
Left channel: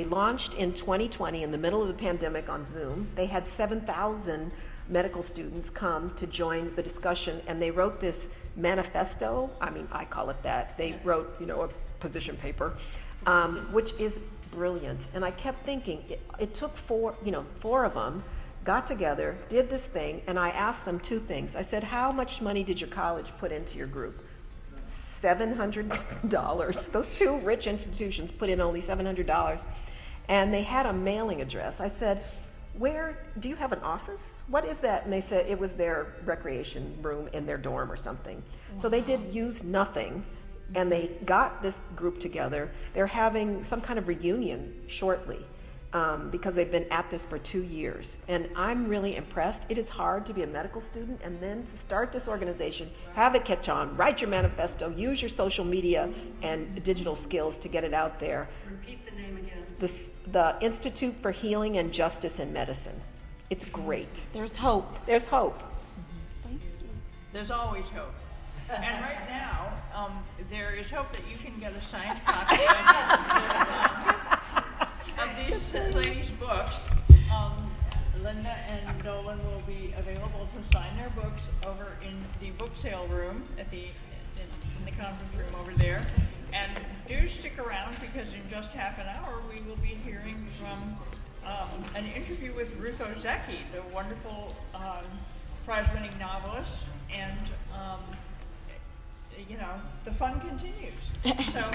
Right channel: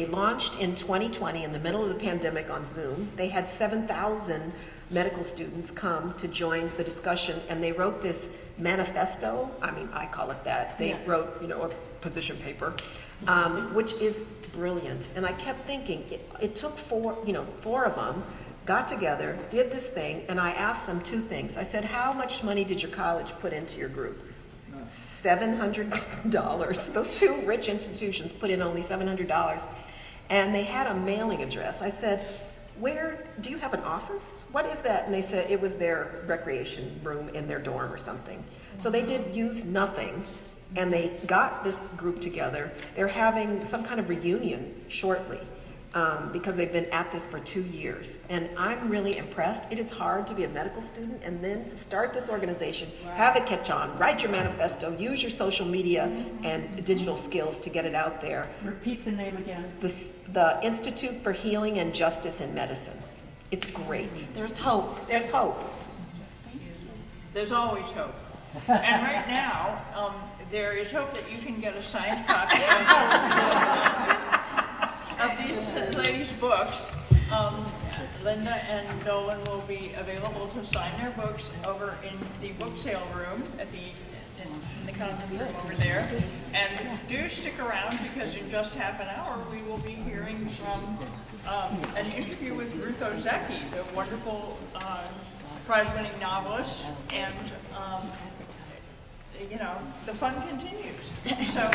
launched in 2020 in the middle of the pandemic on Zoom. They had 7,000 medical students come to join the discussion, and they wrote this manifesto. I mean, I call it that. They wrote, a position paper, which is brilliant. And I kept thinking, it took four of them got together, did this thing, and I asked them two things. I said, how much money did your college put into your group? $700. Those two rich institutions put in only $700. And they had a mailing address. I said, do you have an office? What is that? And they said it was their recreation room in their dorm or something. So they did use nothing, and they got this group together. They're having some kind of reunion shortly. Because they've been at this for 2 years. And I'm really impressed. It is hard to be a medical student and then to start this organization, have it catch on, write your manifesto, use your social media and digital skills to get it out there. Repeat the name again. The Institute for Healing and Justice in Medicine. It's great. There's hope. There's hope. There's always hope. And right now, there is hope that you can get a signed copy of these ladies' books. Linda and Dolan will be available to sign their books over in the book sale room in the conference room over there. And do stick around, because in just half an hour we will be hearing from an interview with Ruth Ozeki, the wonderful prize-winning novelist, and the fun continues. So.